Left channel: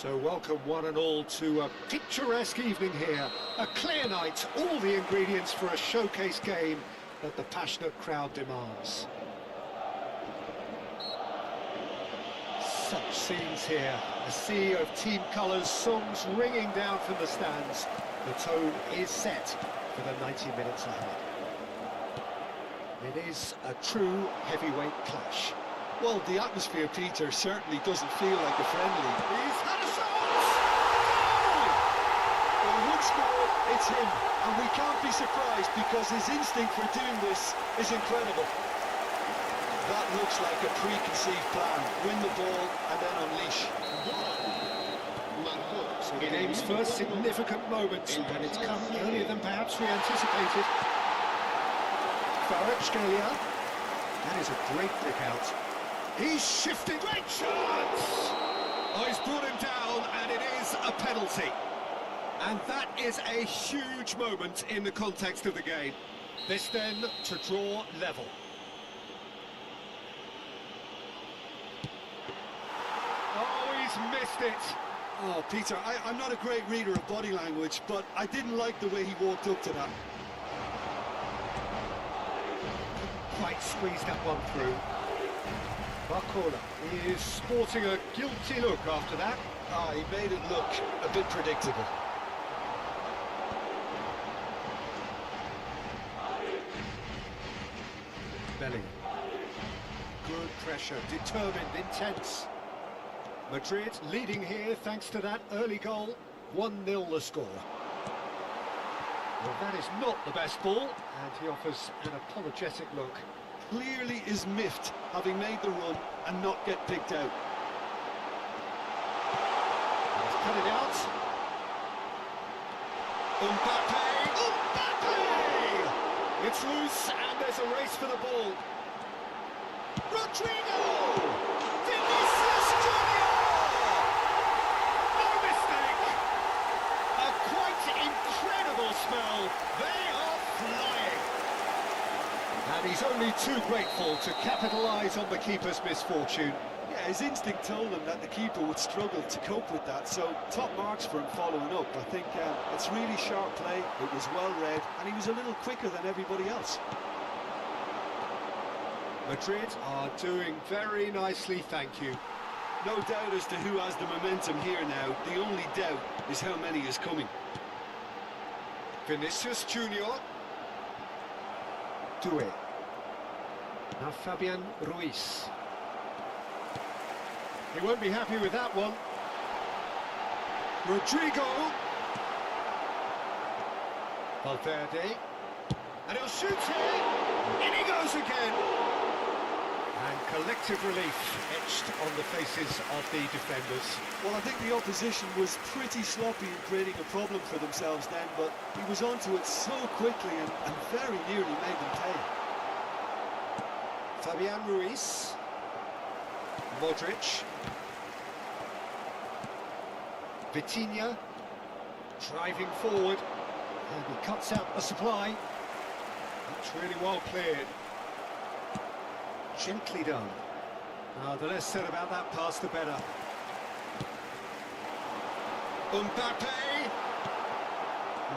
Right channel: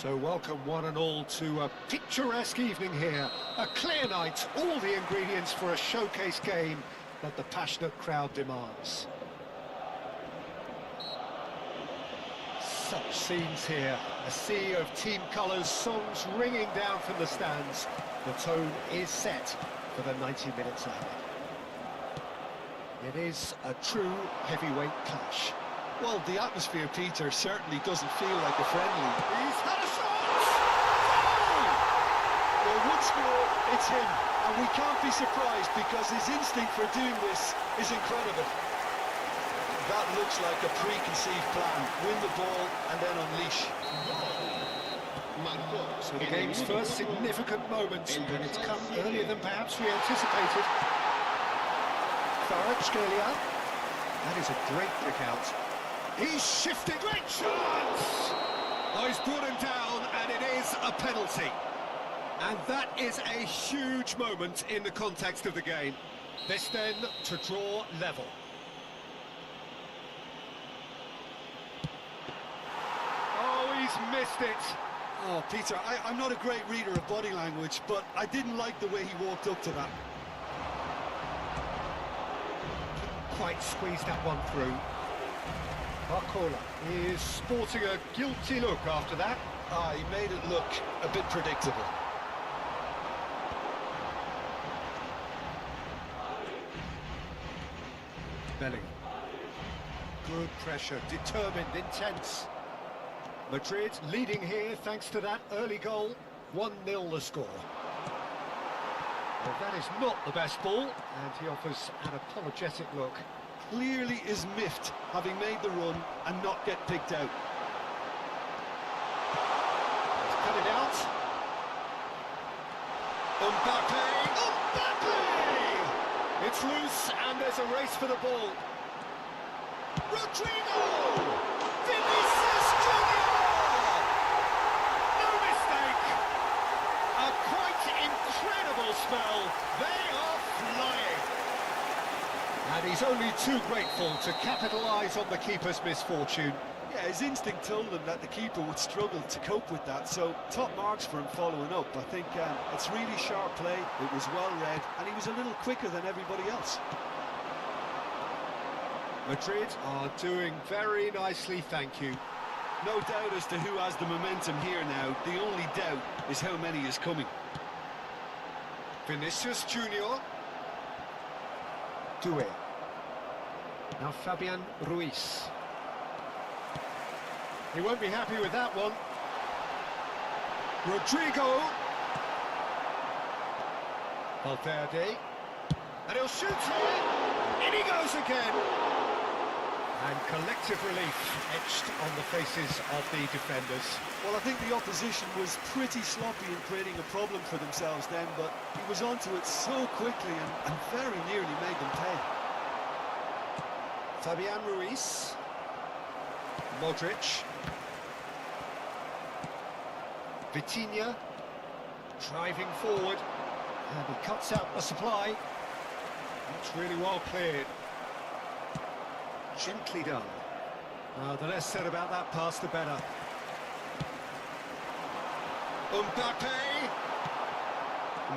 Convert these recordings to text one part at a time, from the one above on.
So welcome one and all to a picturesque evening here. A clear night, all the ingredients for a showcase game that the passionate crowd demands. Such scenes here, a sea of team colours, songs ringing down from the stands. The tone is set for the 90 minutes ahead. It is a true heavyweight clash. Well, the atmosphere, Peter, certainly doesn't feel like a friendly. He's had a shot! Goal! Well, once more, it's him, and we can't be surprised because his instinct for doing this is incredible. That looks like a preconceived plan. Win the ball and then unleash. So the game's first significant moment, and it's come earlier than perhaps we anticipated. Kvaratskhelia. That is a great pick out. He's shifting. Great chance! Oh, he's brought him down, and it is a penalty. And that is a huge moment in the context of the game. This then to draw level. Oh, he's missed it. Oh, Peter, I'm not a great reader of body language, but I didn't like the way he walked up to that. Quite squeezed that one through. Barcola is sporting a guilty look after that. Ah, he made it look a bit predictable. BELIIN. Good pressure, determined, intense. Madrid leading here thanks to that early goal. 1-0 the score. Well, that is not the best ball, and he offers an apologetic look. Clearly is miffed, having made the run and not get picked out. He's cut it out. Mbappe! It's loose, and there's a race for the ball. Rodrigo! Vinicius Junior! No mistake! A quite incredible spell. They are flying. And he's only too grateful to capitalise on the keeper's misfortune. Yeah, his instinct told him that the keeper would struggle to cope with that, so top marks for him following up. I think it's really sharp play, it was well read, and he was a little quicker than everybody else. Madrid are doing very nicely, thank you. No doubt as to who has the momentum here now. The only doubt is how many is coming. Vinicius Junior. Duel. Now Fabian Ruiz. He won't be happy with that one. Rodrigo. Valverde. And he'll shoot here. In he goes again. And collective relief etched on the faces of the defenders. Well, I think the opposition was pretty sloppy in creating a problem for themselves then, but he was onto it so quickly and very nearly made them pay. Fabian Ruiz. Modric. Vitinha. Driving forward. And he cuts out the supply. That's really well cleared. Gently done. The less said about that pass, the better.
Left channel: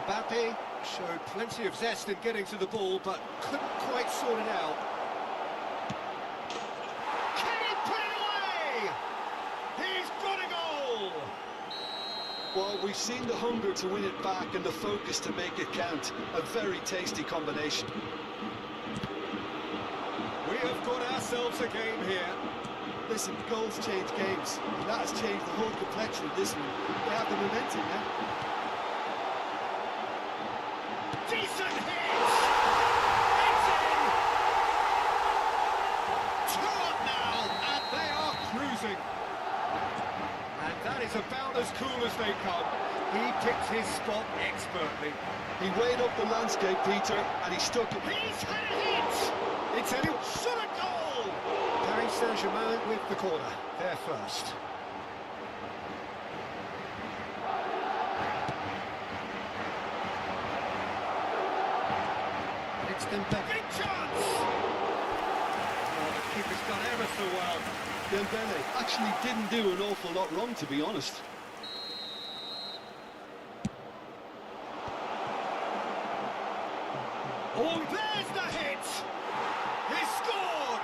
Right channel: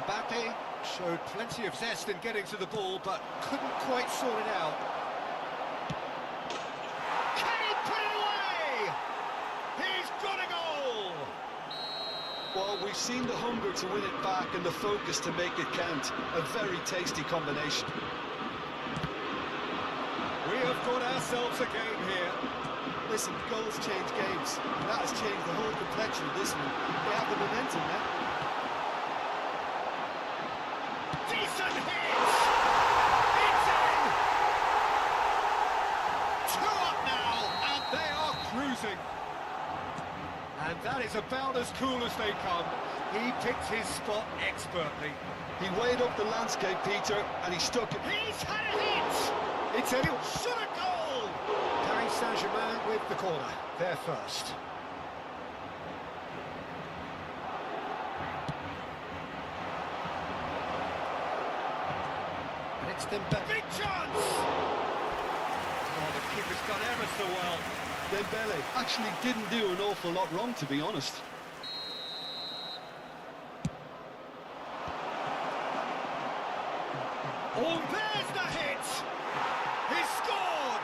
Mbappe showed plenty of zest in getting to the ball, but couldn't quite sort it out. Can he put it away? He's got a goal! Well, we've seen the hunger to win it back and the focus to make it count. A very tasty combination. We have got ourselves a game here. Listen, goals change games, and that has changed the whole complexion of this one. They have the momentum now. Decent hit! It's in! 2 up now, and they are cruising. And that is about as cool as they come. He picked his spot expertly. He weighed up the landscape, Peter, and he stuck it. He's had a hit! It's anyone. Shot a goal! Paris Saint-Germain with the corner. They're first. And it's Dembele. Big chance! Oh, the keeper's done ever so well. Dembele actually didn't do an awful lot wrong, to be honest. Oh, there's the hit! He scored!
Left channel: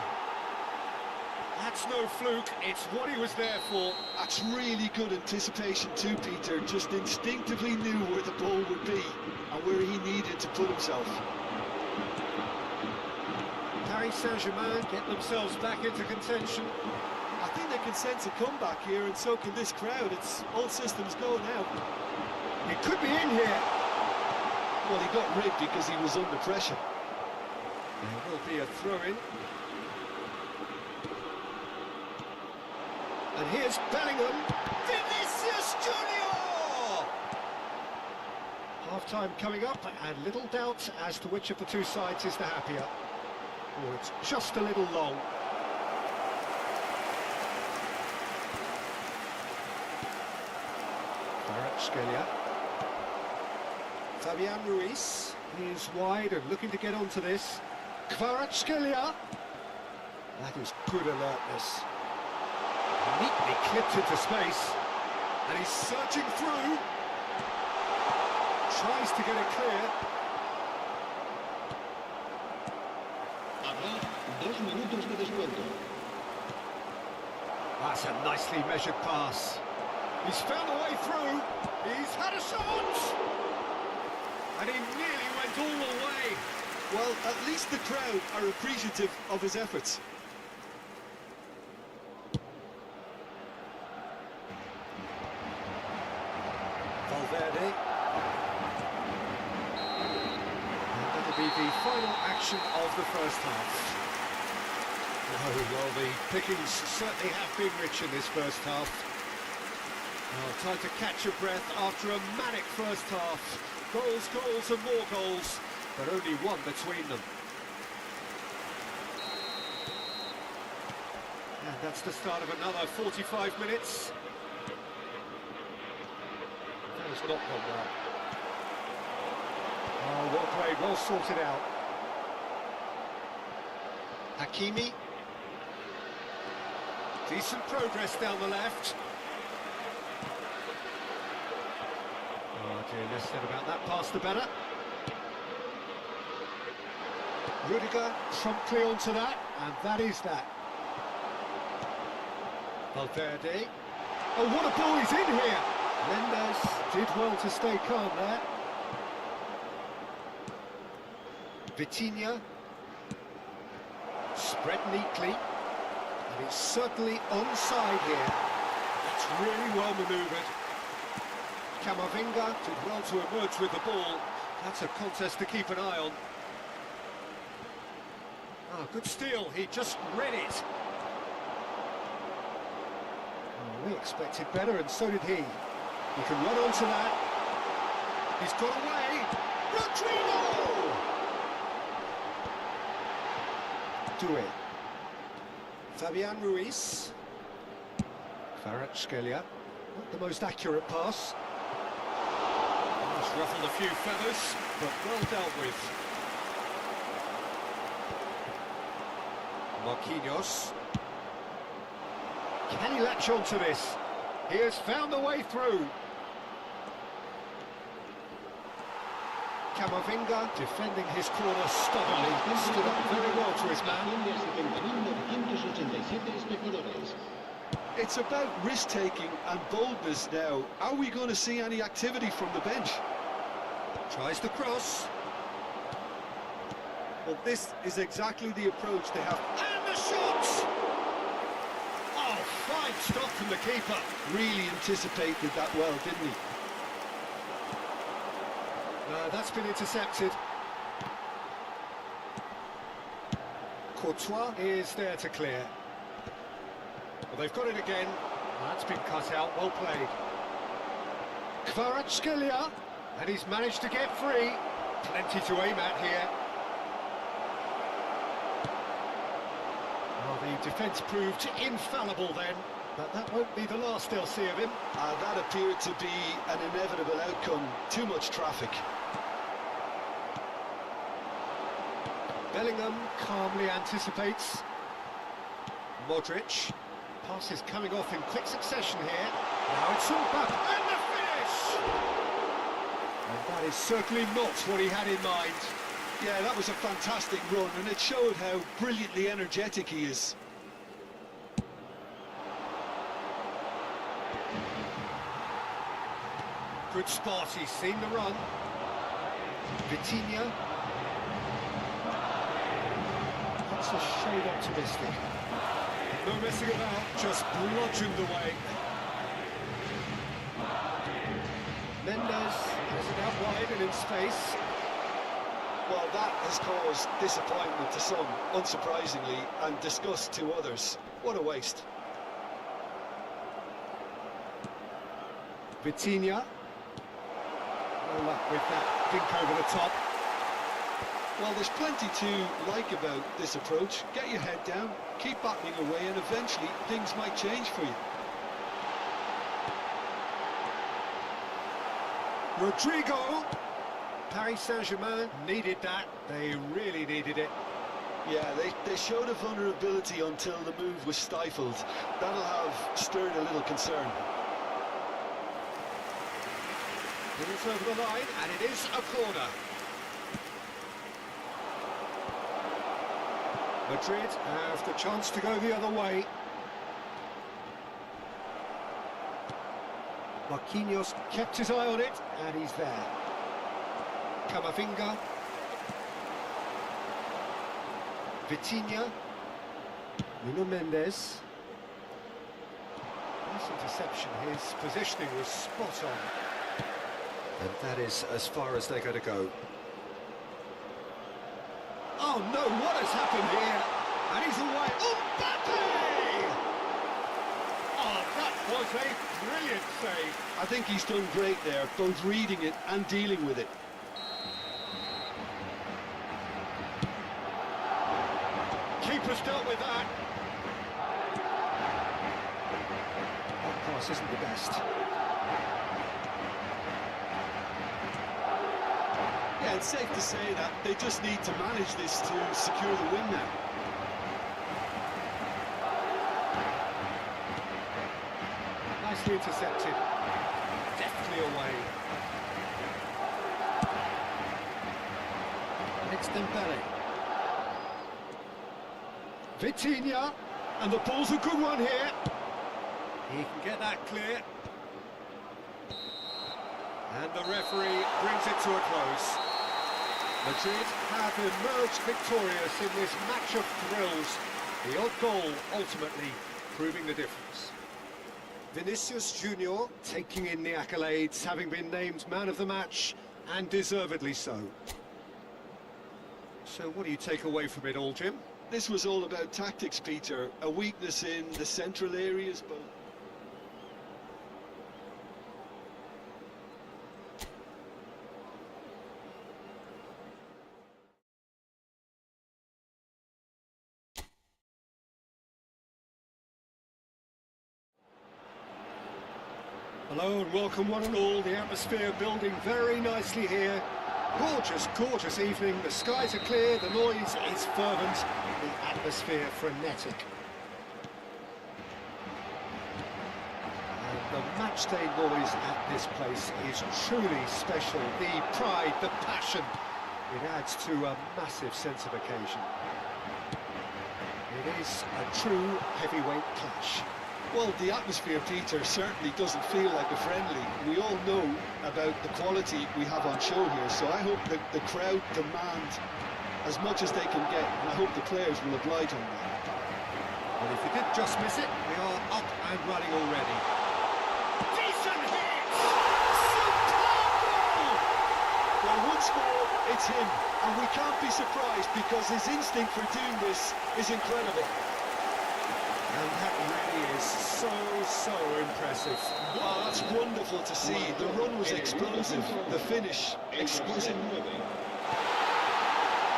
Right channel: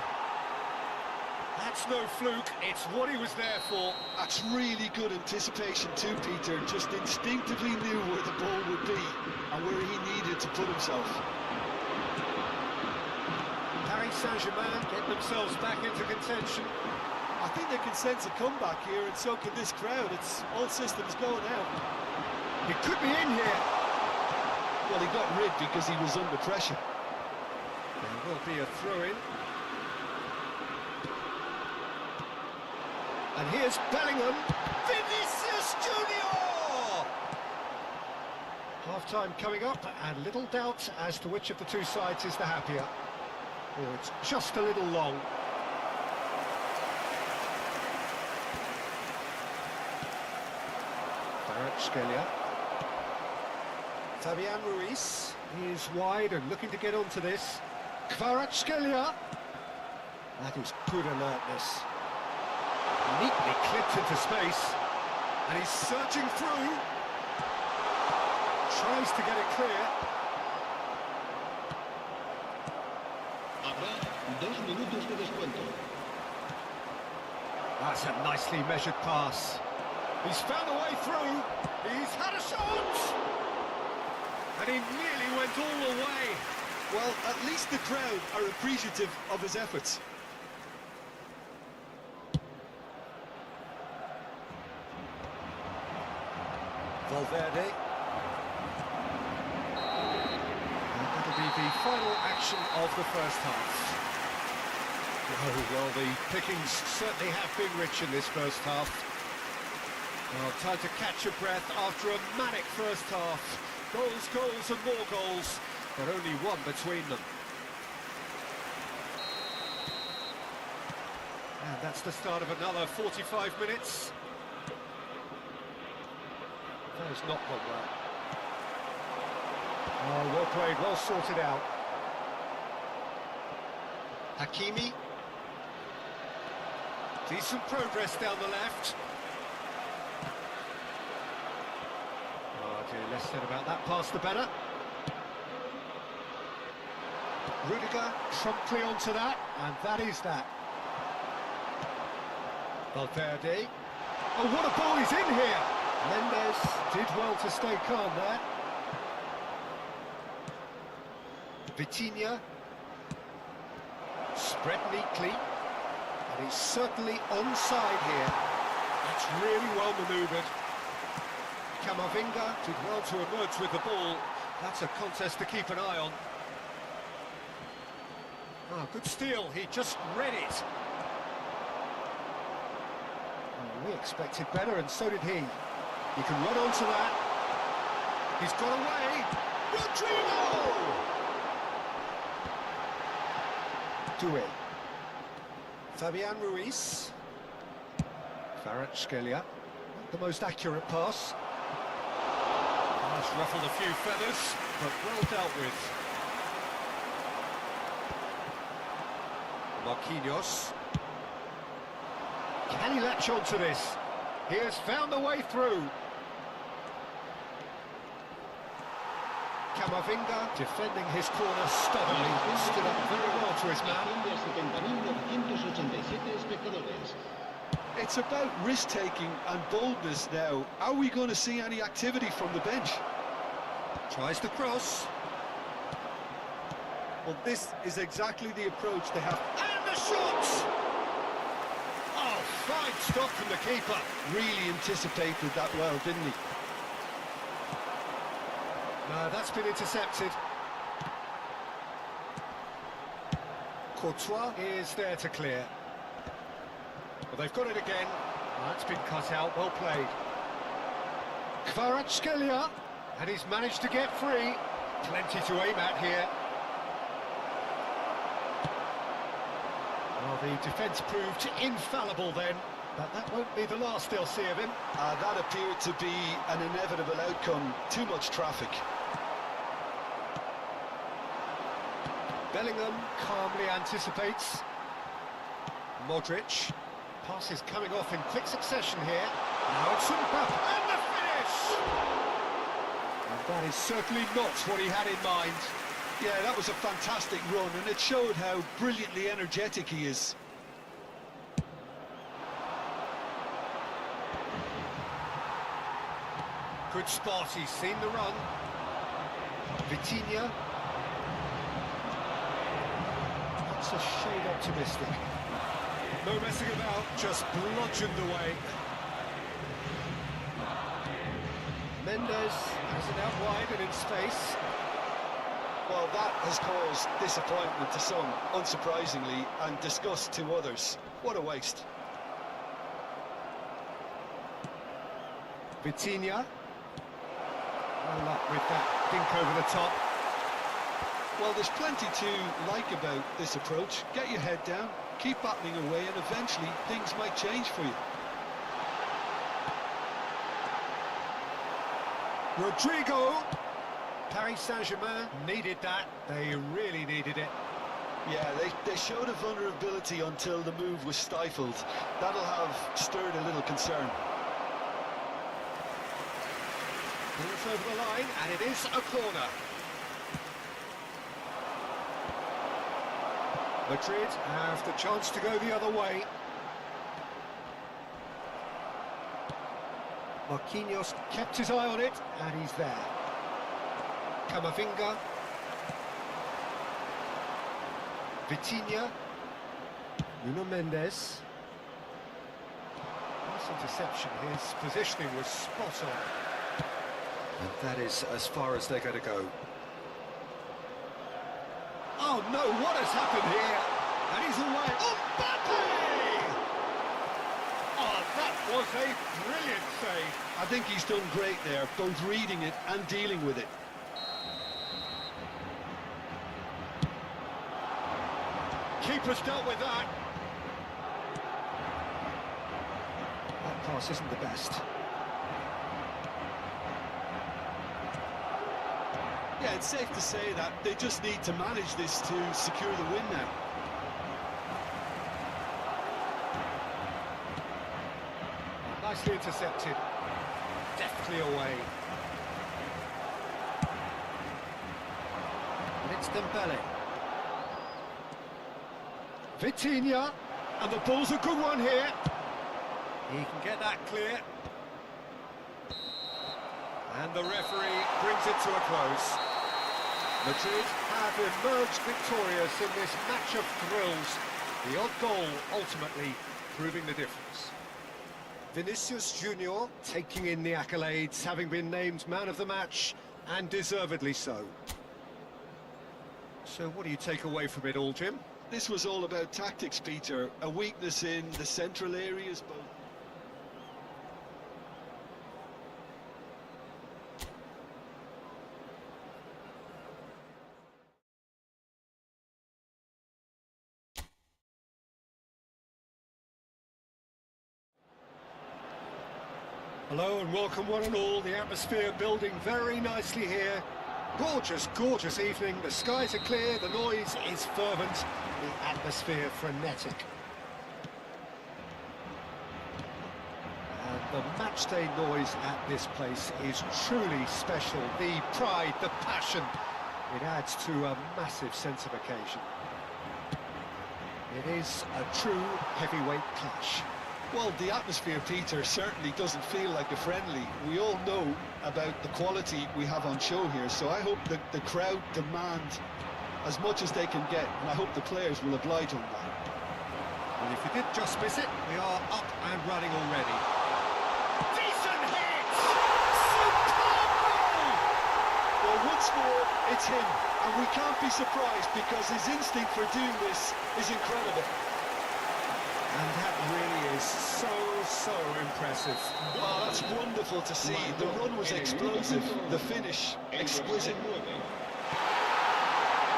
That's no fluke, it's what he was there for. That's really good anticipation too, Peter. Just instinctively knew where the ball would be and where he needed to put himself. Paris Saint-Germain get themselves back into contention. I think they can sense a comeback here, and so can this crowd. It's all systems go now. He could be in here. Well, he got rid because he was under pressure. There will be a throw-in. And here's Bellingham. Vinicius Junior! Half-time coming up, and little doubt as to which of the two sides is the happier. Oh, it's just a little long. Kvaratskhelia. Fabian Ruiz is wide and looking to get onto this. Kvaratskhelia. That is good alertness. Neatly clipped into space. And he's searching through. Tries to get it clear. Habrá 2 minutos de descuento. That's a nicely measured pass. He's found a way through. He's had a shot! And he nearly went all the way. Well, at least the crowd are appreciative of his efforts. Valverde. And that'll be the final action of the first half. Oh, well, the pickings certainly have been rich in this first half. Well, time to catch your breath after a manic first half. Goals, goals and more goals, but only one between them. And that's the start of another 45 minutes. That has not gone well. Oh, well played, well sorted out. Hakimi. Decent progress down the left. Oh dear, less said about that pass the better. Rudiger promptly onto that, and that is that. Valverde. Oh, what a ball, he's in here! Mendes did well to stay calm there. Vitinha. Spread neatly. And he's certainly onside here. That's really well manoeuvred. Camavinga did well to emerge with the ball. That's a contest to keep an eye on. Oh, good steal, he just read it. Oh, we expected better, and so did he. He can run onto that. He's got away. Rodrigo! Duel. Fabian Ruiz. Kvaratskhelia. Not the most accurate pass. It's ruffled a few feathers, but well dealt with. Marquinhos. Can he latch onto this? He has found the way through. Camavinga defending his corner stubbornly, stood up very well to his man. It's about risk-taking and boldness now. Are we going to see any activity from the bench? Tries to cross. Well, this is exactly the approach they have. And the shot! Oh, fine stop from the keeper. Really anticipated that well, didn't he? No, that's been intercepted. Courtois is there to clear. Well, they've got it again. That's been cut out, well played. Kvaratskhelia, and he's managed to get free. Plenty to aim at here. Well, the defence proved infallible then, but that won't be the last they'll see of him. That appeared to be an inevitable outcome. Too much traffic. Bellingham calmly anticipates. Modric. Passes coming off in quick succession here. Now it's Mbappe, and the finish! And that is certainly not what he had in mind. Yeah, that was a fantastic run, and it showed how brilliantly energetic he is. Good spot, he's seen the run. Vitinha. That's a shade optimistic. No messing about, just bludgeoned away. Mendes has it out wide and in space. Well, that has caused disappointment to some, unsurprisingly, and disgust to others. What a waste. Vitinha. No luck with that dink over the top. Well, there's plenty to like about this approach. Get your head down, keep battling away, and eventually things might change for you. Rodrigo. Paris Saint-Germain needed that. They really needed it. Yeah, they showed a vulnerability until the move was stifled. That'll have stirred a little concern. Ball's over the line, and it is a corner. Madrid have the chance to go the other way. Marquinhos kept his eye on it, and he's there. Camavinga. Vitinha. Nuno Mendes. Nice interception, his positioning was spot on. And that is as far as they're going to go. Oh no, what has happened here? And he's away. Mbappe! Oh, that was a brilliant save. I think he's done great there, both reading it and dealing with it. Keeper's dealt with that. That pass isn't the best. Yeah, it's safe to say that they just need to manage this to secure the win now. Nicely intercepted. Deftly away. And it's Dembele. Vitinha. And the ball's a good one here. He can get that clear. And the referee brings it to a close. Madrid have emerged victorious in this match of thrills. The odd goal ultimately proving the difference. Vinicius Junior taking in the accolades, having been named man of the match, and deservedly so. So what do you take away from it all, Jim? This was all about tactics, Peter. A weakness in the central areas, but... Hello and welcome one and all. The atmosphere building very nicely here. Gorgeous, gorgeous evening. The skies are clear, the noise is fervent, the atmosphere frenetic. And the matchday noise at this place is truly special. The pride, the passion, it adds to a massive sense of occasion. It is a true heavyweight clash. Well, the atmosphere, Peter, certainly doesn't feel like a friendly. We all know about the quality we have on show here, so I hope that the crowd demand as much as they can get, and I hope the players will oblige on that. Well, if you did just miss it, we are up and running already. Decent hit! Superb goal! Well, once more, it's him, and we can't be surprised because his instinct for doing this is incredible. And that really is so impressive. Oh, that's wonderful to see. The run was explosive, the finish exquisite.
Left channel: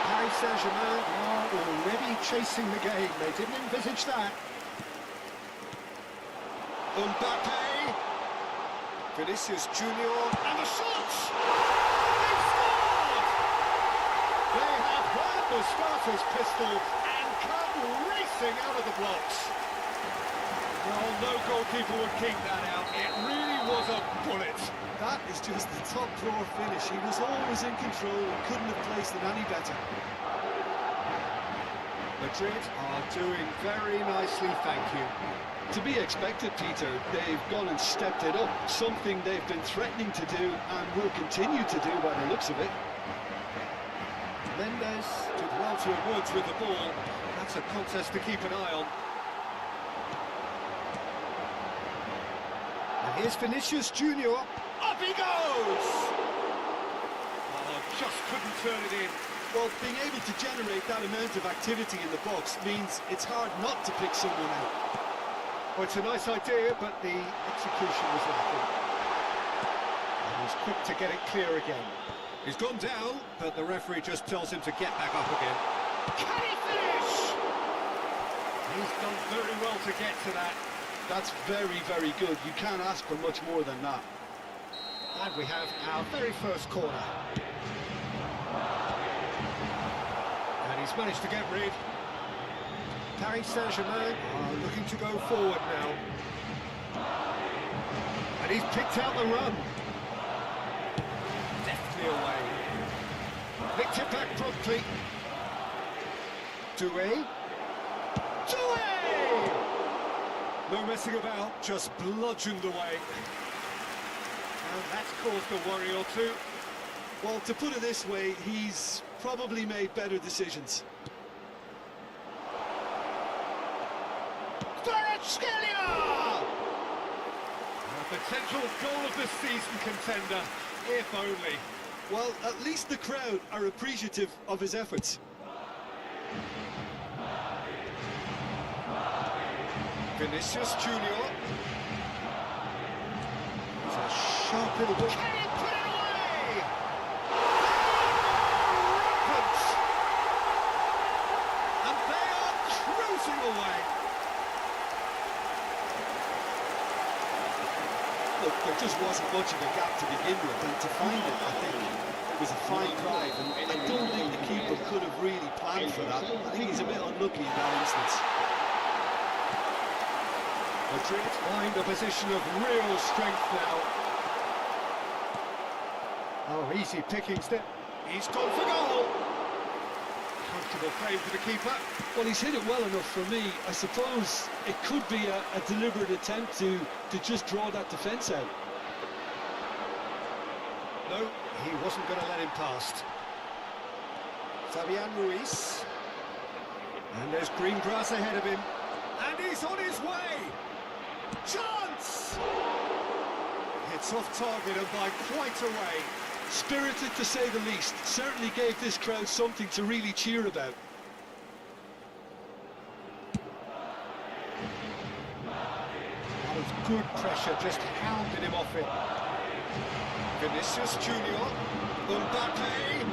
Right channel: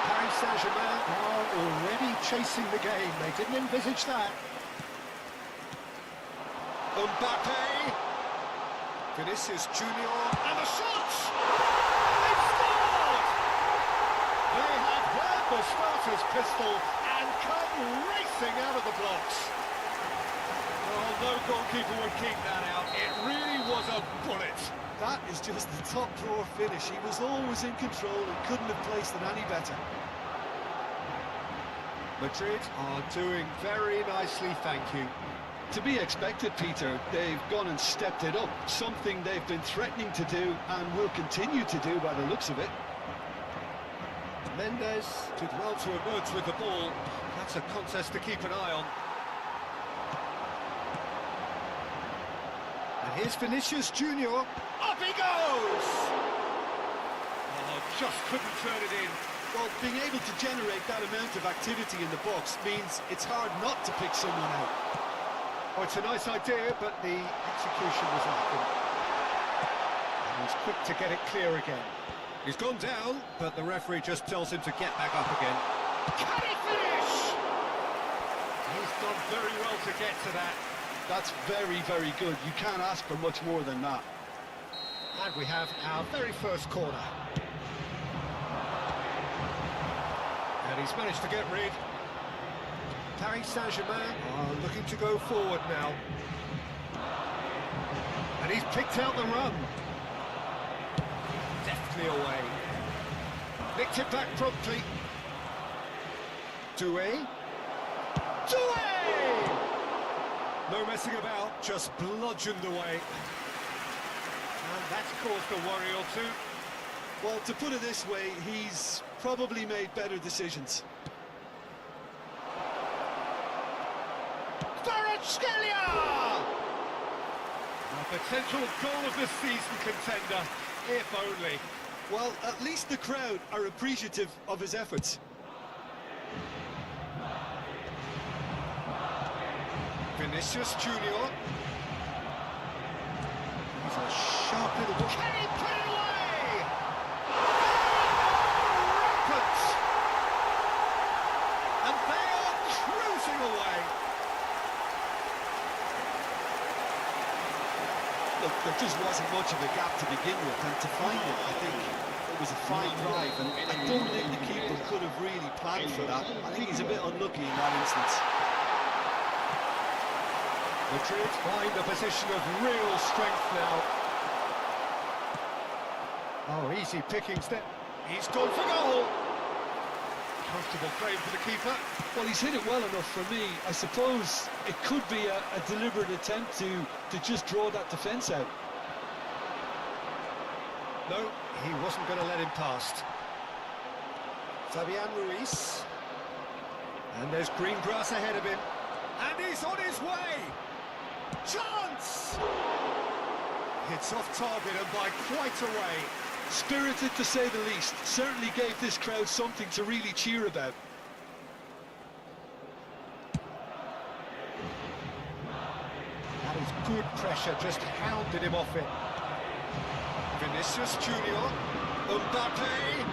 Paris Saint-Germain are already chasing the game. They didn't envisage that. Mbappe. Vinicius Junior. And the shots! They've scored! They have heard the starter's pistol and come racing out of the blocks. Well, no goalkeeper would keep that out. It really was a bullet. That is just the top drawer finish. He was always in control and couldn't have placed it any better. Madrid are doing very nicely, thank you. To be expected, Peter. They've gone and stepped it up, something they've been threatening to do and will continue to do by the looks of it. Mendes did well to emerge with the ball. That's a contest to keep an eye on. And here's Vinicius Junior. Up he goes! Oh, just couldn't turn it in. Well, being able to generate that amount of activity in the box means it's hard not to pick someone out. Oh, it's a nice idea, but the execution was lacking. And he's quick to get it clear again. He's gone down, but the referee just tells him to get back up again. Can he finish? He's done very well to get to that. That's very, very good. You can't ask for much more than that. And we have our very first corner. And he's managed to get rid. Paris Saint-Germain are looking to go forward now. And he's picked out the run. Deftly away. Nicked it back promptly. Duel. Duel! No messing about, just bludgeoned away. And that's caused a worry or two. Well, to put it this way, he's probably made better decisions. Kvaratskhelia! A potential goal of the season contender, if only. Well, at least the crowd are appreciative of his efforts. Vinicius Junior. He's a sharp little ball. Can he put it away? They are rampant! And they are cruising away. Look, there just wasn't much of a gap to begin with, and to find it, I think it was a fine drive, and I don't think the keeper could have really planned for that. I think he's a bit unlucky in that instance. Madrid find a position of real strength now. Oh, easy pickings there. He's gone for goal. Comfortable frame for the keeper. Well, he's hit it well enough for me. I suppose it could be a deliberate attempt to just draw that defence out. No, he wasn't going to let him past. Fabian Ruiz. And there's green grass ahead of him. And he's on his way. Chance! Hits off target and by quite a way. Spirited, to say the least. Certainly gave this crowd something to really cheer about. That is good pressure, just hounded him off it. Vinicius Junior. Mbappe.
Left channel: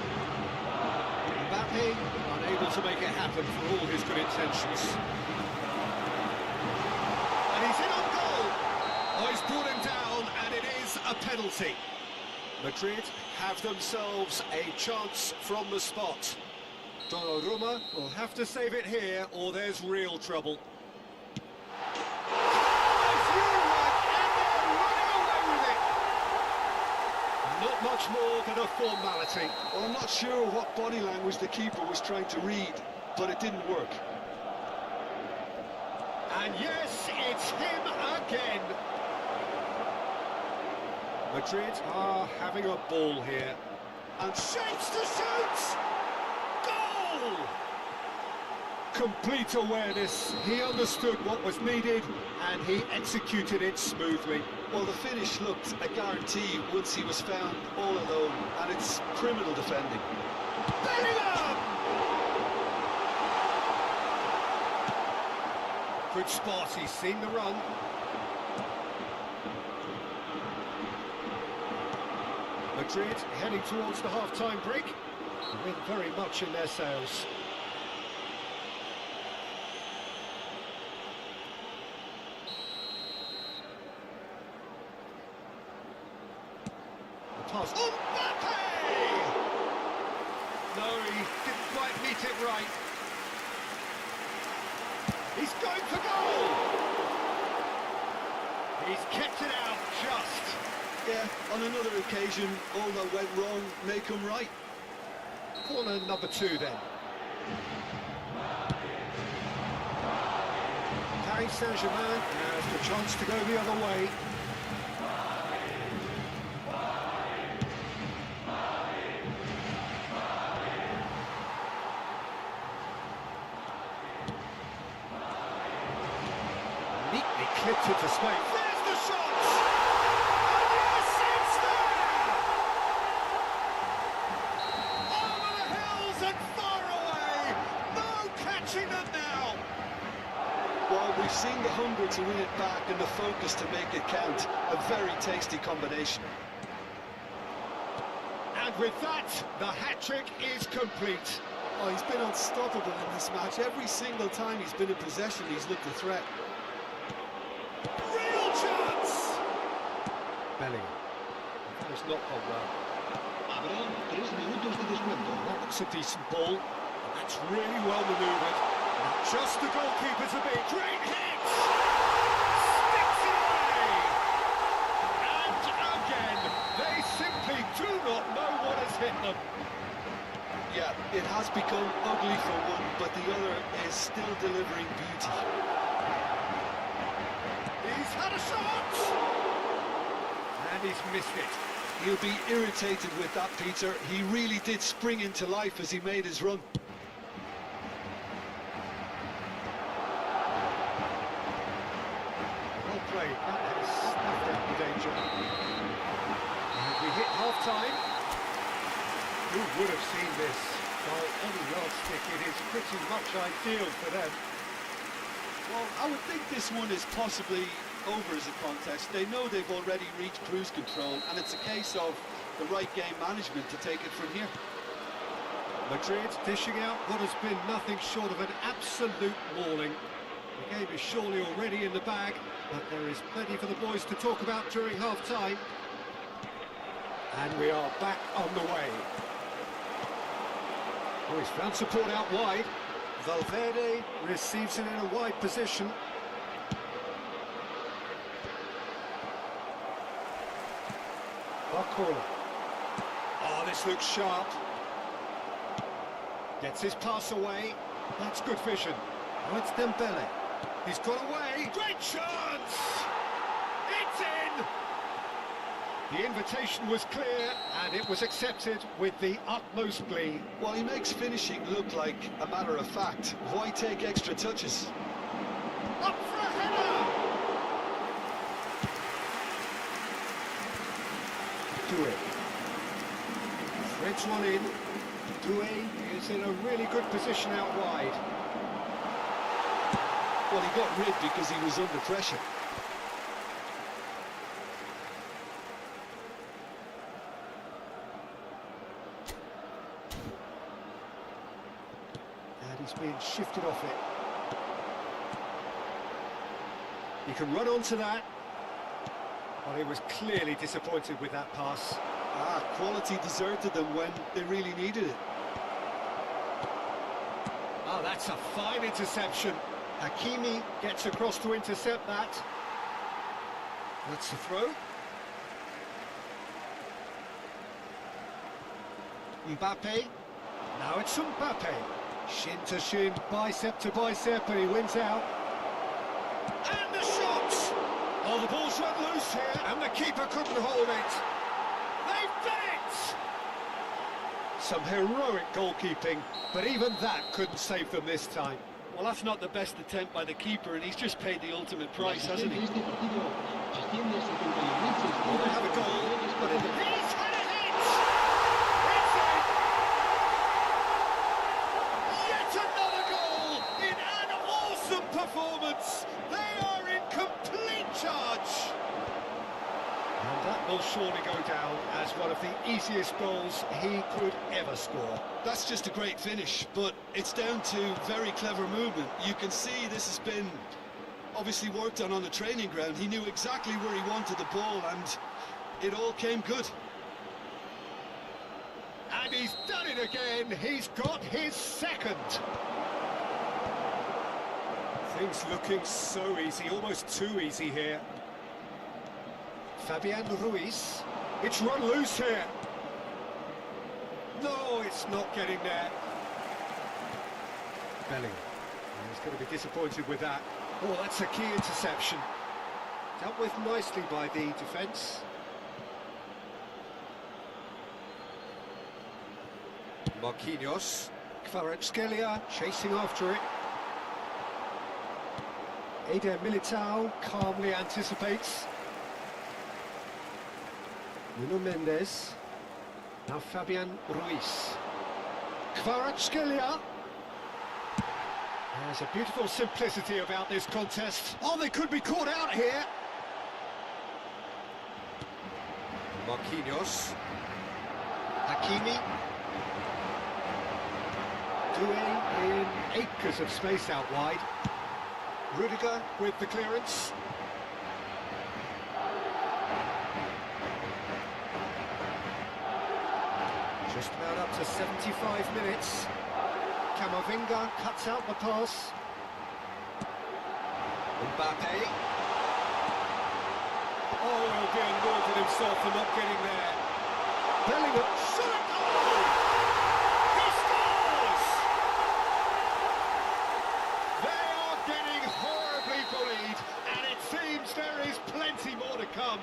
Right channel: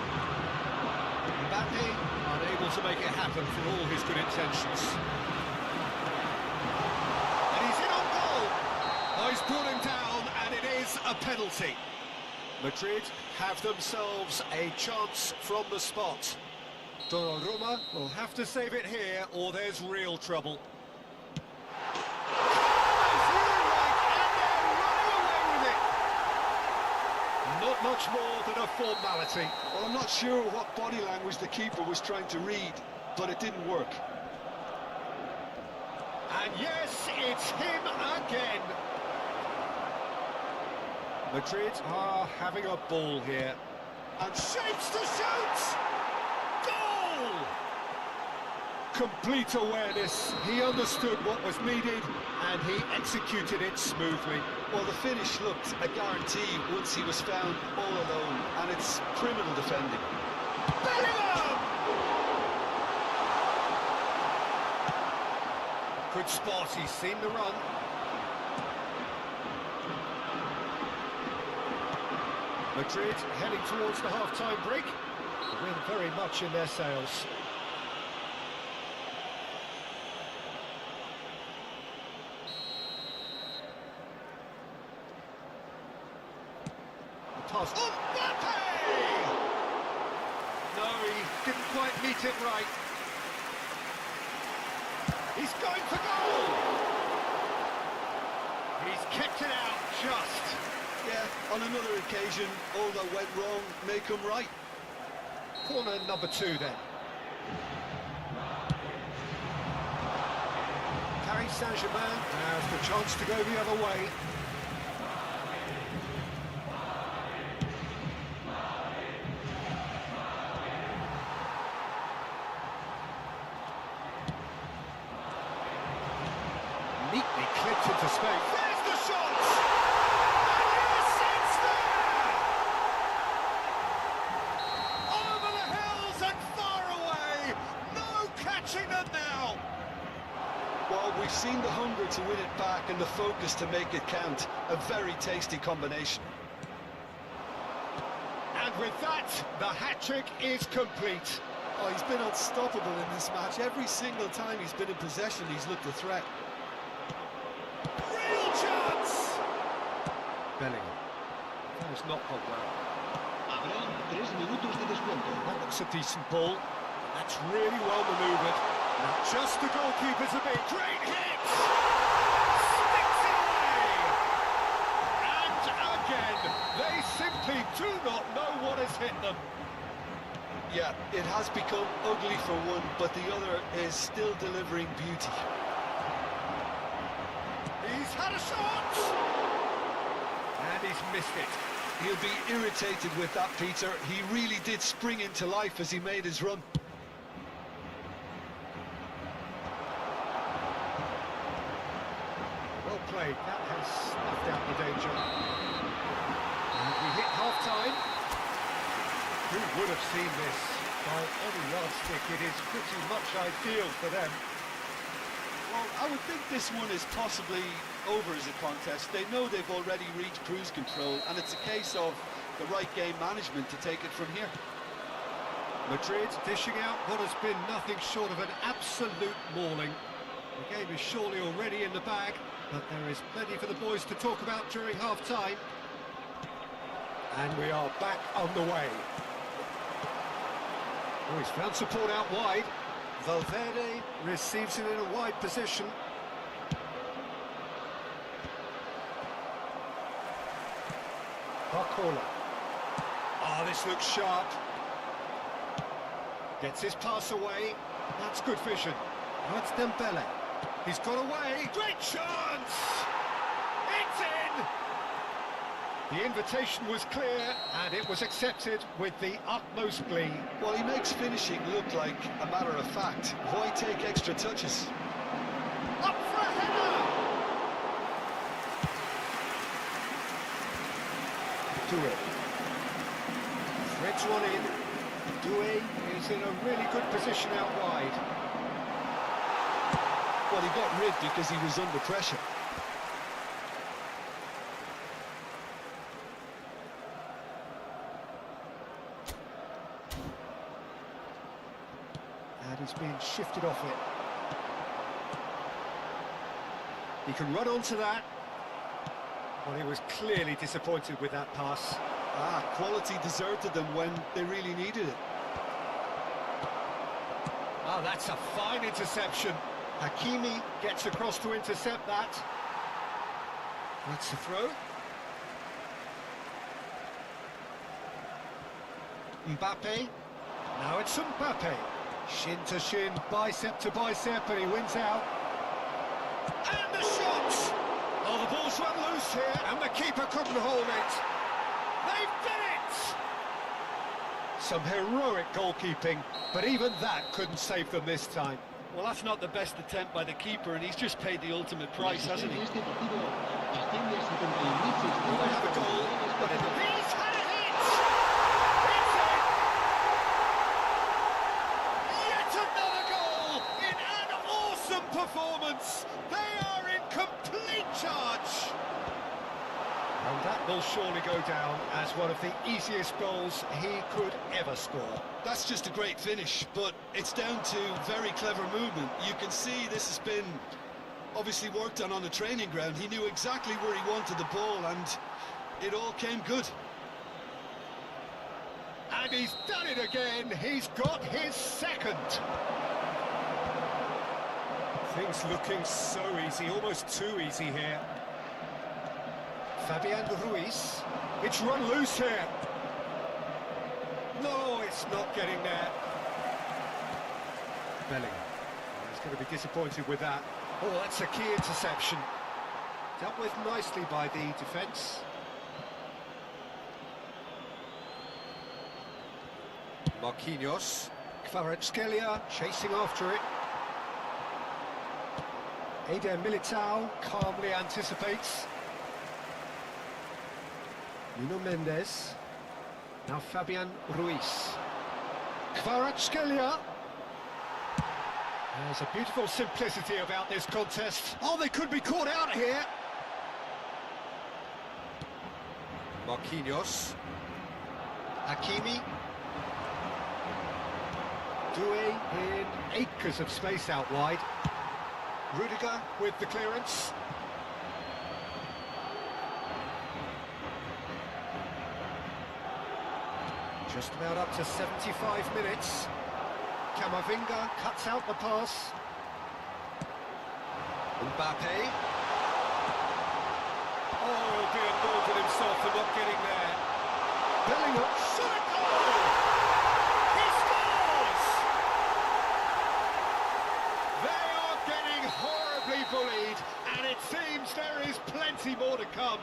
Mbappe unable to make it happen for all his good intentions. And he's in on goal. Oh, he's brought him down, and it is a penalty. Madrid have themselves a chance from the spot. Donnarumma will have to save it here, or there's real trouble. If you like, and they're running away with it. Not much more than a formality. Well, I'm not sure what body language the keeper was trying to read, but it didn't work. And yes, it's him again. Madrid are having a ball here. And shapes to shoot! Goal! Complete awareness. He understood what was needed, and he executed it smoothly. Well, the finish looked a guarantee once he was found all alone, and it's criminal defending. Bellingham! Good spot, he's seen the run. Madrid heading towards the half-time break. The wind very much in their sails. The pass. Mbappe! No, he didn't quite meet it right. He's going for goal! He's kept it out just. Yeah, on another occasion, all that went wrong may come right. Corner number 2 then. Paris Saint-Germain has the chance to go the other way. Neatly clipped into space. There's the shot! And yes, it's there! Over the hills and far away! No catching them now! Well, we've seen the hunger to win it back and the focus to make it count. A very tasty combination. And with that, the hat-trick is complete. Oh, he's been unstoppable in this match. Every single time he's been in possession, he's looked a threat. Real chance! BELIIN. That has not gone well. Habrá 3 minutos de descuento. That looks a decent ball. That's really well manoeuvred. Not just the goalkeeper's a bit. Great hit! Sticks it away! And again, they simply do not know what has hit them. Yeah, it has become ugly for one, but the other is still delivering beauty. He's had a shot! And he's missed it. He'll be irritated with that, Peter. He really did spring into life as he made his run. Well played. That has snuffed out the danger. And we hit half-time. Who would have seen this? By any yardstick, it is pretty much ideal for them. Well, I would think this one is possibly over as a contest. They know they've already reached cruise control, and it's a case of the right game management to take it from here. Madrid dishing out what has been nothing short of an absolute mauling. The game is surely already in the bag, but there is plenty for the boys to talk about during half-time. And we are back on the way. Oh, he's found support out wide. Valverde receives it in a wide position. Barcola. Oh, this looks sharp. Gets his pass away. That's good vision. Now it's Dembele. He's got away. Great chance! It's in! The invitation was clear, and it was accepted with the utmost glee. Well, he makes finishing look like a matter of fact. Why take extra touches? Up for a header! Duel. Threads one in. Duel is in a really good position out wide. Well, he got rid because he was under pressure. And he's being shifted off it. He can run onto that. Well, he was clearly disappointed with that pass. Quality deserted them when they really needed it. Oh, that's a fine interception. Hakimi gets across to intercept that. That's the throw. Mbappe. Now it's Mbappe. Shin to shin, bicep to bicep, and he wins out. And the shot! Oh, the ball's run loose here, and the keeper couldn't hold it. They've done it! Some heroic goalkeeping, but even that couldn't save them this time. Well, that's not the best attempt by the keeper, and he's just paid the ultimate price, hasn't he? Este partido asciende a 71.600. Well, they have a goal, but in the... He's had a hit! It's in! Yet another goal in an awesome performance! They are in complete charge! And that will surely go down as one of the easiest goals he could ever score. That's just a great finish, but it's down to very clever movement. You can see this has been obviously worked on the training ground. He knew exactly where he wanted the ball, and it all came good. And he's done it again. He's got his second. Things looking so easy, almost too easy here. Fabian Ruiz. It's run loose here. No, it's not getting there. BELIIN. He's going to be disappointed with that. Oh, that's a key interception. Dealt with nicely by the defence. Marquinhos. Kvaratskhelia chasing after it. Eder Militao calmly anticipates. Nuno Mendes. Now Fabian Ruiz. Kvaratskhelia. There's a beautiful simplicity about this contest. Oh, they could be caught out here. Marquinhos. Hakimi. Duel in acres of space out wide. Rudiger with the clearance. Just about up to 75 minutes. Camavinga cuts out the pass. Mbappe. Oh, he'll be annoyed at himself for not getting there. Bellingham. Shot a goal! He scores! They are getting horribly bullied, and it seems there is plenty more to come.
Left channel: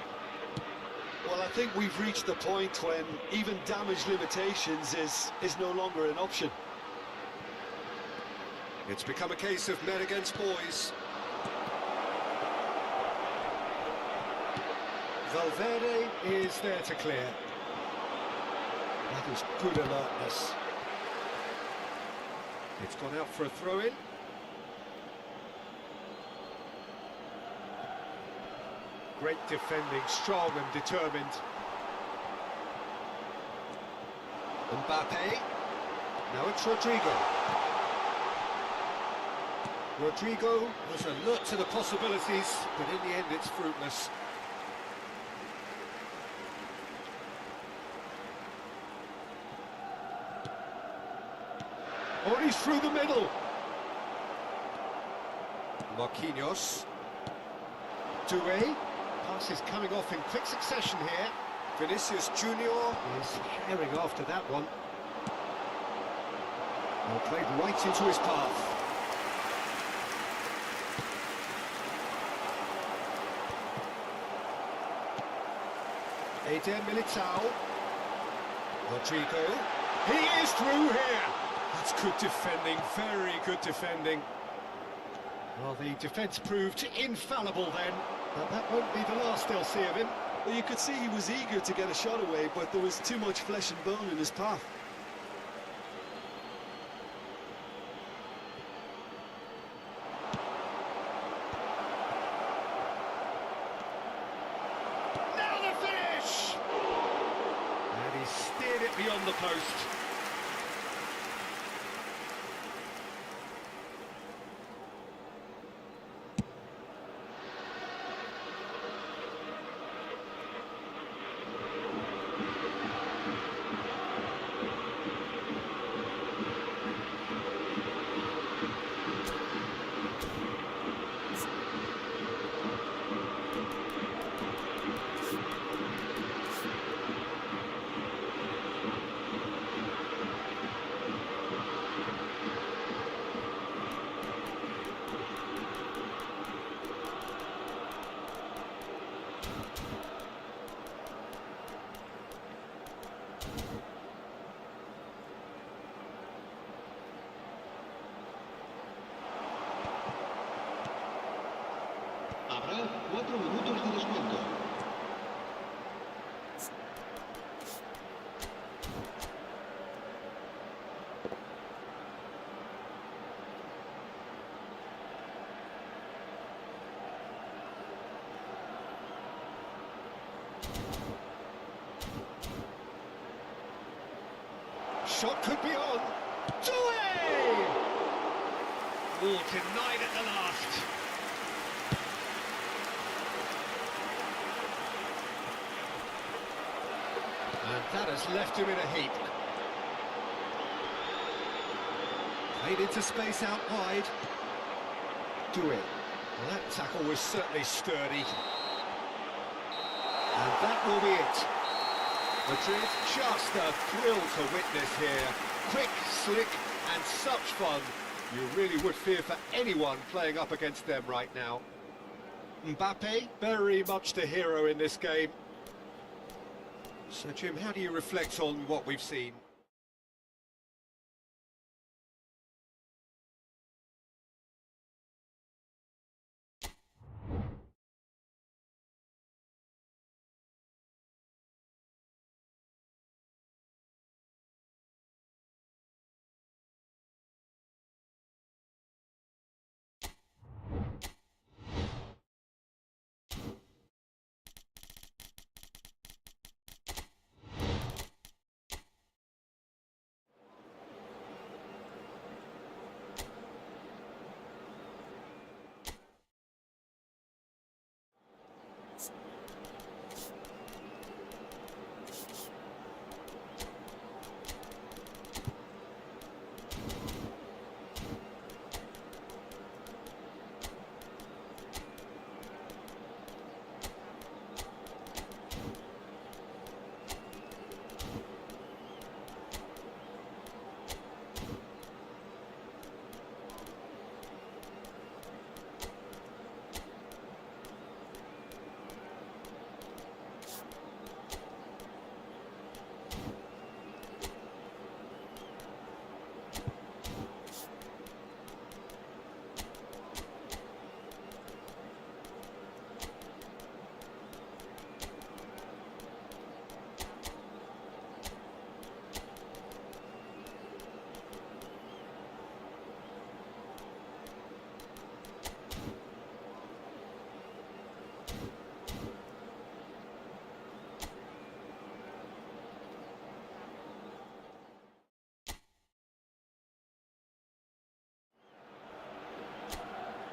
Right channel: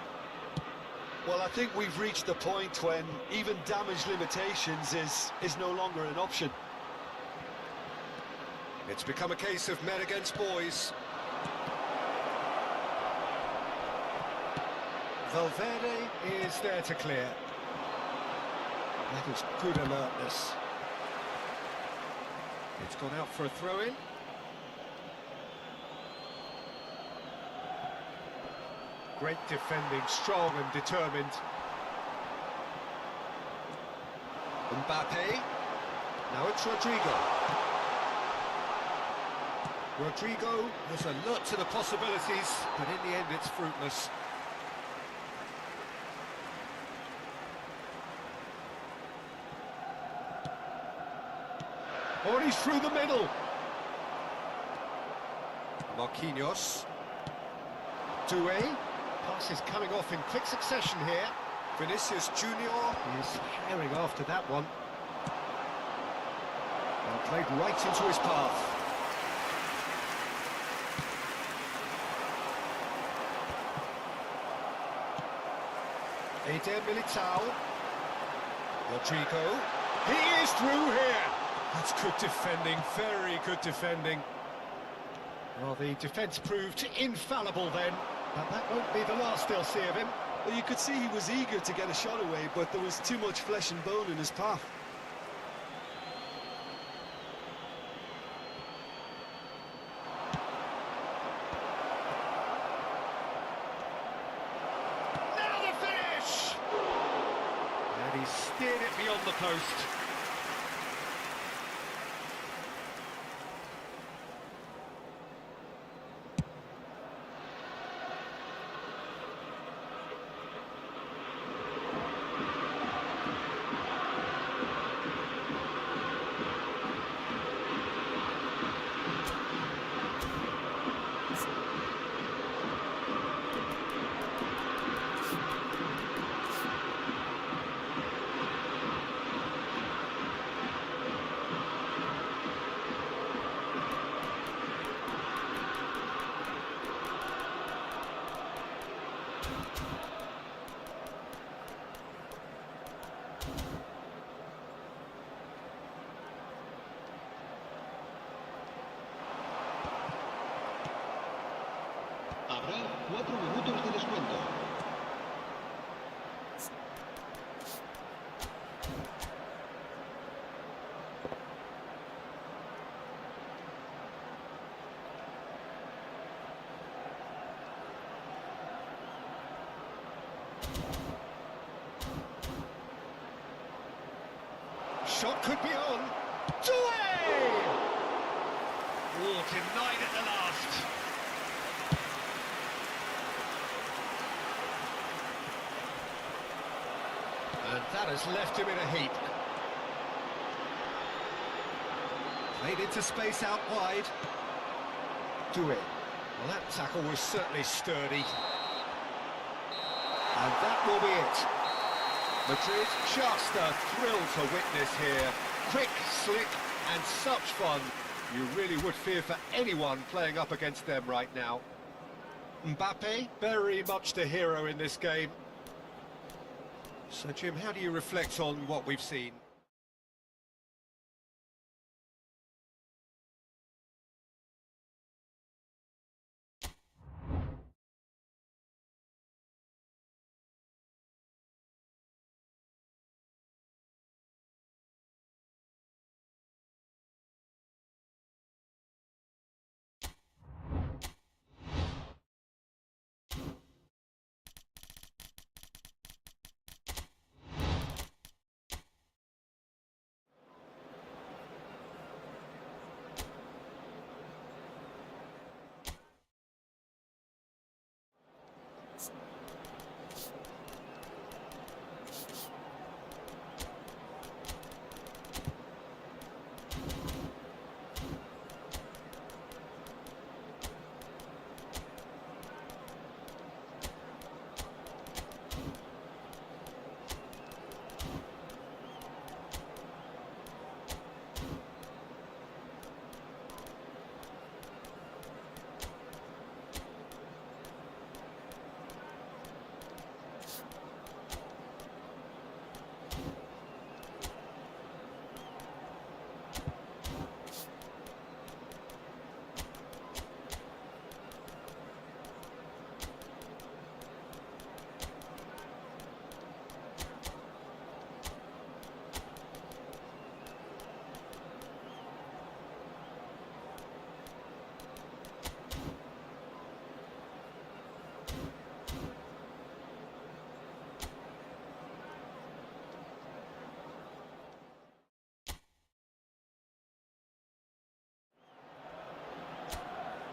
Well, I think we've reached the point when even damage limitations is no longer an option. It's become a case of men against boys. Valverde is there to clear. That is good alertness. It's gone out for a throw-in. Great defending, strong and determined. Mbappe. Now it's Rodrigo. Rodrigo was alert to the possibilities, but in the end it's fruitless. Oh, and he's through the middle. Marquinhos. Duel. Pass is coming off in quick succession here. Vinicius Junior is carrying after that one. Well, played right into his path. Eder Militao. Rodrigo. He is through here. That's good defending, very good defending. Well, the defence proved infallible then, but that won't be the last they'll see of him. Well, you could see he was eager to get a shot away, but there was too much flesh and bone in his path. Now the finish! And he steered it beyond the post. Habrá 4 minutos de descuento. Shot could be on. Duel! Oh, denied at the last. And that has left him in a heap. Played into space out wide. Duel. Well, that tackle was certainly sturdy. And that will be it. Madrid, just a thrill to witness here. Quick, slick, and such fun. You really would fear for anyone playing up against them right now. Mbappe, very much the hero in this game. So, Jim, how do you reflect on what we've seen?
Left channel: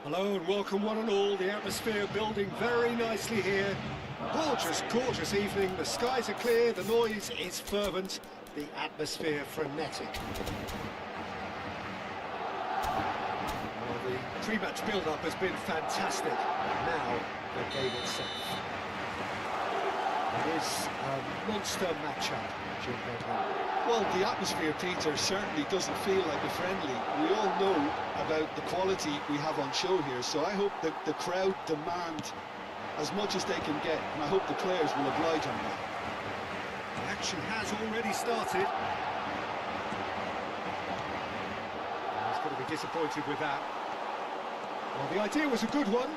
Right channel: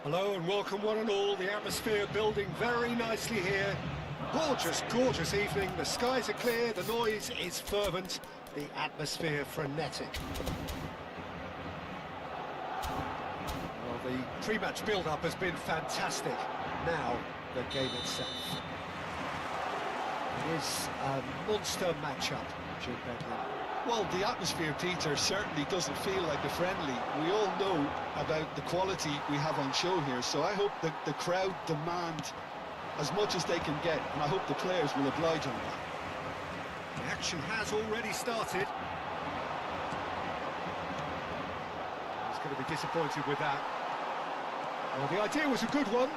Hello and welcome one and all. The atmosphere building very nicely here. Gorgeous, gorgeous evening. The skies are clear, the noise is fervent, the atmosphere frenetic. Well, the pre-match build-up has been fantastic. Now, the game itself. It is a monster matchup, Jim Bedlin. Well, the atmosphere, Peter, certainly doesn't feel like a friendly. We all know about the quality we have on show here, so I hope that the crowd demand as much as they can get, and I hope the players will oblige on that. The action has already started. He's going to be disappointed with that. Well, the idea was a good one.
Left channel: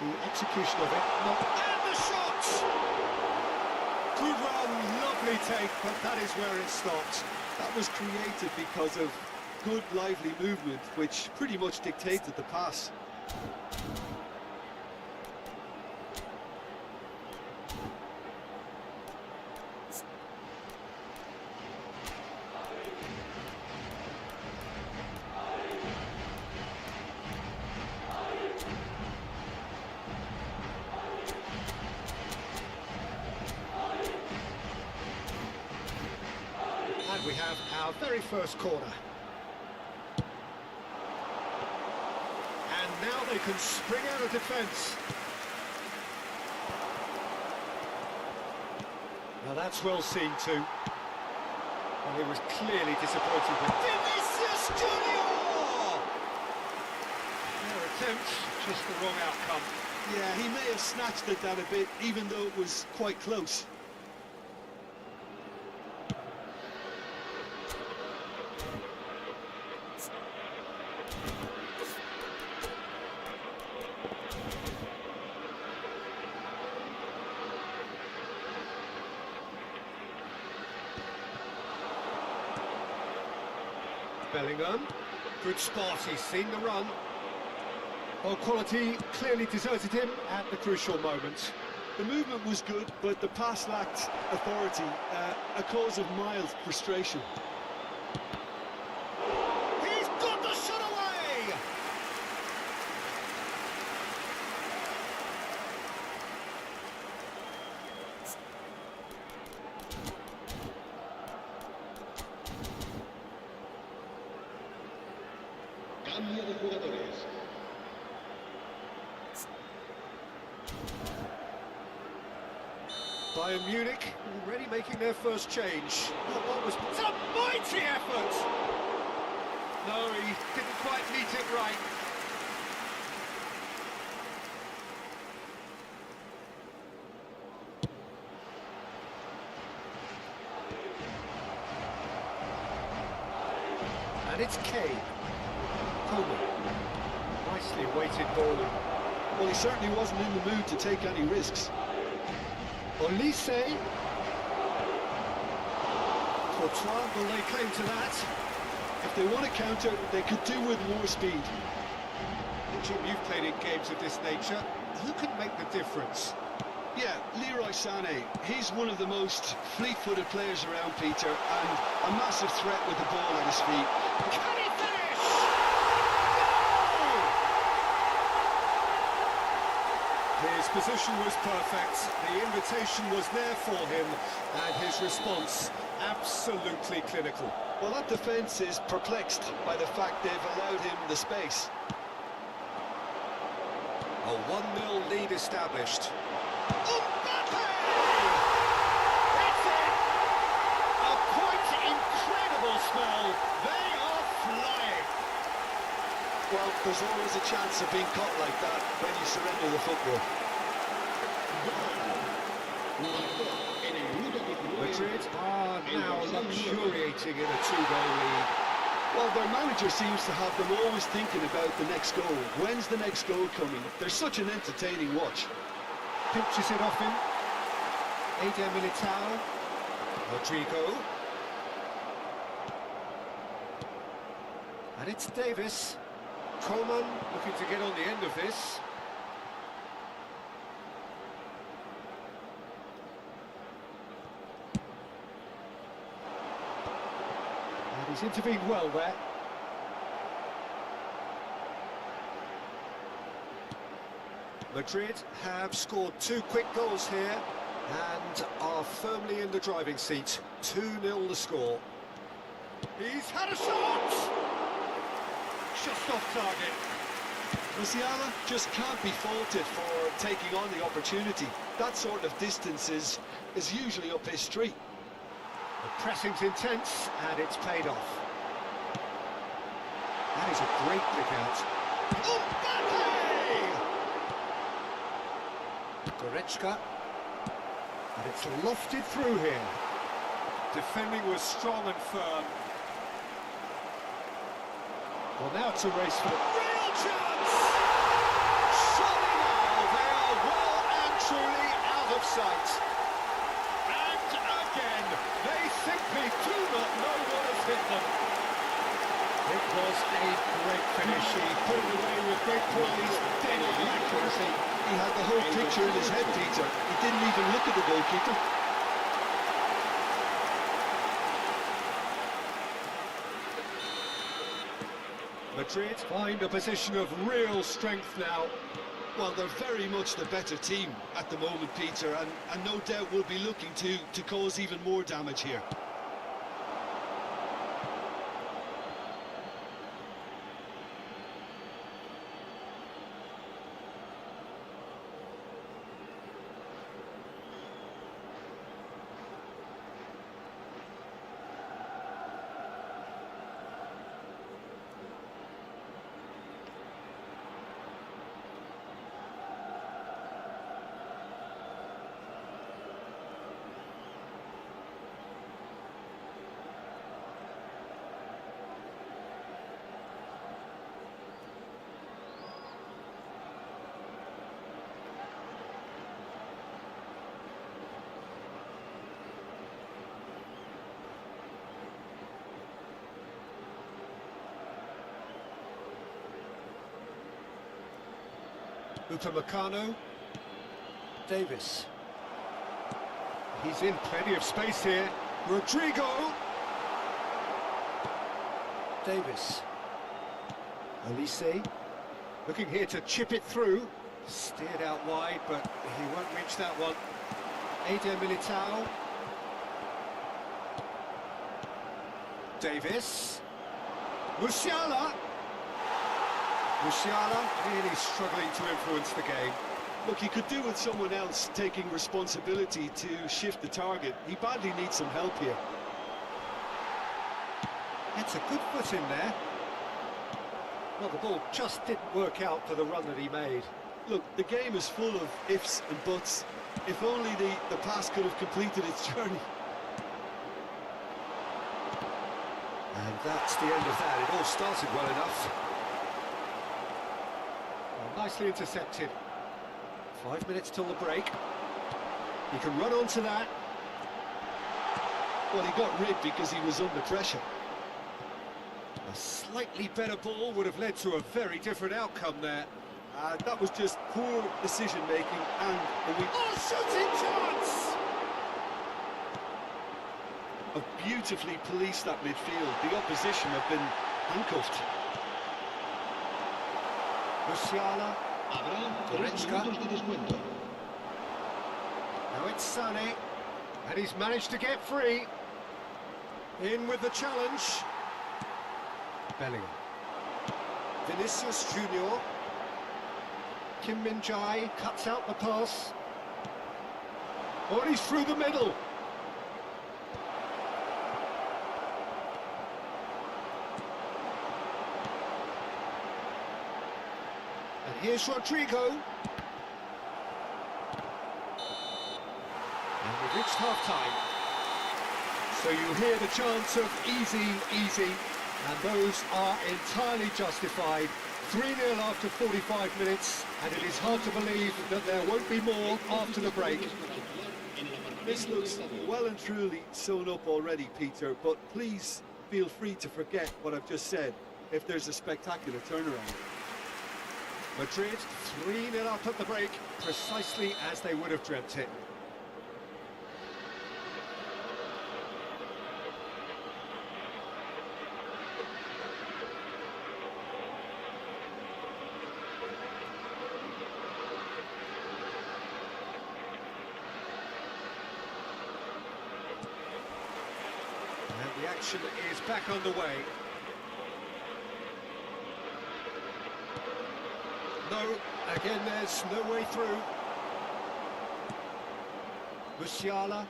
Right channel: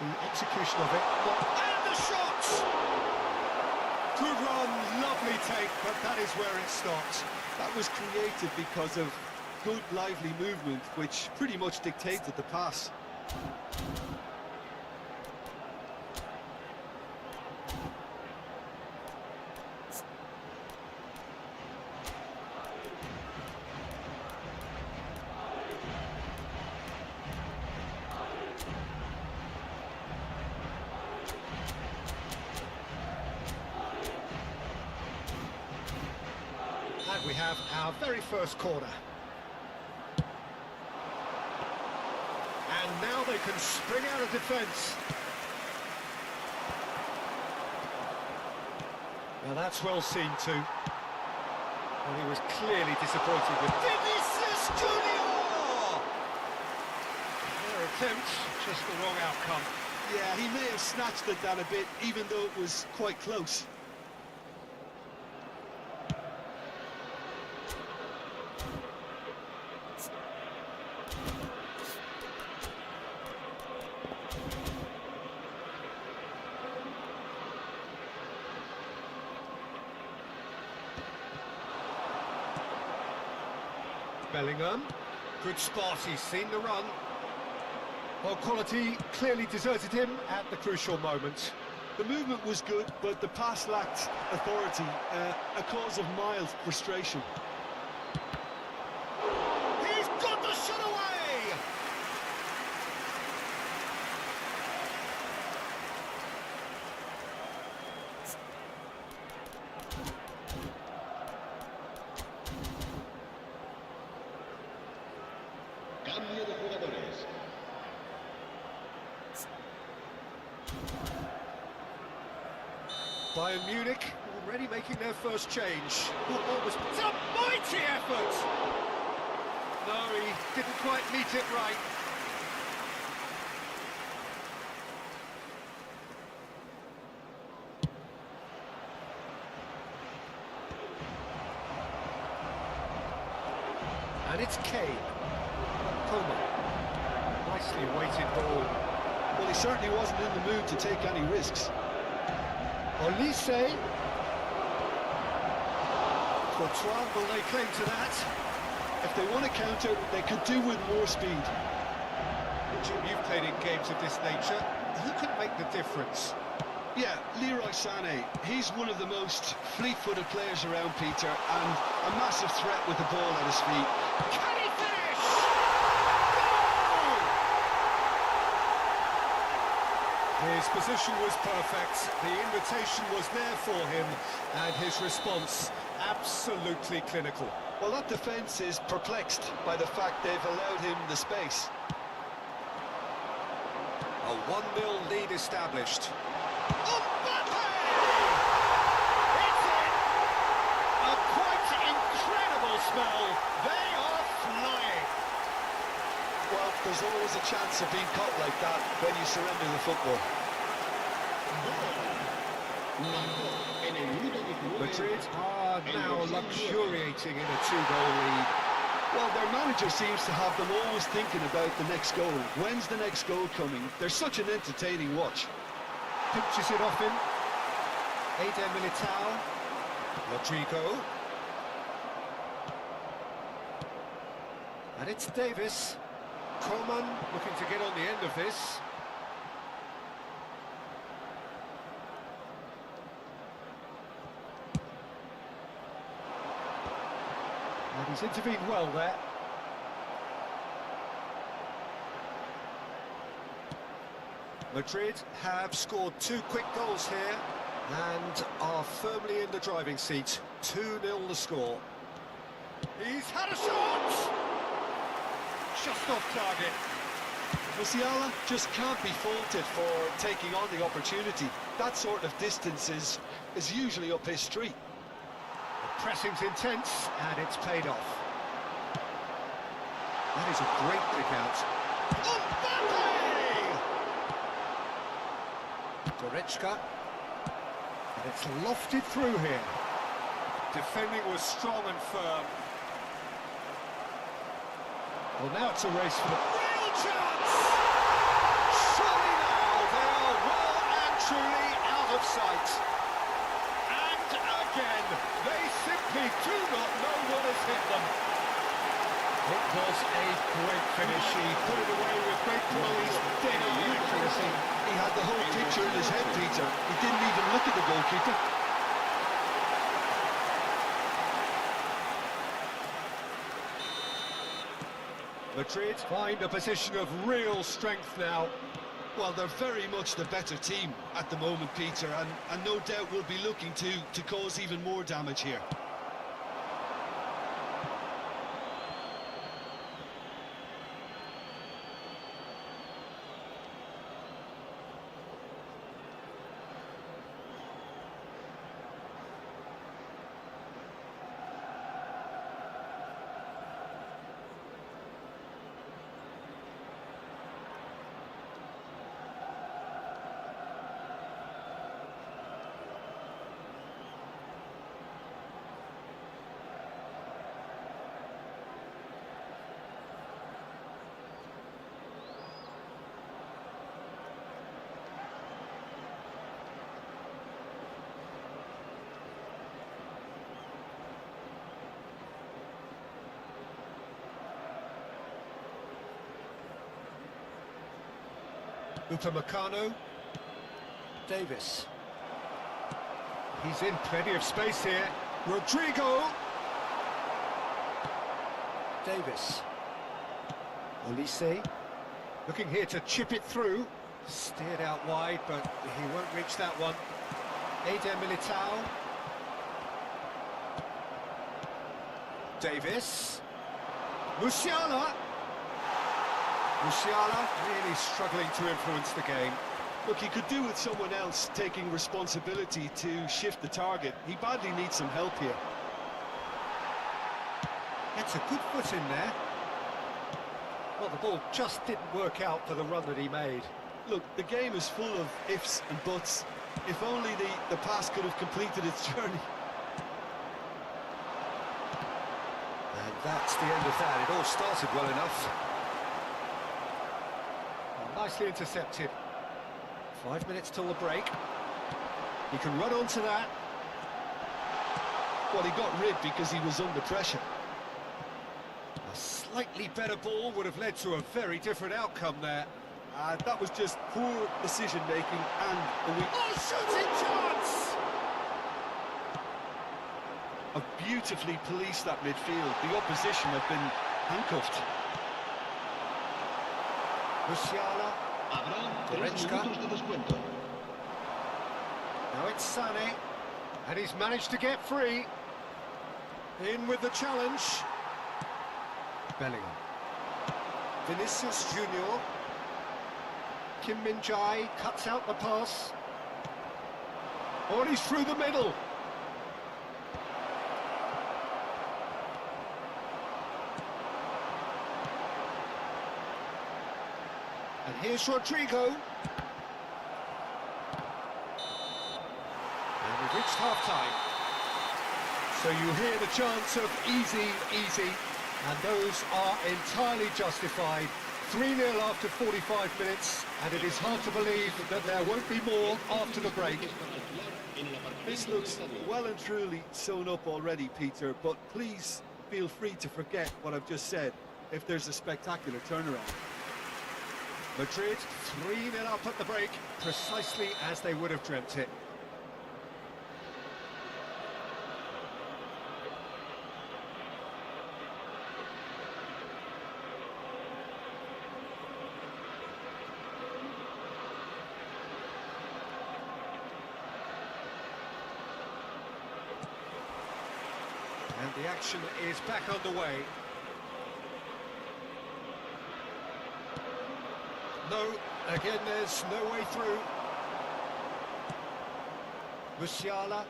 The execution of it, not... And the shots! Good run, lovely take, but that is where it stops. That was created because of good, lively movement, which pretty much dictated the pass. And we have our very first corner. And now they can spring out of defence. Now that's well seen too. Well, he was clearly disappointed with Vinicius Junior! Their attempt, just the wrong outcome. Yeah, he may have snatched at that a bit, even though it was quite close. Bellingham, good spot, he's seen the run. Well, quality clearly deserted him at the crucial moment. The movement was good, but the pass lacked authority, a cause of mild frustration. He's got the shot away! Cambio de jugadores. Bayern Munich already making their first change. What was it's a mighty effort? No, he didn't quite meet it right. And it's Kane. Coleman. Nicely weighted ball. Well, he certainly wasn't in the mood to take any risks. Olise. Courtois will lay claim to that. If they want to counter, they could do with more speed. Jim, you've played in games of this nature. Who can make the difference? Yeah, Leroy Sané. He's one of the most fleet-footed players around, Peter, and a massive threat with the ball at his feet. Can he finish? Goal! His position was perfect, the invitation was there for him, and his response absolutely clinical. Well, that defence is perplexed by the fact they've allowed him the space. A 1-0 lead established. Mbappe! It's in! A quite incredible spell. They are flying. Well, there's always a chance of being caught like that when you surrender the football. Madrid are now luxuriating in a 2-goal lead. Well, their manager seems to have them always thinking about the next goal. When's the next goal coming? They're such an entertaining watch. Pinches it off him. Eder Militao. Rodrigo. And it's Davis. Coleman looking to get on the end of this. And he's intervened well there. Madrid have scored 2 quick goals here and are firmly in the driving seat. 2-0 the score. He's had a shot! Just off target. Musiala just can't be faulted for taking on the opportunity. That sort of distance is usually up his street. The pressing's intense and it's paid off. That is a great pick out. Mbappe! Goretzka. And it's lofted through here. Defending was strong and firm. Well, now it's a race for the real chance! Surely now they are well and truly out of sight. And again, they simply do not know what has hit them. It was a great finish. He put it away with great poise, dead-on accuracy. He had the whole picture in his head, Peter. He didn't even look at the goalkeeper. Madrid find a position of real strength now. Well, they're very much the better team at the moment, Peter, and no doubt will be looking to cause even more damage here. Upamecano. Davis. He's in plenty of space here. Rodrigo. Davis. Olise. Looking here to chip it through. Steered out wide, but he won't reach that one. Eder Militao. Davis. Musiala. Musiala really struggling to influence the game. Look, he could do with someone else taking responsibility to shift the target. He badly needs some help here. Gets a good foot in there. Well, the ball just didn't work out for the run that he made. Look, the game is full of ifs and buts. If only the pass could have completed its journey. And that's the end of that. It all started well enough. Well, nicely intercepted. 5 minutes till the break. He can run onto that. Well, he got rid because he was under pressure. A slightly better ball would have led to a very different outcome there. That was just poor decision-making and a weak... Oh, shooting chance! Have beautifully policed that midfield. The opposition have been handcuffed. Musiala. Habrá 3 Goretzka. minutos de descuento. Now it's Sané. And he's managed to get free. In with the challenge. Bellingham. Vinicius Junior. Kim Min-jae cuts out the pass. Oh, and he's through the middle. And here's Rodrigo. And we've reached half-time. So you hear the chants of easy, easy, and those are entirely justified. 3-0 after 45 minutes, and it is hard to believe that there won't be more after the break. This looks well and truly sewn up already, Peter, but please feel free to forget what I've just said if there's a spectacular turnaround. Madrid 3-0 up at the break, precisely as they would have dreamt it. And the action is back underway. No, again there's no way through. Musiala,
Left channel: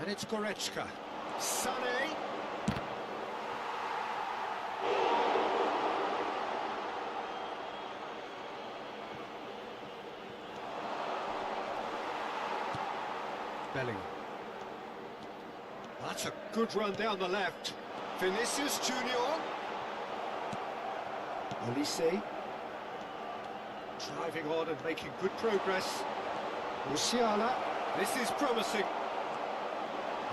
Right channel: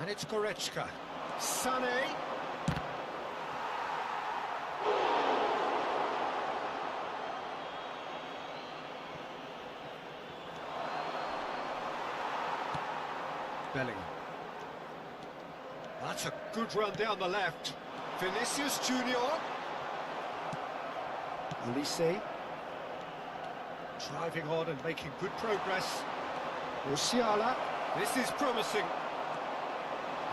and it's Goretzka. Sané. Bellingham. That's a good run down the left. Vinicius Junior. Olise. Driving on and making good progress. Musiala. This is promising.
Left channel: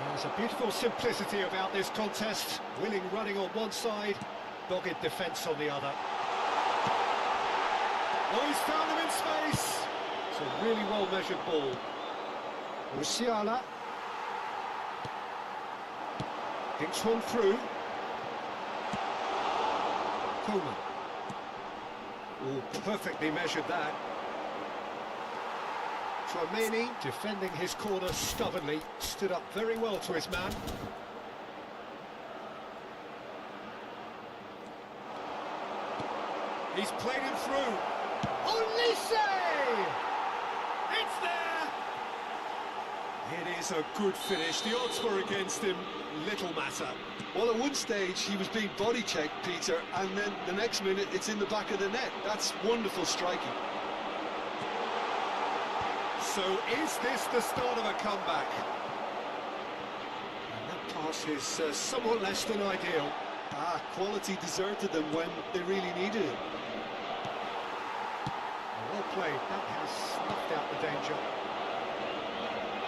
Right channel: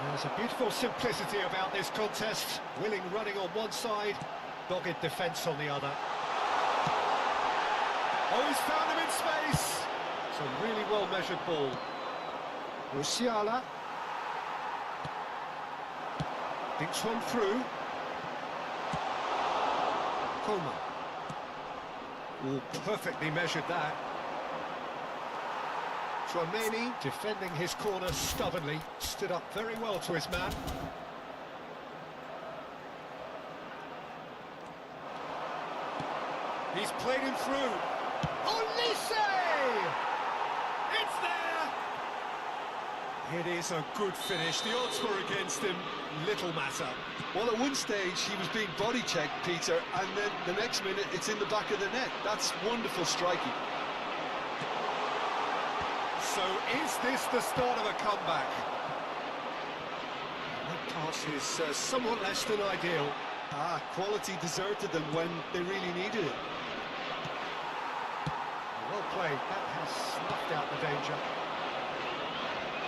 There's a beautiful simplicity about this contest. Willing running on one side, dogged defence on the other. Oh, he's found him in space. It's a really well-measured ball. Musiala. Dinks one through. Coman. Oh, perfectly measured that. Tchouaméni, defending his corner stubbornly, stood up very well to his man. He's played him through. Olise! It's there! It is a good finish. The odds were against him. Little matter. Well, at one stage he was being body checked, Peter, and then the next minute it's in the back of the net. That's wonderful striking. So is this the start of a comeback? And that pass is somewhat less than ideal. Quality deserted them when they really needed it. Well played. That has snuffed out the danger.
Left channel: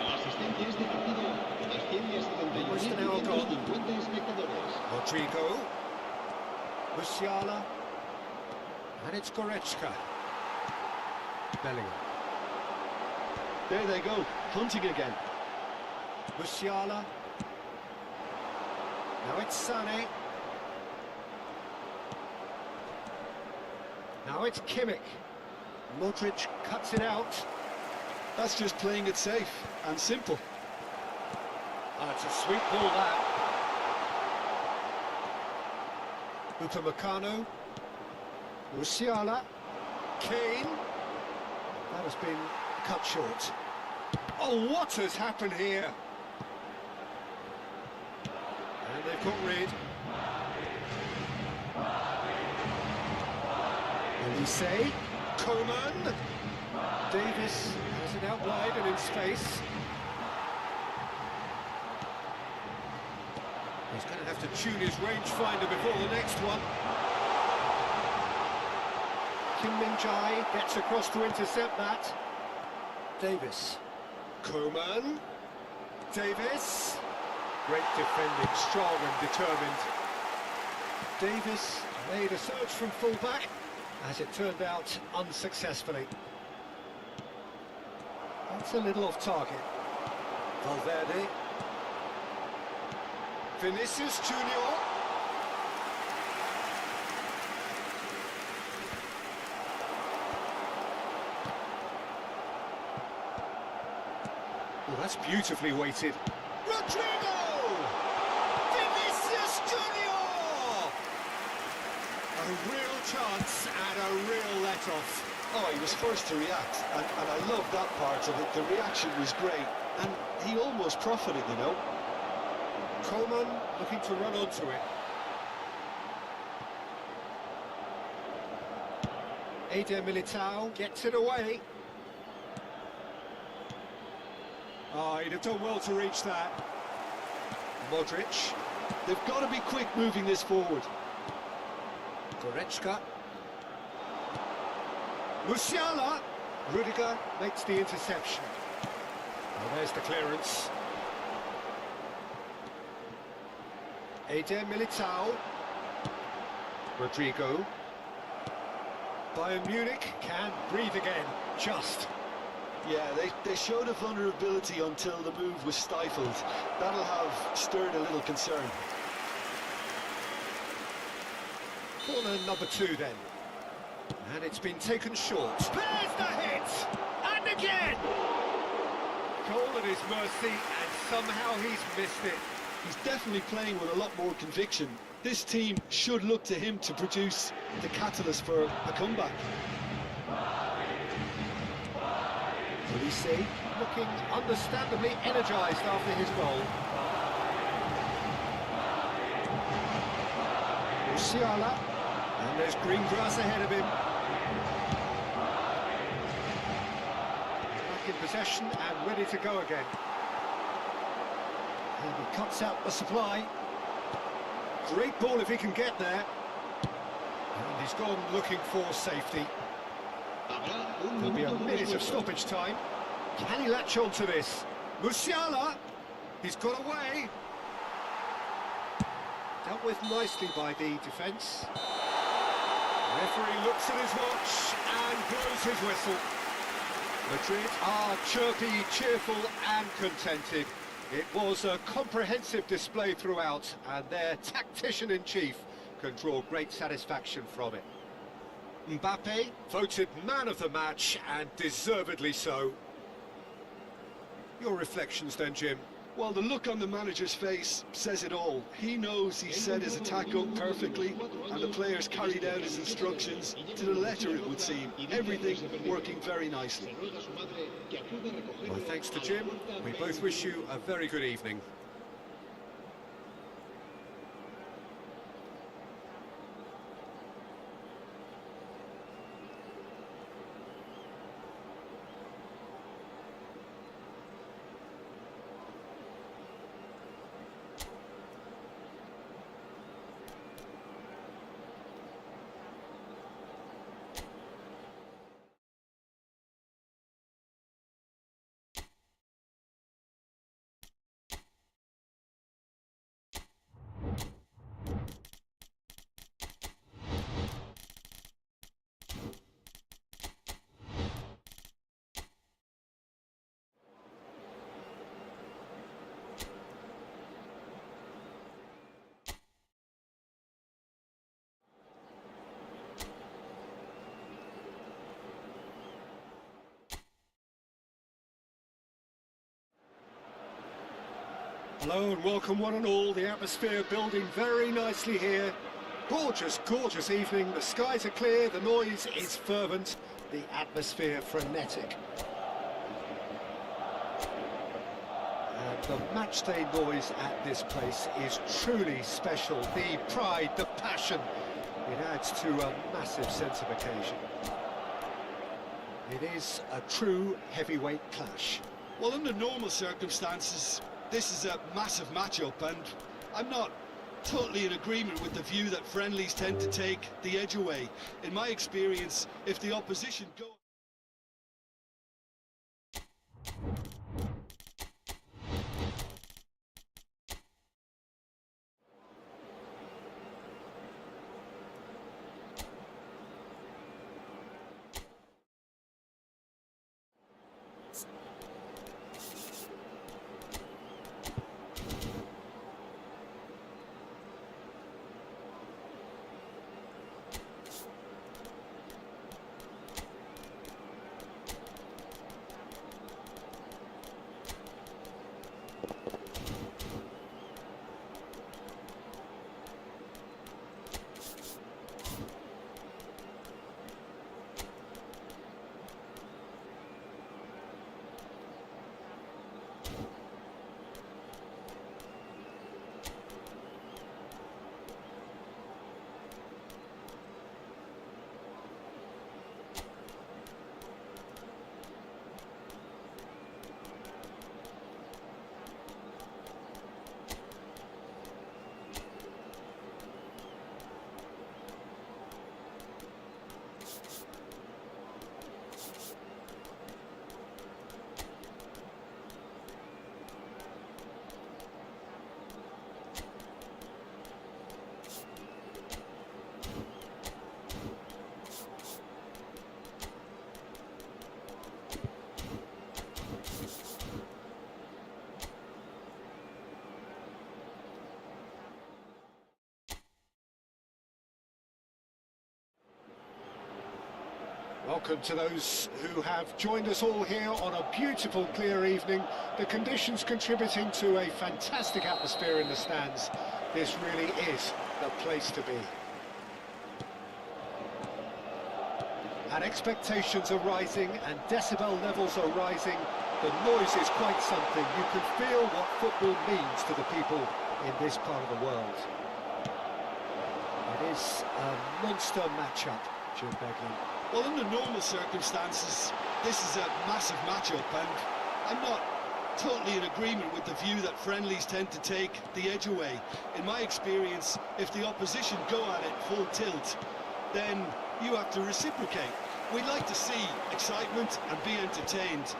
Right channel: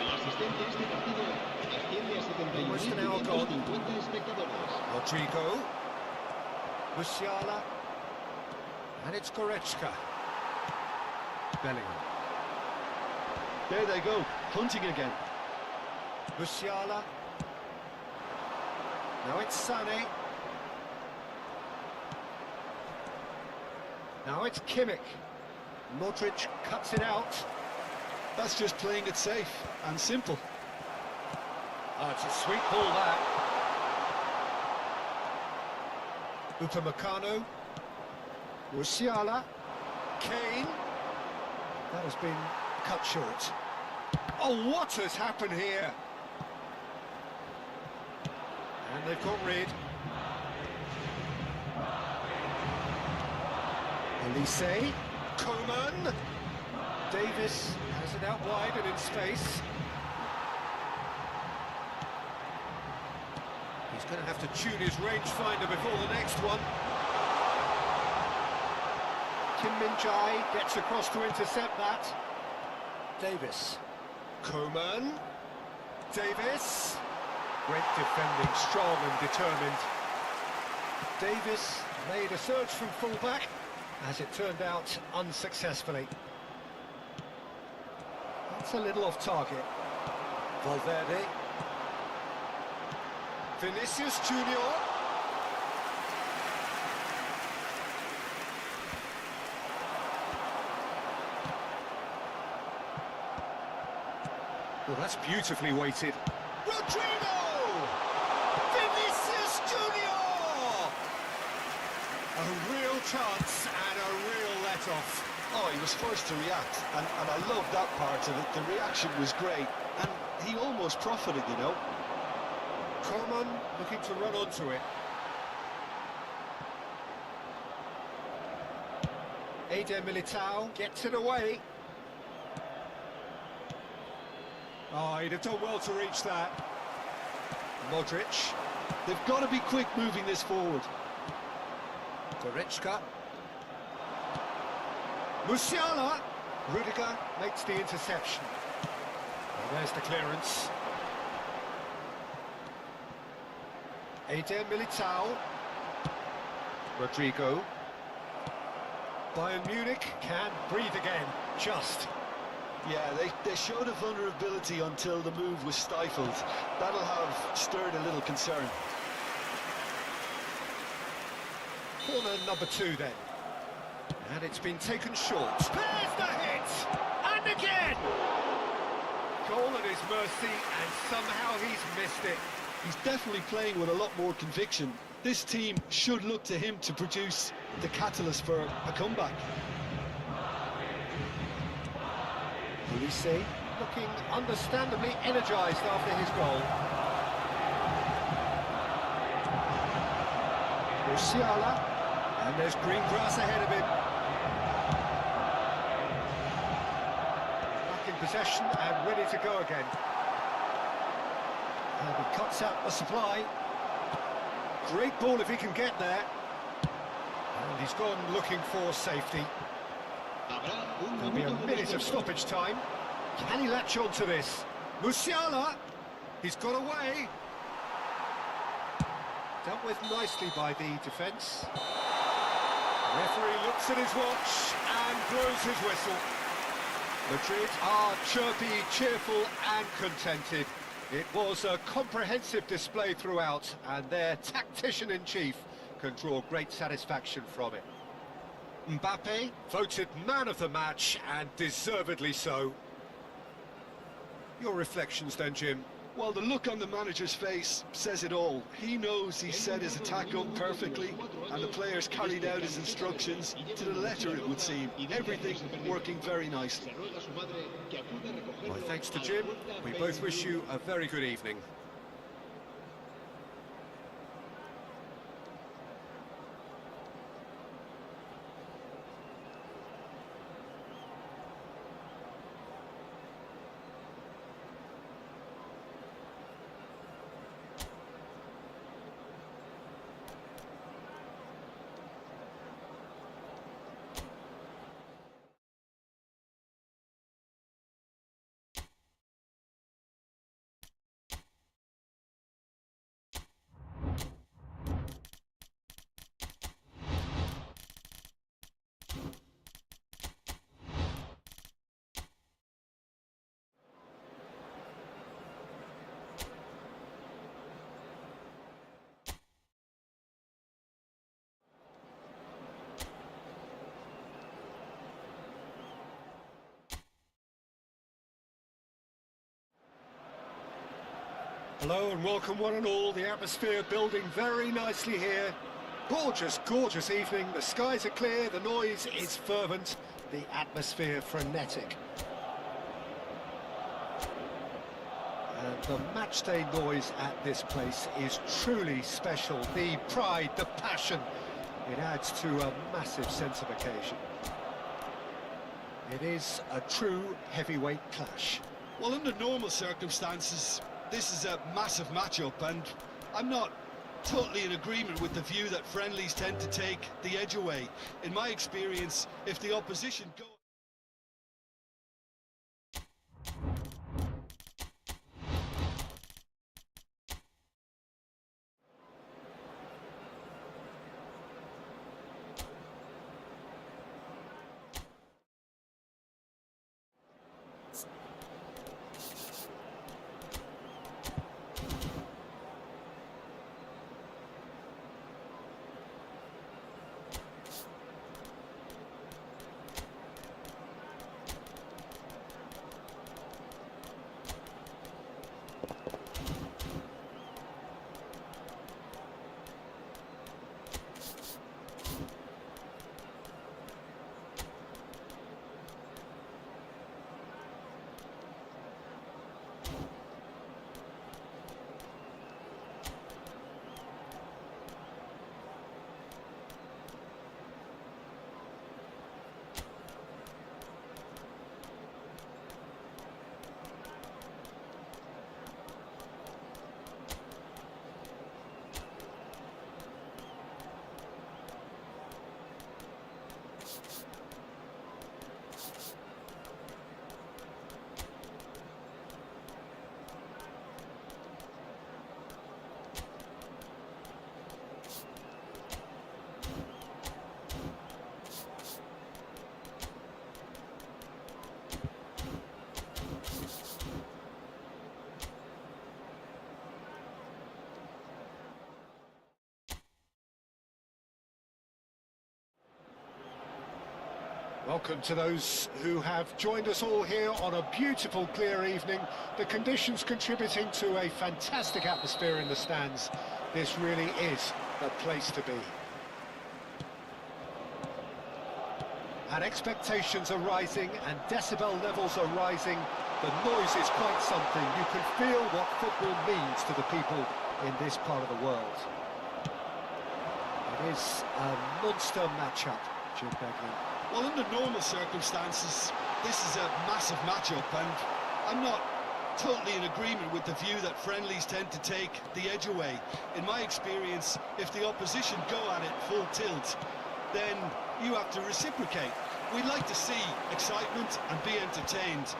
La asistencia a este partido asciende a 71.550 espectadores. Rodrigo. Musiala. And it's Goretzka. Bellingham. There they go, hunting again. Musiala. Now it's Sané. Now it's Kimmich. Modric cuts it out. That's just playing it safe and simple. It's a sweet ball, that. Upamecano. Musiala. Kane. That has been cut short. Oh, what has happened here? And they've got rid. Elise, Coman, Davis has it out wide and in space. He's going to have to tune his rangefinder before the next one. Kim Min-jae gets across to intercept that. Davis. Coman. Davis. Great defending, strong and determined. Davis made a surge from fullback, as it turned out unsuccessfully. That's a little off target. Valverde. Vinicius Junior. Well, that's beautifully weighted. Rodrigo! Vinicius Junior! A real chance and a real let-off. Oh, he was first to react, and I love that part of it. The reaction was great, and he almost profited, you know. Coman looking to run onto it. Eder Militao gets it away. Oh, he'd have done well to reach that. Modric. They've got to be quick moving this forward. Goretzka. Musiala. Rudiger makes the interception. Oh, there's the clearance. Eder Militao. Rodrigo. Bayern Munich can breathe again, just. Yeah, they showed a vulnerability until the move was stifled. That'll have stirred a little concern. Corner number 2 then. And it's been taken short. There's the hit! And again! Goal at his mercy, and somehow he's missed it. He's definitely playing with a lot more conviction. This team should look to him to produce the catalyst for a comeback. Elise looking understandably energised after his goal. Musiala, and there's green grass ahead of him. Back in possession and ready to go again. And he cuts out the supply. Great ball if he can get there. And he's gone looking for safety. There'll be a minute of stoppage time. Can he latch on to this? Musiala! He's got away. Dealt with nicely by the defence. Referee looks at his watch and blows his whistle. Madrid are chirpy, cheerful and contented. It was a comprehensive display throughout, and their tactician-in-chief can draw great satisfaction from it. Mbappe voted man of the match, and deservedly so. Your reflections then, Jim? Well, the look on the manager's face says it all. He knows he set his attack up perfectly, and the players carried out his instructions to the letter, it would seem. Everything working very nicely. My thanks to Jim. We both wish you a very good evening. Hello and welcome one and all. The atmosphere building very nicely here. Gorgeous, gorgeous evening. The skies are clear, the noise is fervent, the atmosphere frenetic. And the matchday noise at this place is truly special. The pride, the passion, it adds to a massive sense of occasion. It is a true heavyweight clash. Well, under normal circumstances, this is a massive matchup, and I'm not totally in agreement with the view that friendlies tend to take the edge away. In my experience, if the opposition go... Welcome to those who have joined us all here on a beautiful, clear evening. The conditions contributing to a fantastic atmosphere in the stands. This really is the place to be. And expectations are rising and decibel levels are rising. The noise is quite something. You can feel what football means to the people in this part of the world. It is a monster matchup, Jim Beglin. Well, under normal circumstances, this is a massive matchup, and I'm not totally in agreement with the view that friendlies tend to take the edge away. In my experience, if the opposition go at it full tilt, then you have to reciprocate. We'd like to see excitement and be entertained,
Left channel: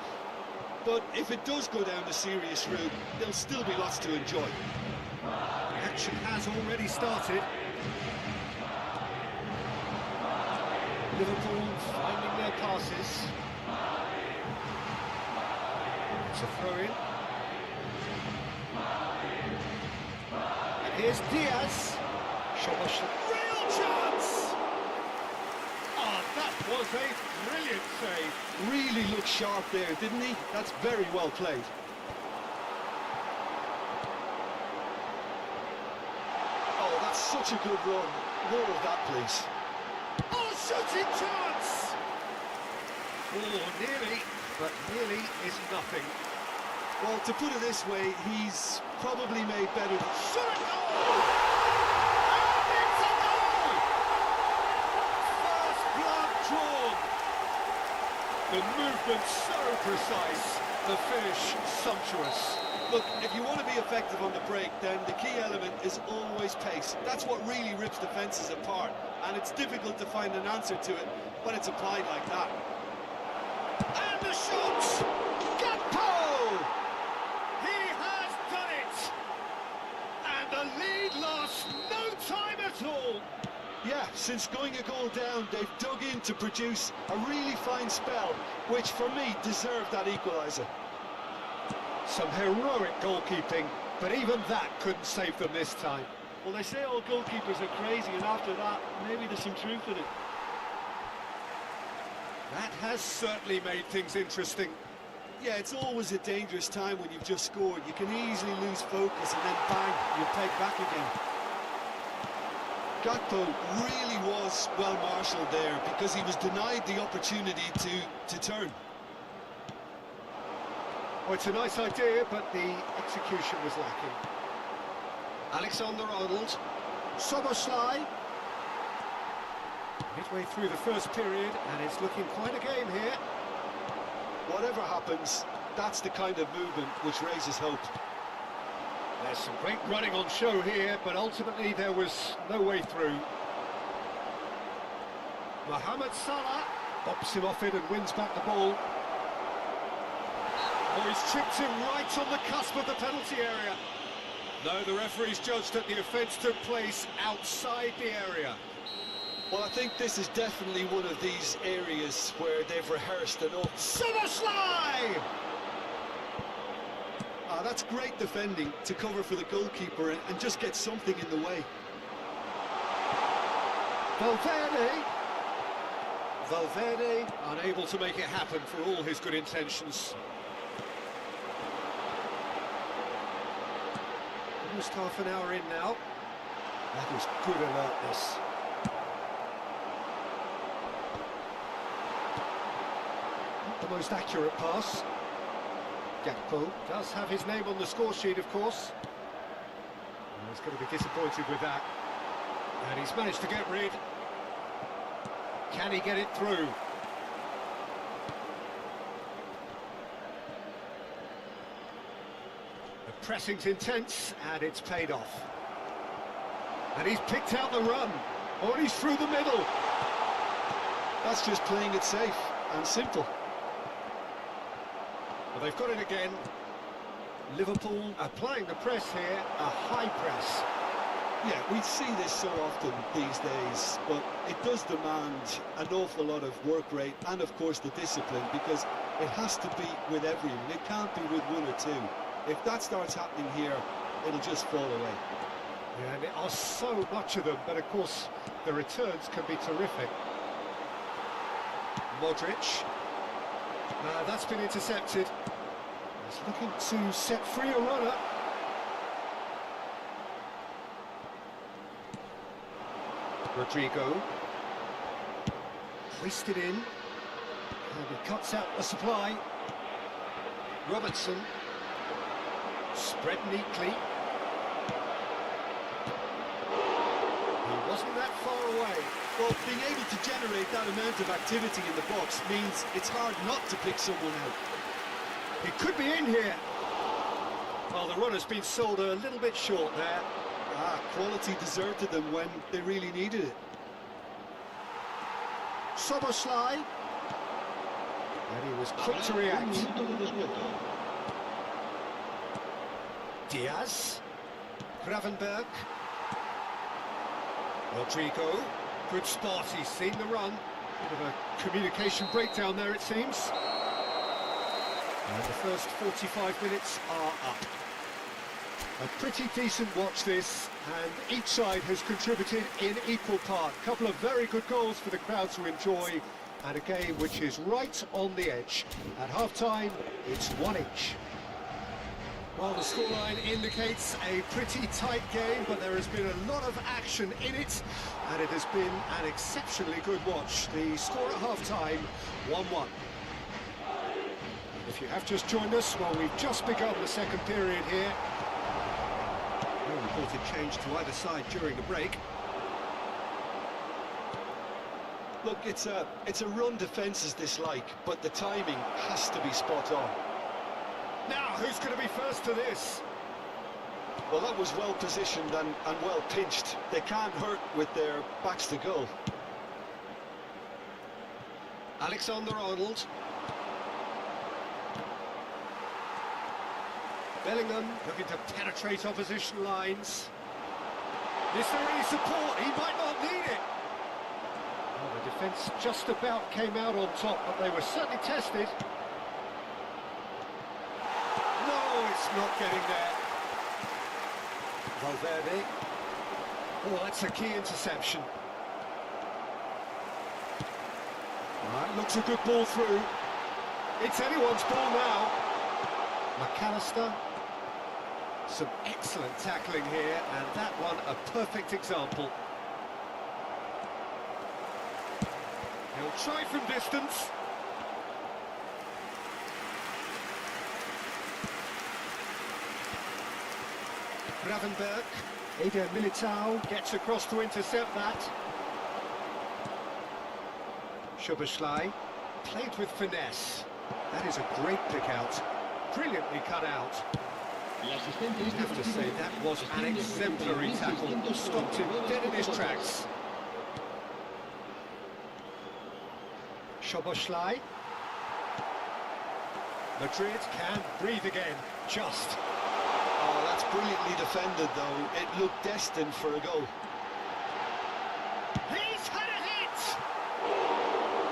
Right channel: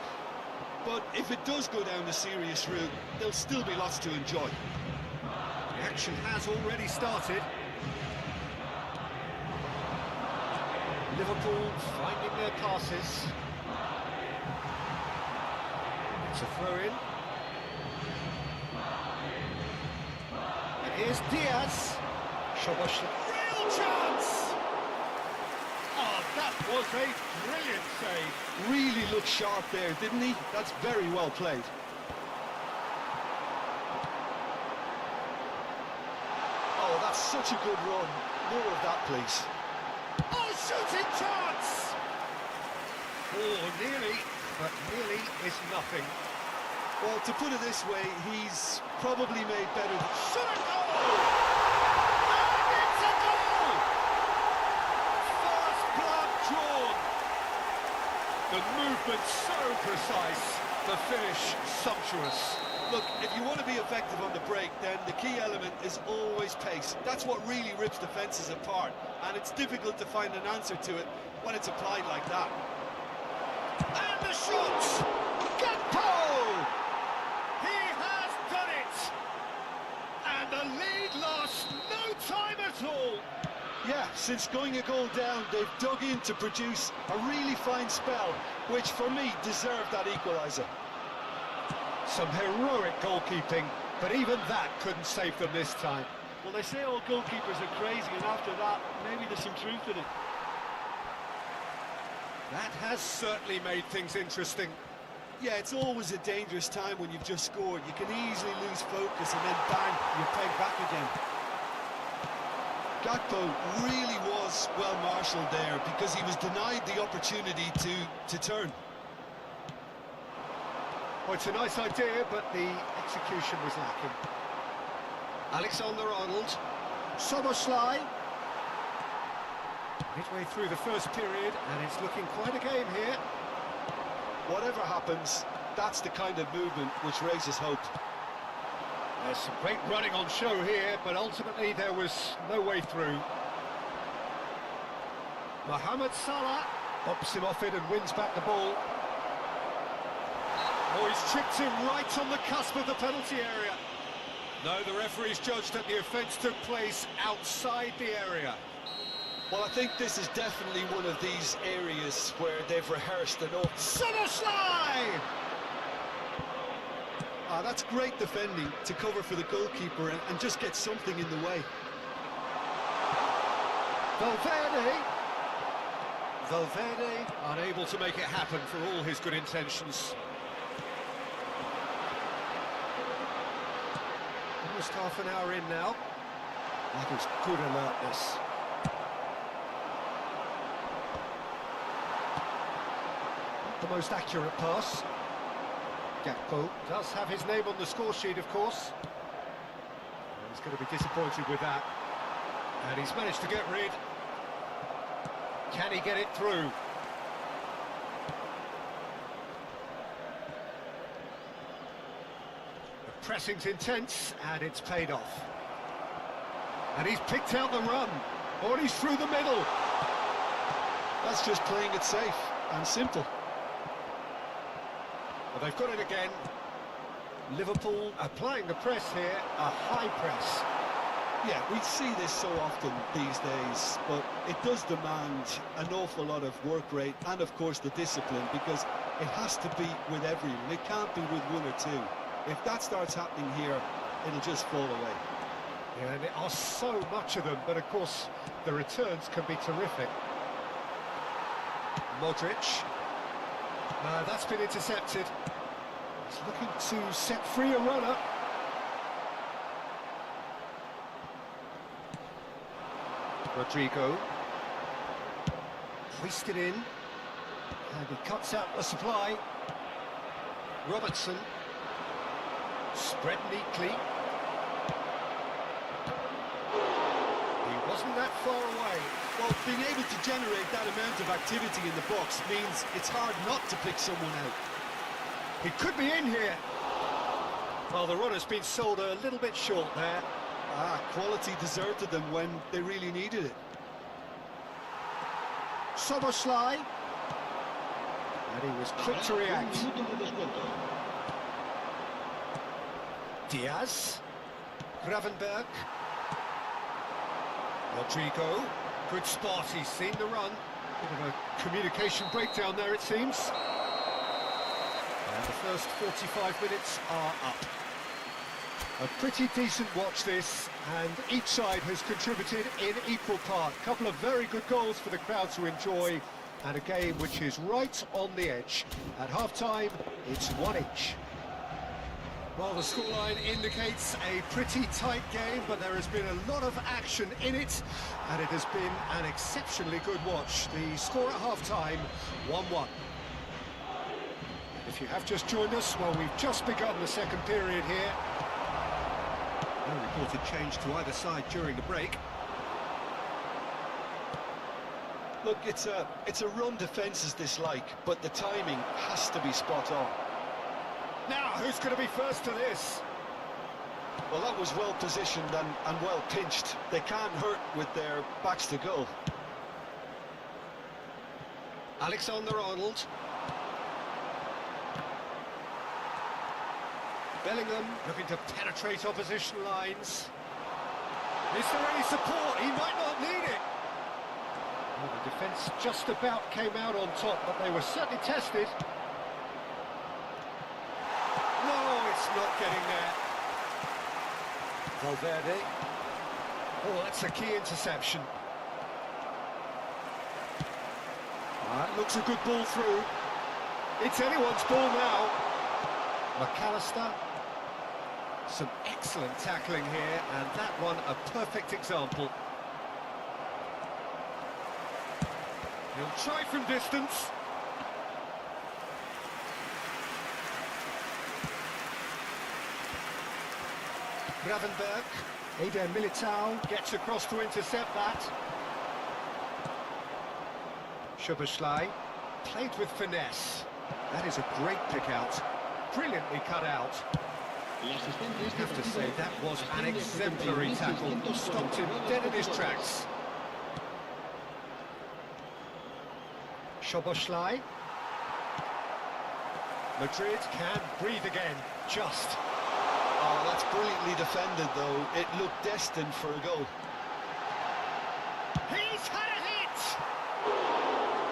but if it does go down the serious route, there'll still be lots to enjoy. The action has already started. Liverpool finding their passes. It's a throw-in. And here's Diaz. Shobosh. Real chance! Oh, that was a brilliant save. Really looked sharp there, didn't he? That's very well played. Oh, that's such a good run. More of that, please. Oh, shooting chance! Oh, nearly, but nearly is nothing. Well, to put it this way, he's probably made better... Shot a goal! And it's a goal! First blood drawn. The movement so precise, the finish sumptuous. Look, if you want to be effective on the break, then the key element is always pace. That's what really rips defences apart, and it's difficult to find an answer to it when it's applied like that. And the shot! Gakpo! He has done it! And the lead lost no time at all. Yeah, since going a goal down, they've dug in to produce a really fine spell, which for me deserved that equaliser. Some heroic goalkeeping, but even that couldn't save them this time. Well, they say all goalkeepers are crazy, and after that, maybe there's some truth in it. That has certainly made things interesting. Yeah, it's always a dangerous time when you've just scored. You can easily lose focus and then bang, you're pegged back again. Gakpo really was was well marshalled there because he was denied the opportunity to turn. Well, it's a nice idea, but the execution was lacking. Alexander-Arnold. Soboslai. Midway through the first period, and it's looking quite a game here. Whatever happens, that's the kind of movement which raises hope. There's some great running on show here, but ultimately there was no way through. Mohamed Salah bops him off it and wins back the ball. Oh, he's chipped him right on the cusp of the penalty area. No, the referee's judged that the offence took place outside the area. Well, I think this is definitely one of these areas where they've rehearsed enough. Soboslai! That's great defending to cover for the goalkeeper and just get something in the way. Valverde unable to make it happen for all his good intentions. Almost half an hour in now. That is good alertness. Not the most accurate pass. Gakpo does have his name on the score sheet, of course. Well, he's going to be disappointed with that. And he's managed to get rid. Can he get it through? The pressing's intense, and it's paid off. And he's picked out the run. Oh, and he's through the middle. That's just playing it safe and simple. Well, they've got it again. Liverpool applying the press here, a high press. Yeah, we see this so often these days, but it does demand an awful lot of work rate and, of course, the discipline, because it has to be with everyone. It can't be with one or two. If that starts happening here, it'll just fall away. Yeah, and there are so much of them, but of course, the returns can be terrific. Modric. No, that's been intercepted. He's looking to set free a runner. Rodrigo. Hoisted in. And he cuts out the supply. Robertson. Spread neatly. He wasn't that far away. Well, being able to generate that amount of activity in the box means it's hard not to pick someone out. He could be in here. Well, the runner's been sold a little bit short there. Quality deserted them when they really needed it. Soboslai. And he was quick to react. Diaz. Gravenberg. Rodrigo. Good spot, he's seen the run. Bit of a communication breakdown there, it seems. And the first 45 minutes are up. A pretty decent watch this, and each side has contributed in equal part. A couple of very good goals for the crowd to enjoy, and a game which is right on the edge. At half-time, it's 1 each. Well, the scoreline indicates a pretty tight game, but there has been a lot of action in it, and it has been an exceptionally good watch. The score at half-time, 1-1. If you have just joined us, well, we've just begun the second period here. No reported change to either side during the break. Look, it's a run defence is dislike, but the timing has to be spot on. Now, who's going to be first to this? Well, that was well positioned and well pinched. They can't hurt with their backs to goal. Alexander-Arnold. Bellingham looking to penetrate opposition lines. Is there any support? He might not need it. Well, the defence just about came out on top, but they were certainly tested. No, it's not getting there. Valverde. Oh, that's a key interception. That looks a good ball through. It's anyone's ball now. McAllister. Some excellent tackling here, and that one a perfect example. He'll try from distance. Gravenberg. Eder Militao gets across to intercept that. Szoboszlai played with finesse. That is a great pick out. Brilliantly cut out. I have to say, that was an exemplary tackle. Stopped him dead in his tracks. Szoboszlai. Madrid can breathe again. Just. Oh, that's brilliantly defended, though. It looked destined for a goal. He's had a hit!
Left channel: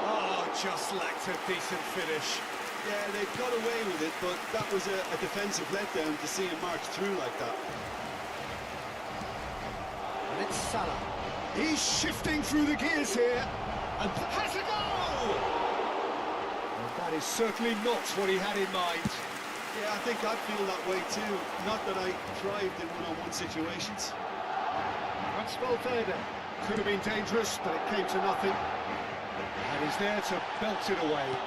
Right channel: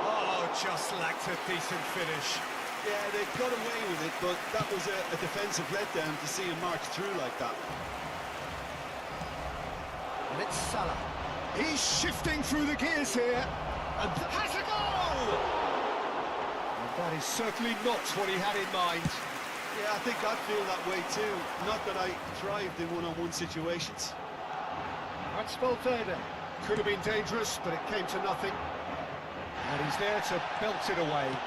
Oh, just lacked a decent finish. Yeah, they got away with it, but that was a defensive letdown to see him march through like that. And it's Salah. He's shifting through the gears here. And has a goal! And that is certainly not what he had in mind. Yeah, I think I'd feel that way too. Not that I thrived in one-on-one situations. That's Valverde. Could have been dangerous, but it came to nothing. And he's there to belt it away.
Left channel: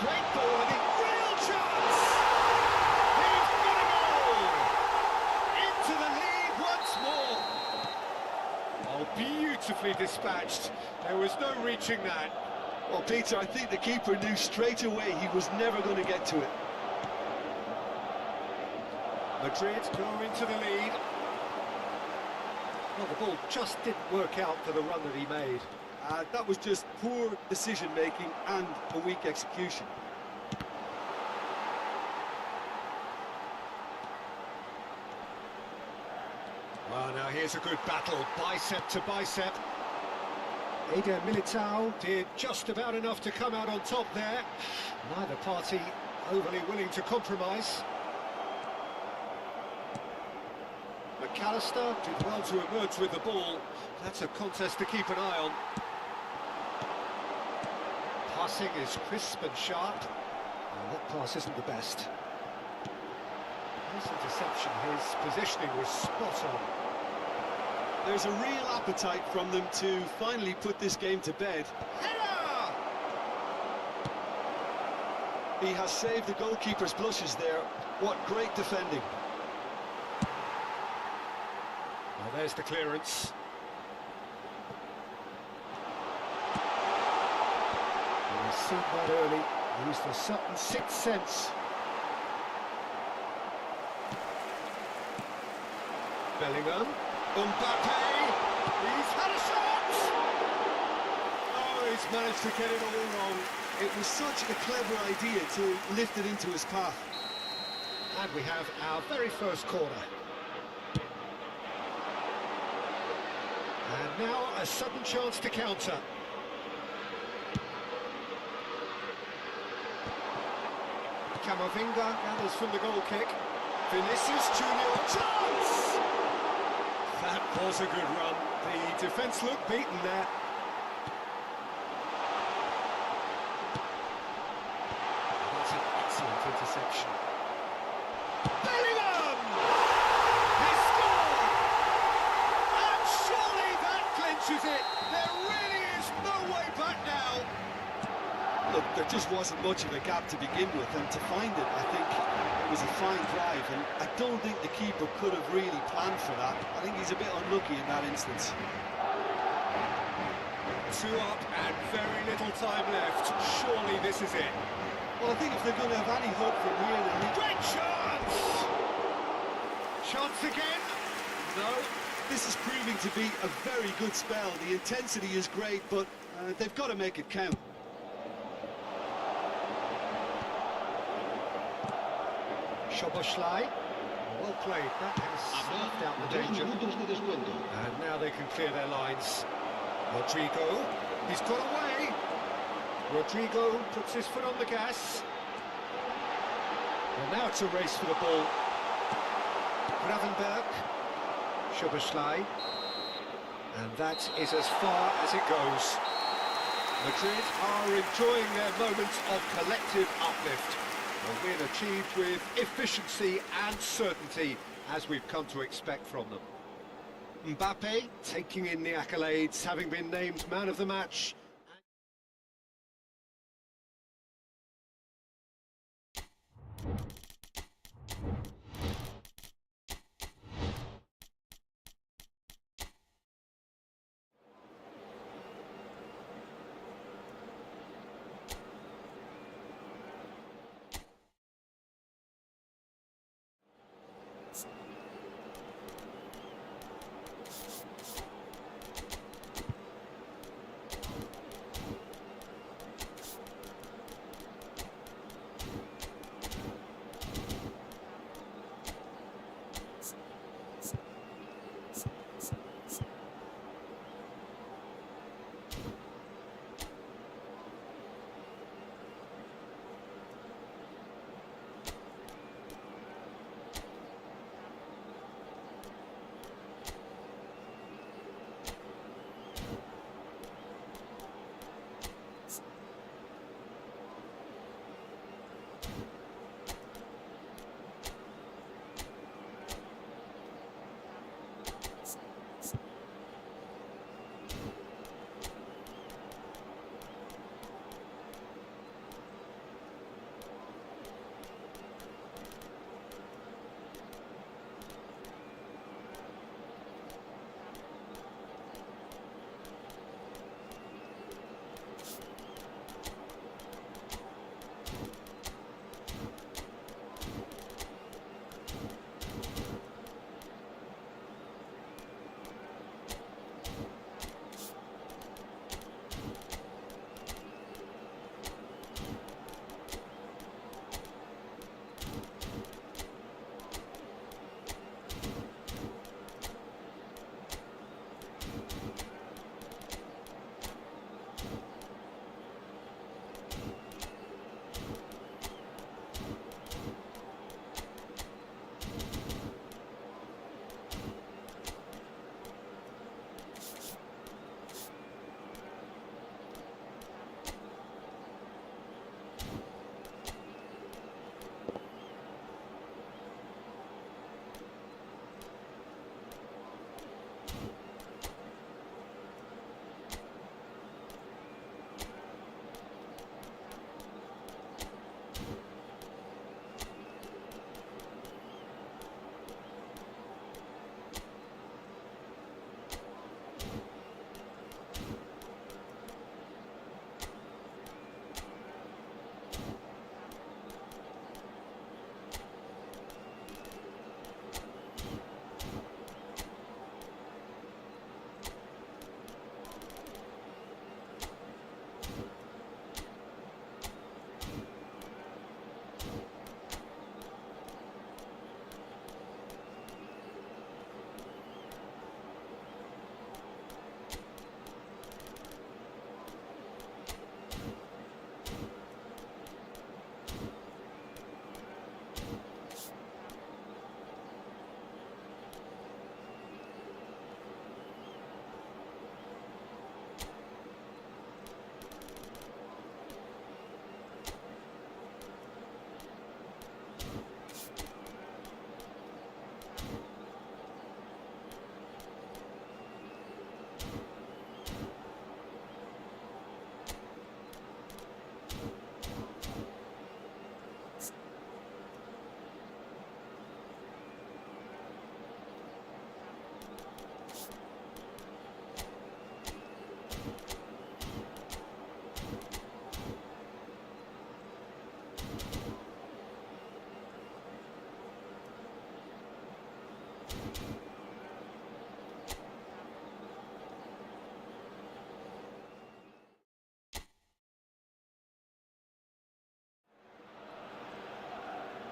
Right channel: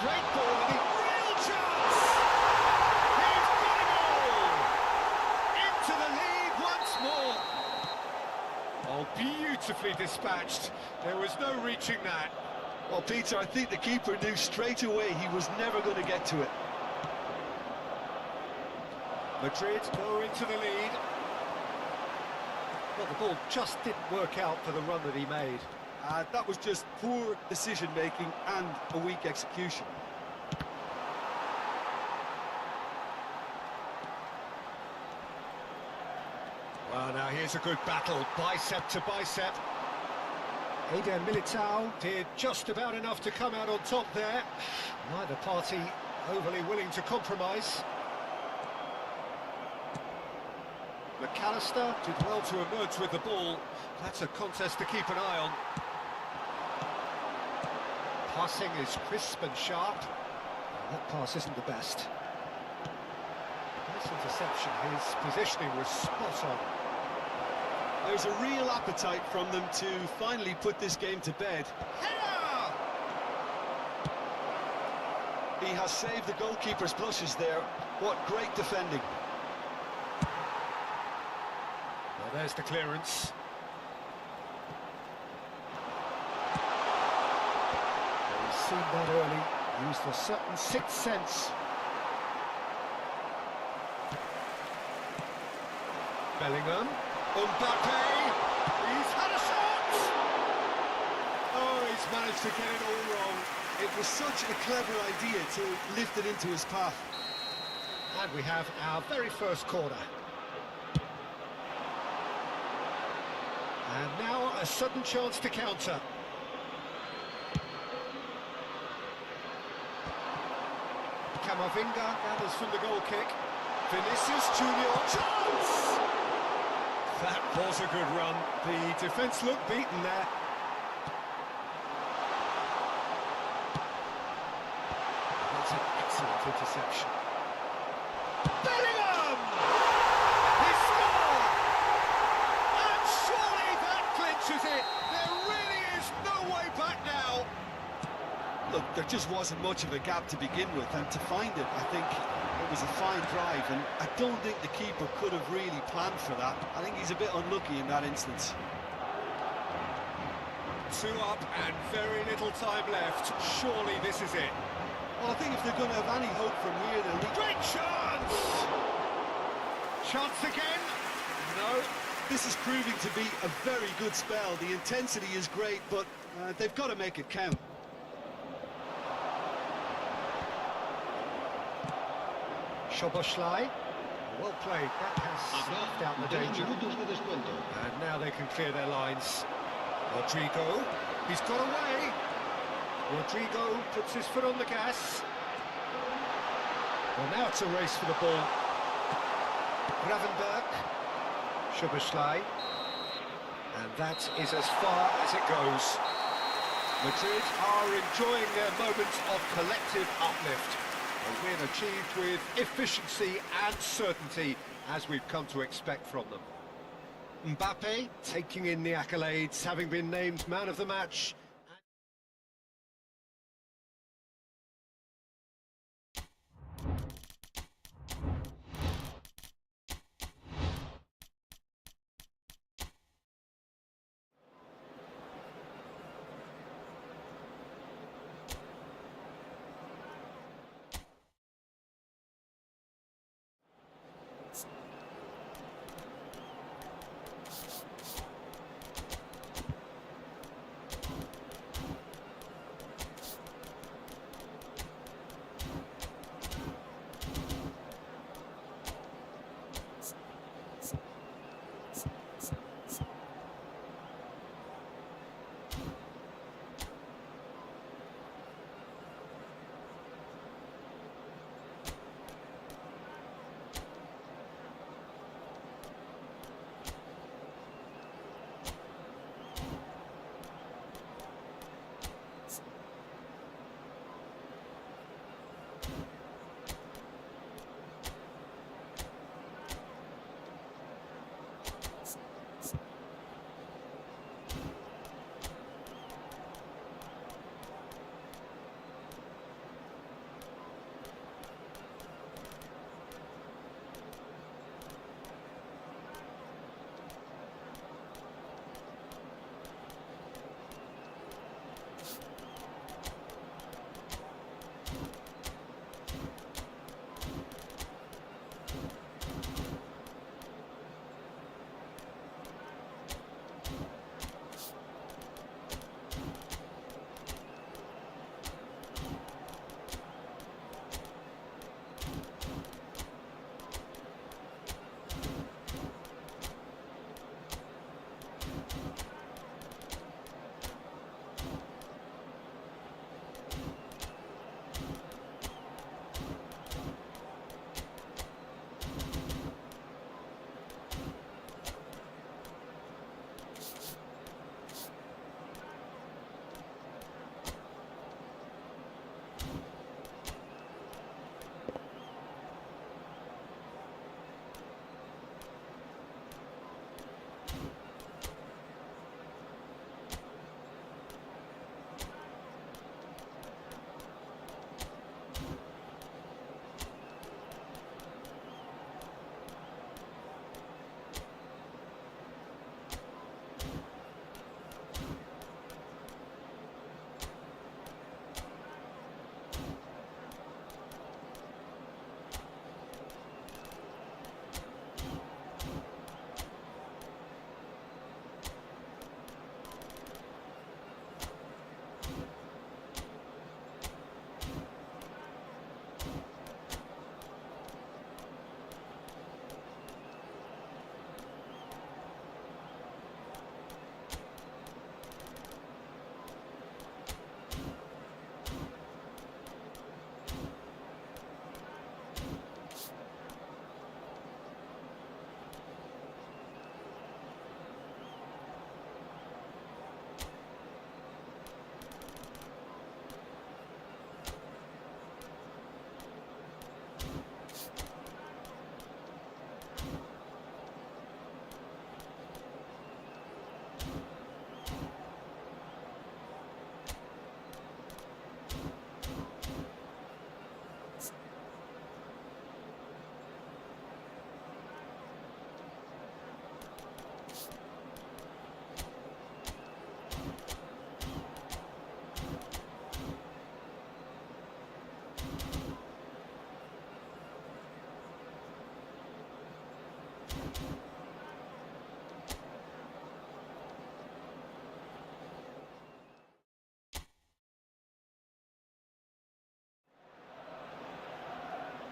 Great ball, and real chance! He's got it all! Into the lead once more. Oh, beautifully dispatched. There was no reaching that. Well, Peter, I think the keeper knew straight away he was never going to get to it. Madrid go into the lead. Well, the ball just didn't work out for the run that he made. That was just poor decision-making and a weak execution. Well, now here's a good battle, bicep to bicep. Eder Militao did just about enough to come out on top there. Neither party overly willing to compromise. McAllister did well to emerge with the ball. That's a contest to keep an eye on. Passing is crisp and sharp. Oh, that pass isn't the best. Nice interception. His positioning was spot on. There's a real appetite from them to finally put this game to bed. Header! He has saved the goalkeeper's blushes there. What great defending. Well, there's the clearance. Well, he's seen that early, used a certain sixth sense. Bellingham. Mbappe, he's had a shot! Oh, he's managed to get it all wrong. It was such a clever idea to lift it into his path. And we have our very first corner. And now a sudden chance to counter. Camavinga gathers from the goal kick. Vinicius Junior, chance! That was a good run. The defence looked beaten there. That's an excellent interception. Bellingham! He scored! And surely that clinches it. There really is no way back now. Look, there just wasn't much of a gap to begin with, and to find it, I think it was a fine drive, and I don't think the keeper could have really planned for that. I think he's a bit unlucky in that instance. 2 up and very little time left. Surely this is it. Well, I think if they're going to have any hope from here, they'll need... Great chance! Chance again? No. This is proving to be a very good spell. The intensity is great, but they've got to make it count. Szoboszlai, well played, that has snuffed out the danger. And now they can clear their lines. Rodrigo, he's got away. Rodrigo puts his foot on the gas. Well, now it's a race for the ball. Gravenberg, Szoboszlai, and that is as far as it goes. Madrid are enjoying their moment of collective uplift. A win achieved with efficiency and certainty, as we've come to expect from them. Mbappe taking in the accolades, having been named man of the match.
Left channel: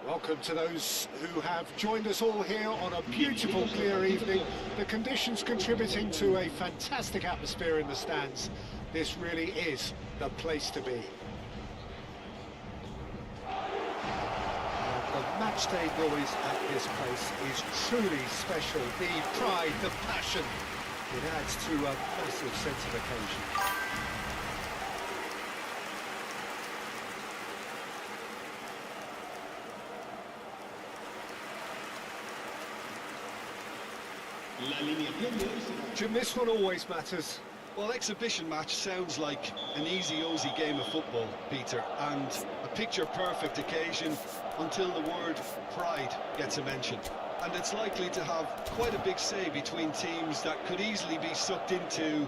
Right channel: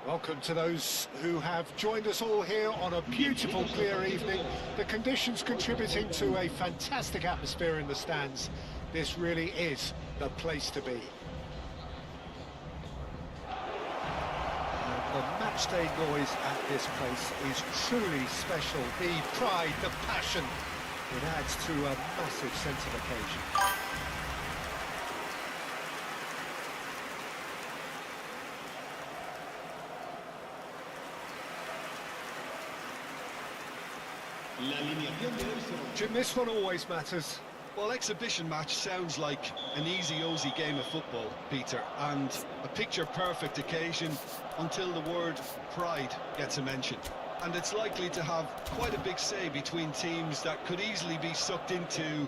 Welcome to those who have joined us all here on a beautiful, clear evening. The conditions contributing to a fantastic atmosphere in the stands. This really is the place to be. The matchday noise at this place is truly special. The pride, the passion, it adds to a massive sense of occasion. La alineación de hoy será... Jim, this one always matters. Well, exhibition match sounds like an easy-ozy game of football, Peter, and a picture-perfect occasion until the word pride gets a mention. And it's likely to have quite a big say between teams that could easily be sucked into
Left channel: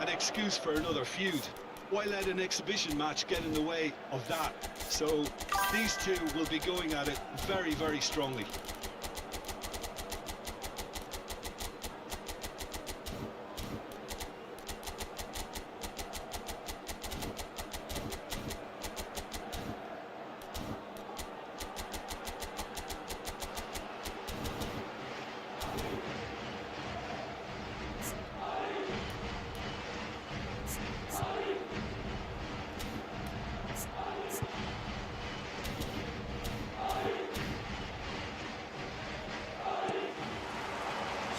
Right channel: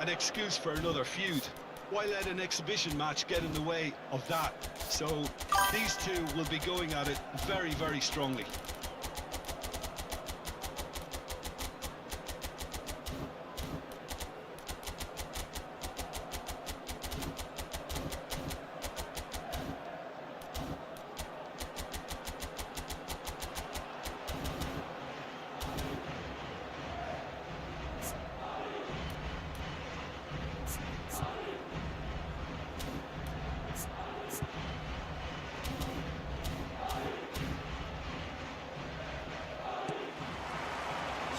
an excuse for another feud. Why let an exhibition match get in the way of that? So these two will be going at it very, very strongly.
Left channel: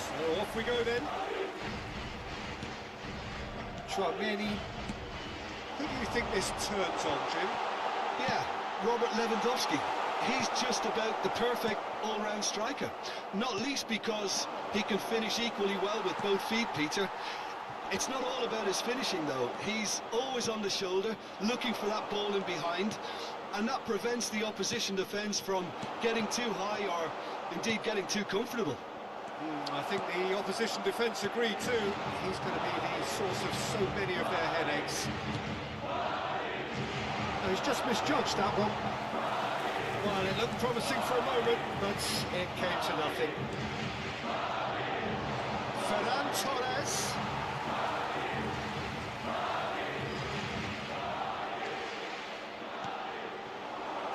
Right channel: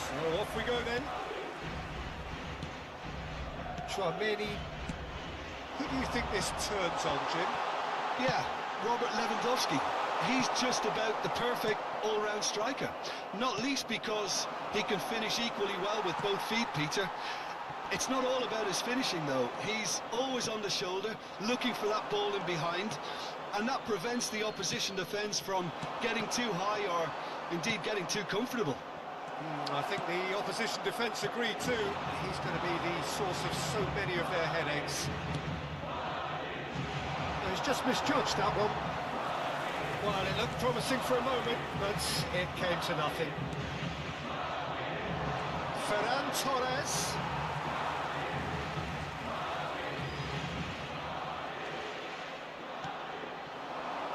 So off we go then. Chouameni. Who do you think this turns on, Jim? Yeah, Robert Lewandowski. He's just about the perfect all-round striker. Not least because he can finish equally well with both feet, Peter. It's not all about his finishing, though. He's always on the shoulder, looking for that ball in behind, and that prevents the opposition defence from getting too high or, indeed, getting too comfortable. I think the opposition defence agree too. He's going to be the source of so many of their headaches. No, he's just misjudged that one. Well, it looked promising for a moment, but it came to nothing. Ferran Torres.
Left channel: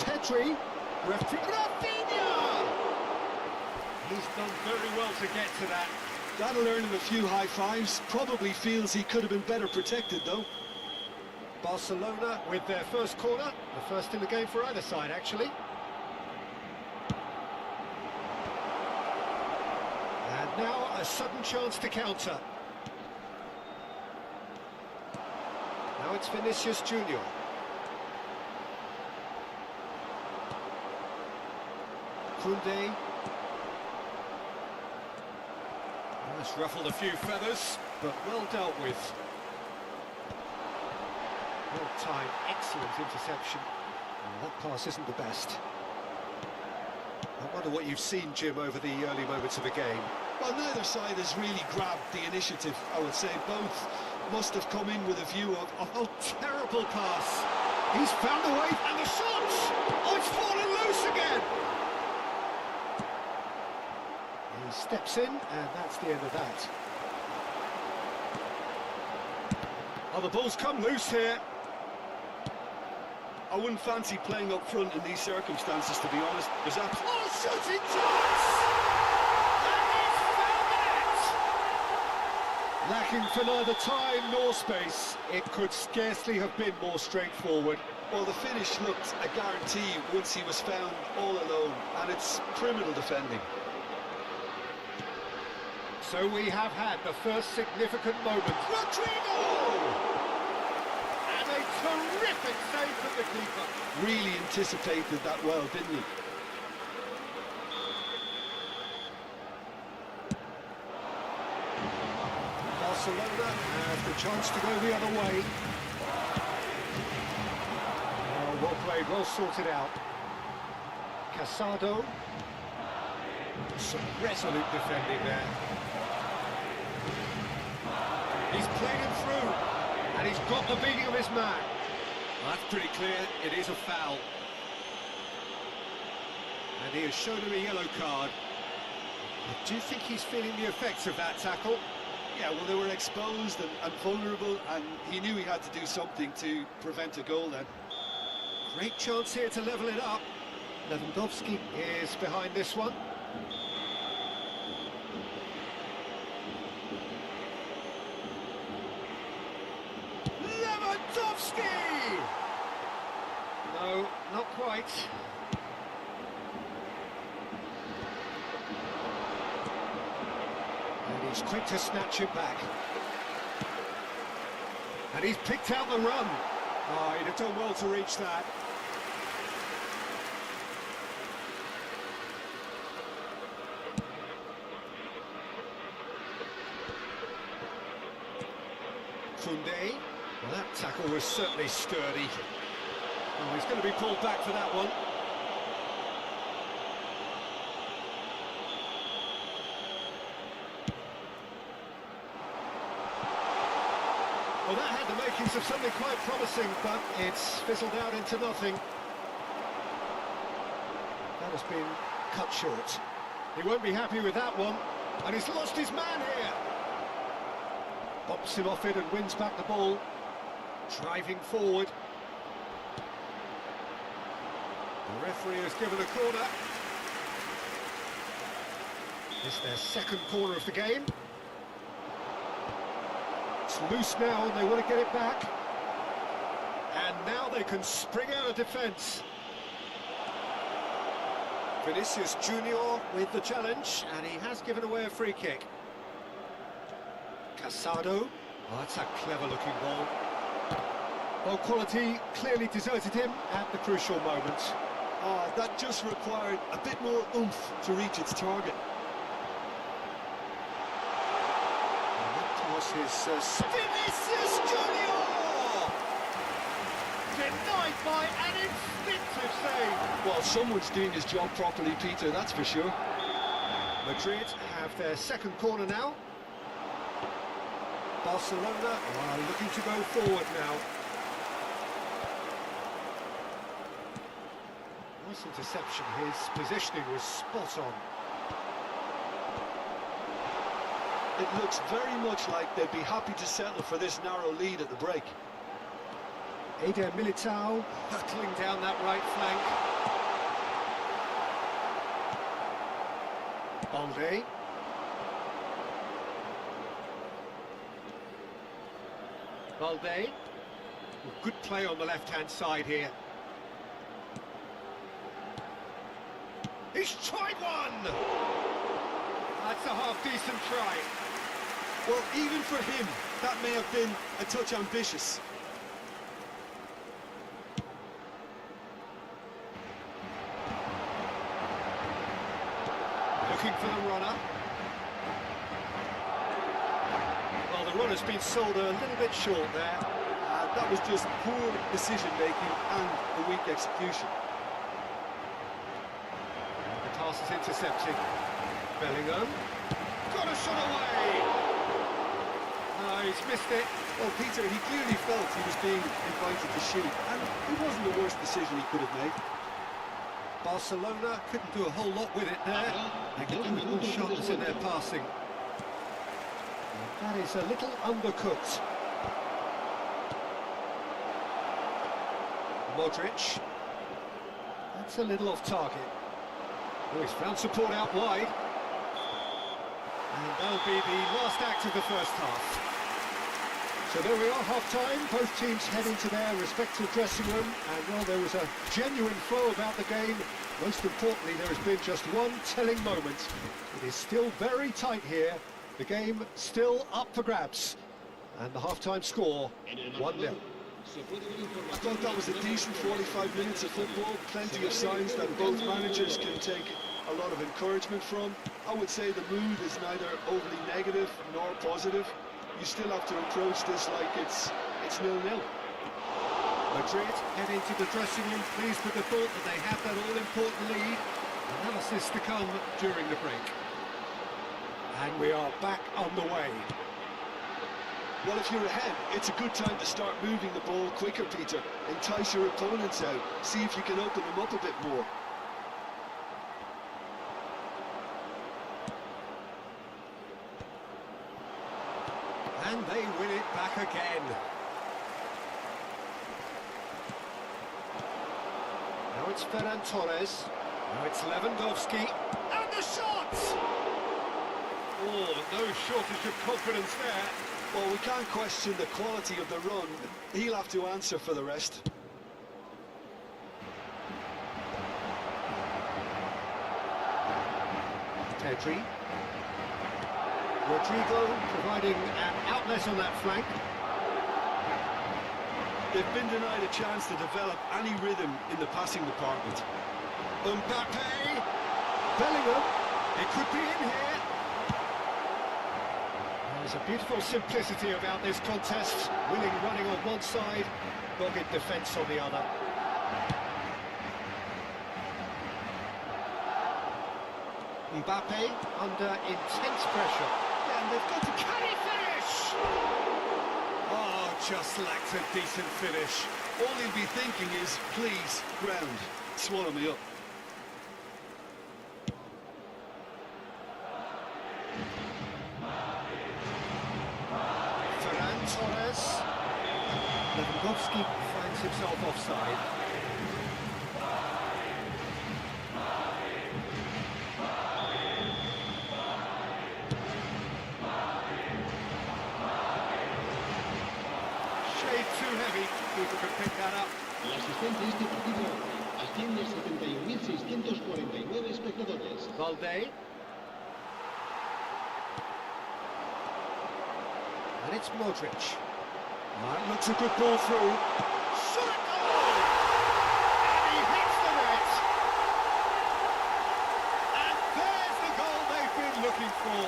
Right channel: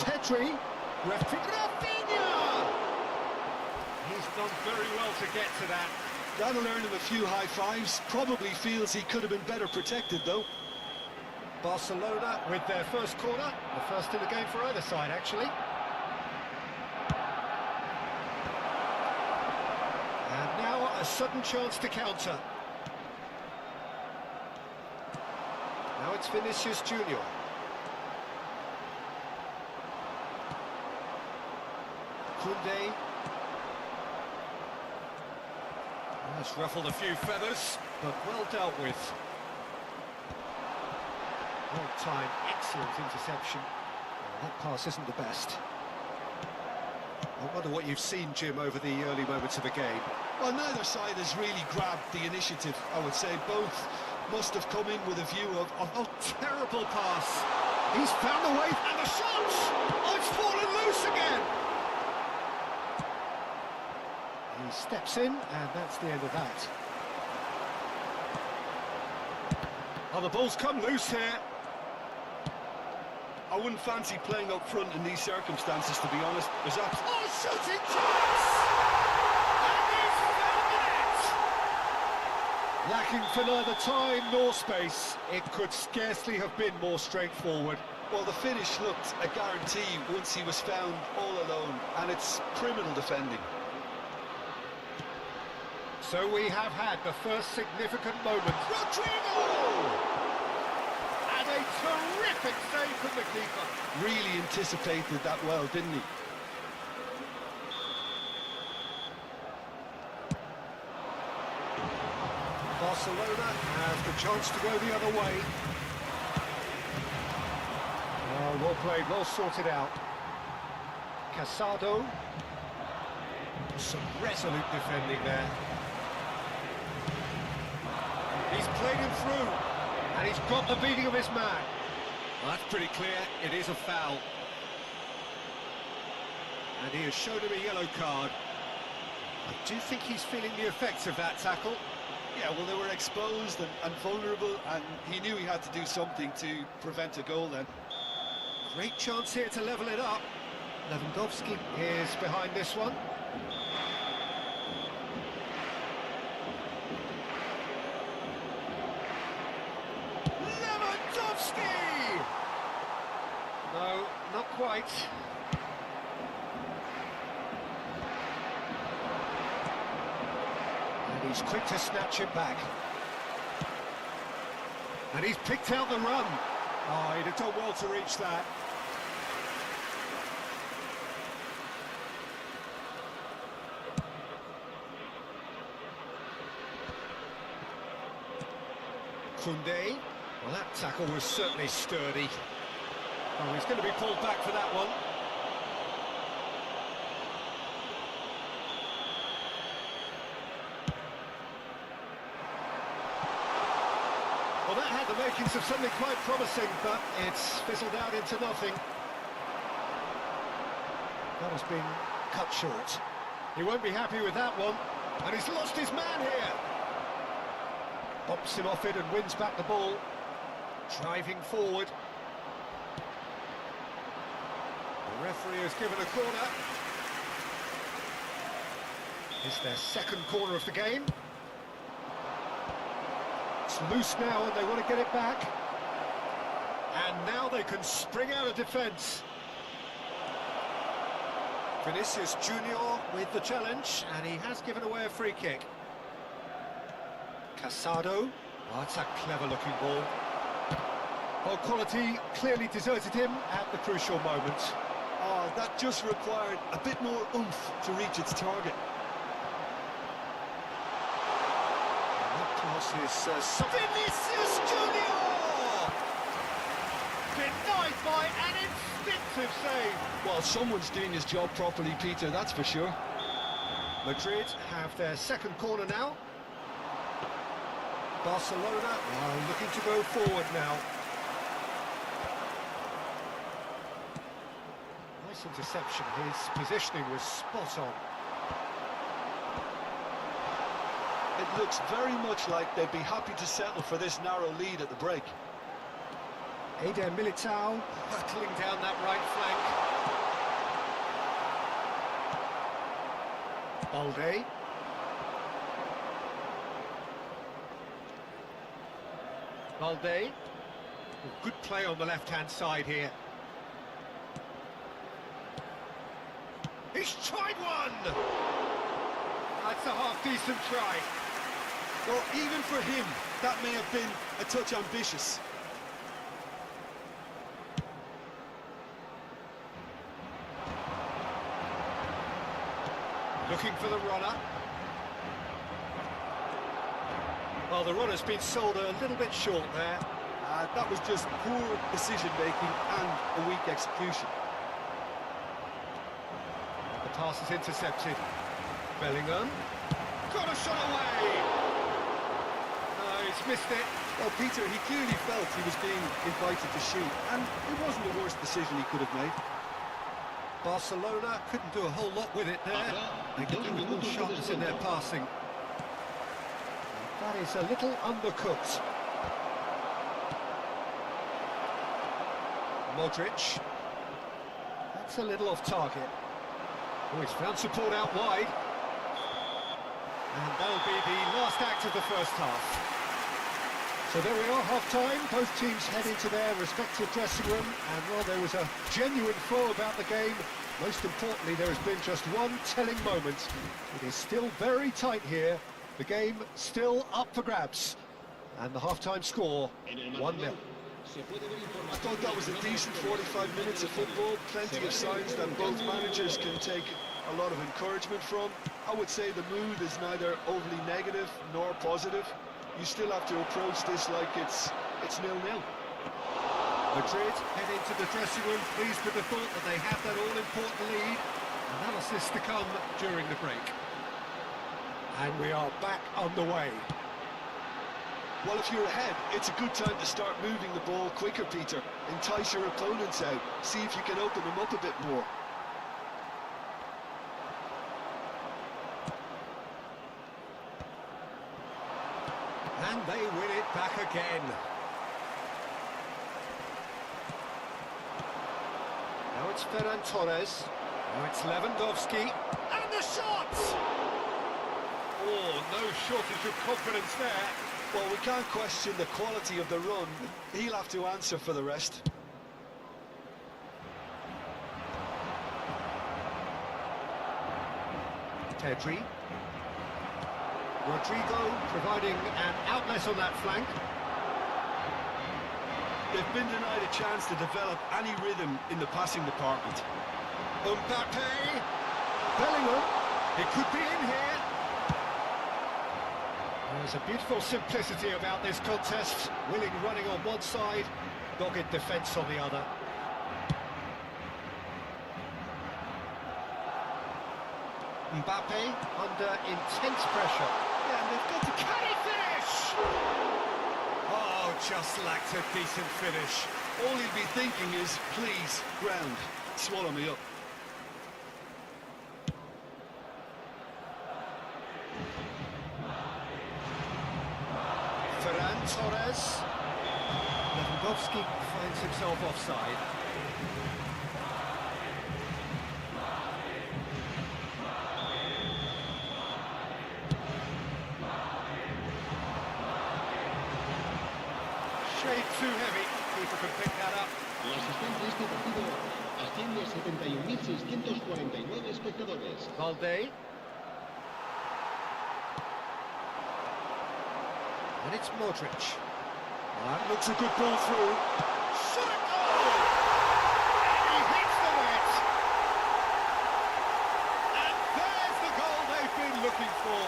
Pedri. Rafinha! He's done very well to get to that. That'll earn him a few high fives. Probably feels he could have been better protected, though. Barcelona with their first corner, the first in the game for either side, actually. And now a sudden chance to counter. Now it's Vinicius Junior. Koundé. That's ruffled a few feathers, but well dealt with. Well timed, excellent interception. Well, that pass isn't the best. I wonder what you've seen, Jim, over the early moments of the game. Well, neither side has really grabbed the initiative, I would say. Both must have come in with a view of... Oh, terrible pass. He's found a way, and the shot! Oh, it's fallen loose again! He steps in, and that's the end of that. Oh, the ball's come loose here. I wouldn't fancy playing up front in these circumstances, to be honest. There's Oh, shooting chance! And he's found the net! Lacking for neither time nor space, it could scarcely have been more straightforward. Well, the finish looked a guarantee once he was found all alone, and it's criminal defending. So we have had the first significant moment. Rodrigo! And a terrific save from the keeper. Really anticipated that well, didn't he? Barcelona have the chance to go the other way. Oh, well played, well sorted out. Casado. Some resolute defending there. He's played him through, and he's got the beating of his man. Well, that's pretty clear, it is a foul. And he has shown him a yellow card. I do think he's feeling the effects of that tackle. Yeah, well, they were exposed and vulnerable, and he knew he had to do something to prevent a goal then. Great chance here to level it up. Lewandowski is behind this one. Lewandowski! No, not quite. And he's quick to snatch it back. And he's picked out the run. Oh, he'd have done well to reach that. Koundé. Well, that tackle was certainly sturdy. Oh, he's going to be pulled back for that one. Well, that had the makings of something quite promising, but it's fizzled out into nothing. That has been cut short. He won't be happy with that one, and he's lost his man here. Bops him off it and wins back the ball. Driving forward. The referee has given a corner. It's their second corner of the game. It's loose now and they want to get it back. And now they can spring out of defence. Vinicius Junior with the challenge, and he has given away a free kick. Casado. Oh, that's a clever-looking ball. Well, quality clearly deserted him at the crucial moment. Oh, that just required a bit more oomph to reach its target. And that pass is Vinicius Junior! Denied by an instinctive save. Well, someone's doing his job properly, Peter, that's for sure. Madrid have their second corner now. Barcelona are looking to go forward now. Nice interception, his positioning was spot on. It looks very much like they'd be happy to settle for this narrow lead at the break. Eder Militao hurtling down that right flank. Balde. Balde. Well, good play on the left-hand side here. He's tried one! That's a half-decent try. Well, even for him, that may have been a touch ambitious. Looking for the runner. Well, the runner's been sold a little bit short there. That was just poor decision-making and a weak execution. The pass is intercepted. Bellingham. Got a shot away! No, he's missed it. Well, Peter, he clearly felt he was being invited to shoot, and it wasn't the worst decision he could have made. Barcelona couldn't do a whole lot with it there. They could do with more sharpness in their passing. That is a little undercooked. Modric. That's a little off target. Oh, he's found support out wide. And that'll be the last act of the first half. So there we are, half-time. Both teams head into their respective dressing room. And, well, there was a genuine flow about the game. Most importantly, there has been just one telling moment. It is still very tight here. The game still up for grabs. And the half-time score, 1-0. I thought that was a decent 45 minutes of football. Plenty of signs that both managers can take a lot of encouragement from. I would say the mood is neither overly negative nor positive. You still have to approach this like it's 0-0. Madrid head into the dressing room pleased with the thought that they have that all-important lead. Analysis to come during the break. And we are back on the way. Well, if you're ahead, it's a good time to start moving the ball quicker, Peter. Entice your opponents out. See if you can open them up a bit more. And they win it back again. Now it's Ferran Torres. Now it's Lewandowski. And the shot! Oh, no shortage of confidence there. Well, we can't question the quality of the run. He'll have to answer for the rest. Pedri. Rodrigo providing an outlet on that flank. They've been denied a chance to develop any rhythm in the passing department. Mbappe. Bellingham. It could be in here. There's a beautiful simplicity about this contest. Willing running on one side, dogged defence on the other. Mbappe under intense pressure. Yeah, and they've got to Can he finish? Oh, just lacked a decent finish. All he'll be thinking is, please, ground, swallow me up. Ferran Torres. Lewandowski finds himself offside. Shade too heavy, keeper can pick that up. La asistencia a este partido asciende a 71.649 espectadores. Valde. And it's Modric. That looks a good ball through. Shot a goal! And he hits the net! And there's the goal they've been looking for.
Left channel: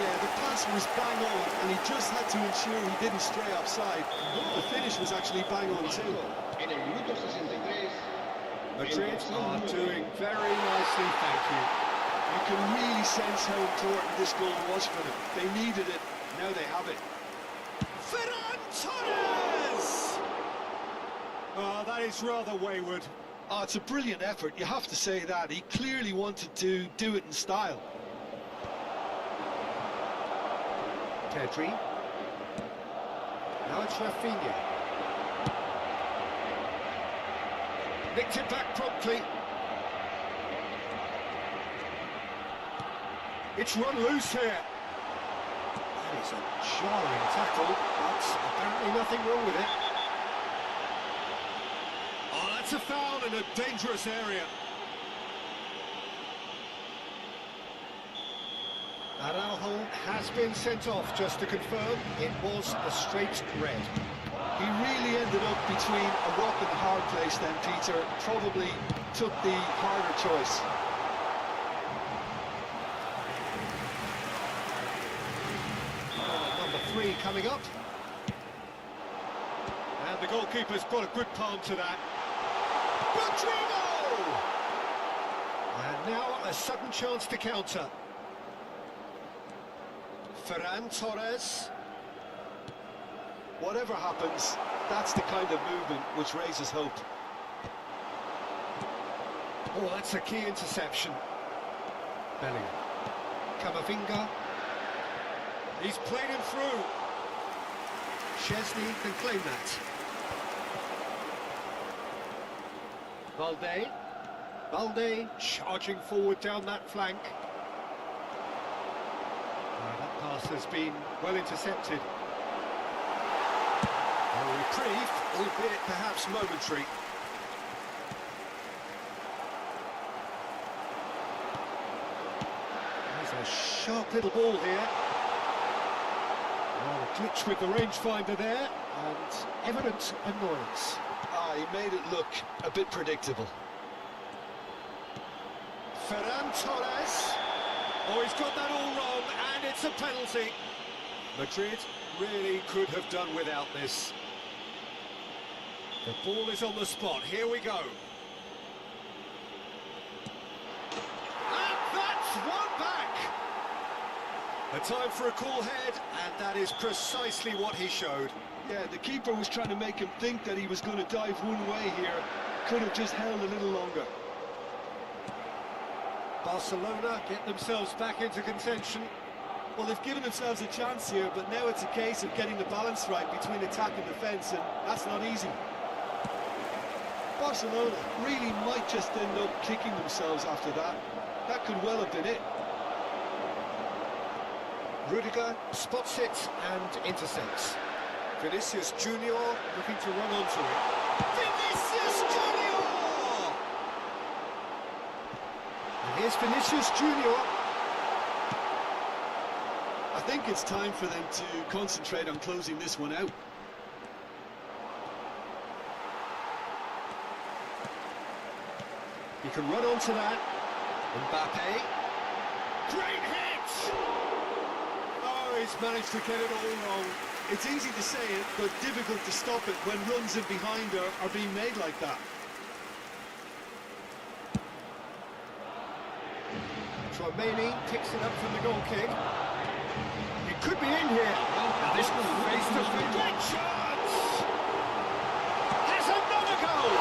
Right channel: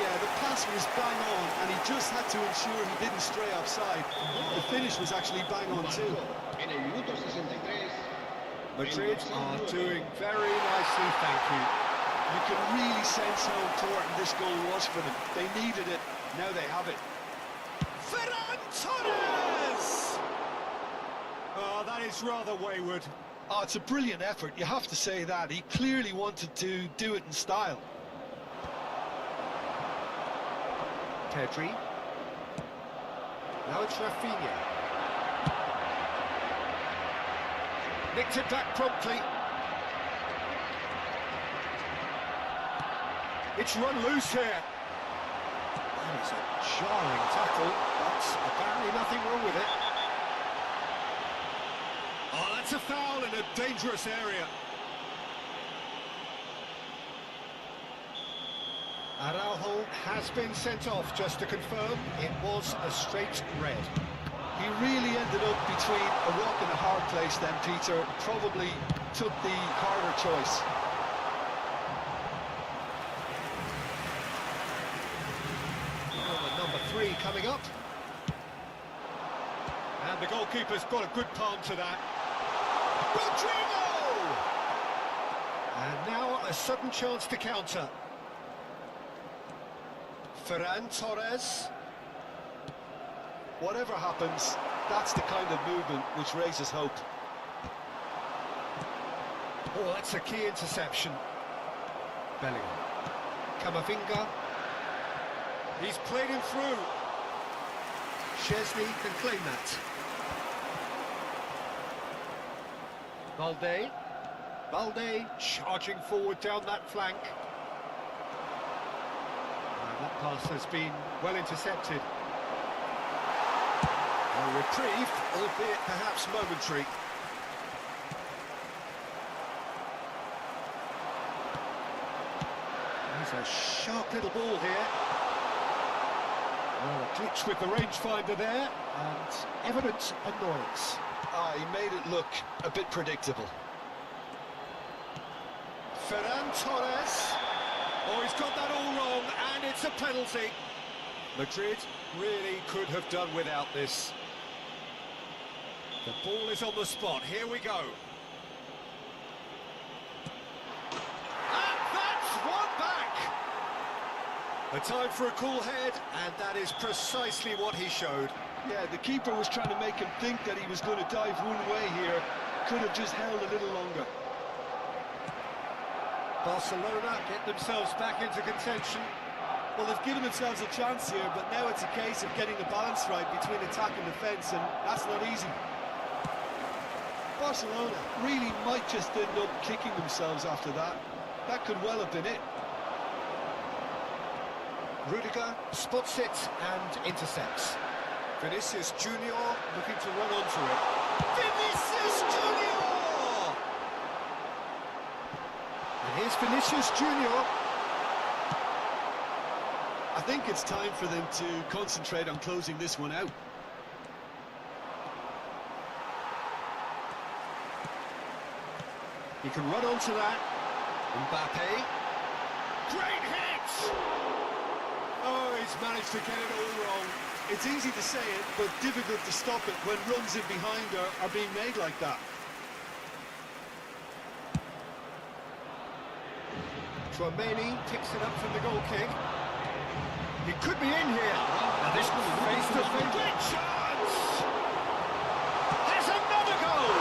Yeah, the pass was bang on, and he just had to ensure he didn't stray offside. The finish was actually bang on too. En el minuto 63. Madrid are doing very nicely, thank you. You can really sense how important this goal was for them. They needed it, now they have it. Ferran Torres! Oh, that is rather wayward. Oh, it's a brilliant effort, you have to say that. He clearly wanted to do it in style. Pedri. Now it's Rafinha. Nicked it back promptly. It's run loose here. That is a jarring tackle, but apparently nothing wrong with it. Oh, that's a foul in a dangerous area. Araujo has been sent off, just to confirm, it was a straight red. He really ended up between a rock and a hard place then, Peter. Probably took the harder choice. Number 3 coming up. And the goalkeeper's got a good palm to that. Rodrigo! And now a sudden chance to counter. Ferran Torres. Whatever happens, that's the kind of movement which raises hope. Oh, that's a key interception. Bellingham. Camavinga. He's played him through. Szczesny can claim that. Valde. Valde charging forward down that flank. That pass has been well intercepted. A reprieve, albeit perhaps momentary. There's a sharp little ball here. Well, a glitch with the rangefinder there, and evident annoyance. He made it look a bit predictable. Ferran Torres. Oh, he's got that all wrong, and it's a penalty. Madrid really could have done without this. The ball is on the spot, here we go. And that's one back! A time for a cool head, and that is precisely what he showed. Yeah, the keeper was trying to make him think that he was going to dive one way here. Could have just held a little longer. Barcelona get themselves back into contention. Well, they've given themselves a chance here, but now it's a case of getting the balance right between attack and defence, and that's not easy. Barcelona really might just end up kicking themselves after that. That could well have been it. Rudiger spots it and intercepts. Vinicius Junior looking to run onto it. Vinicius Junior! And here's Vinicius Junior. I think it's time for them to concentrate on closing this one out. He can run onto that. Mbappe. Great hit! Oh, he's managed to get it all wrong. It's easy to say it, but difficult to stop it when runs in behind are being made like that. Chouameni picks it up from the goal kick. He could be in here. Now this face-to-face. Great chance! Has another goal!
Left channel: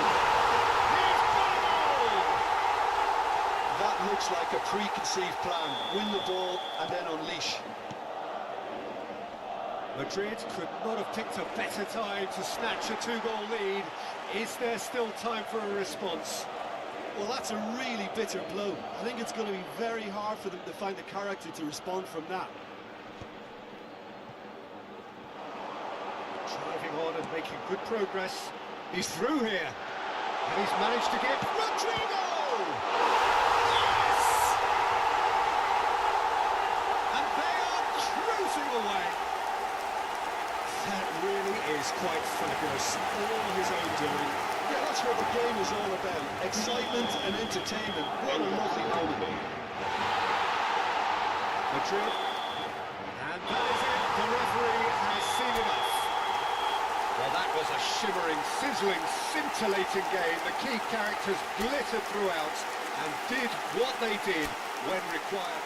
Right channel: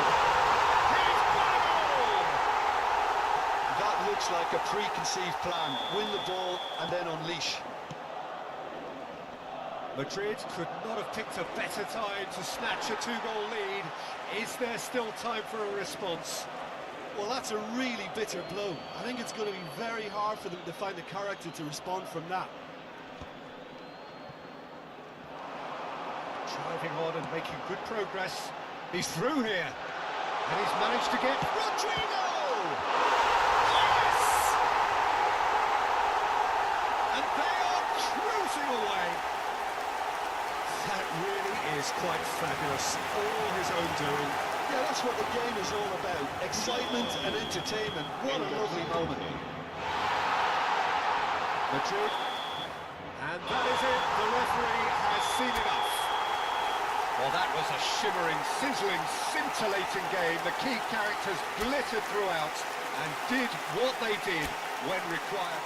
He's got a goal! That looks like a preconceived plan. Win the ball and then unleash. Madrid could not have picked a better time to snatch a two-goal lead. Is there still time for a response? Well, that's a really bitter blow. I think it's going to be very hard for them to find the character to respond from that. Driving on and making good progress. He's through here. And he's managed to get Rodrigo! Yes! And they are cruising away. That really is quite fabulous. All his own doing. Yeah, that's what the game is all about. Excitement and entertainment. What a lovely moment. Madrid. And that is it. The referee has seen enough. Well, that was a shimmering, sizzling, scintillating game. The key characters glittered throughout and did what they did when required.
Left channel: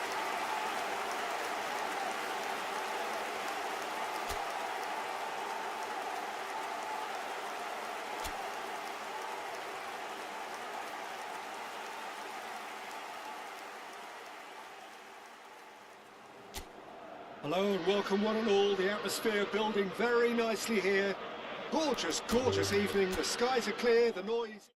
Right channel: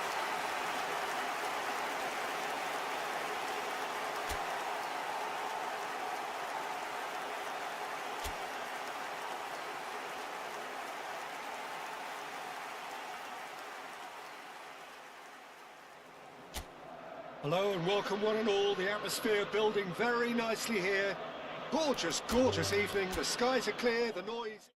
Hello and welcome one and all. The atmosphere building very nicely here. Gorgeous, gorgeous evening. The skies are clear, the noise...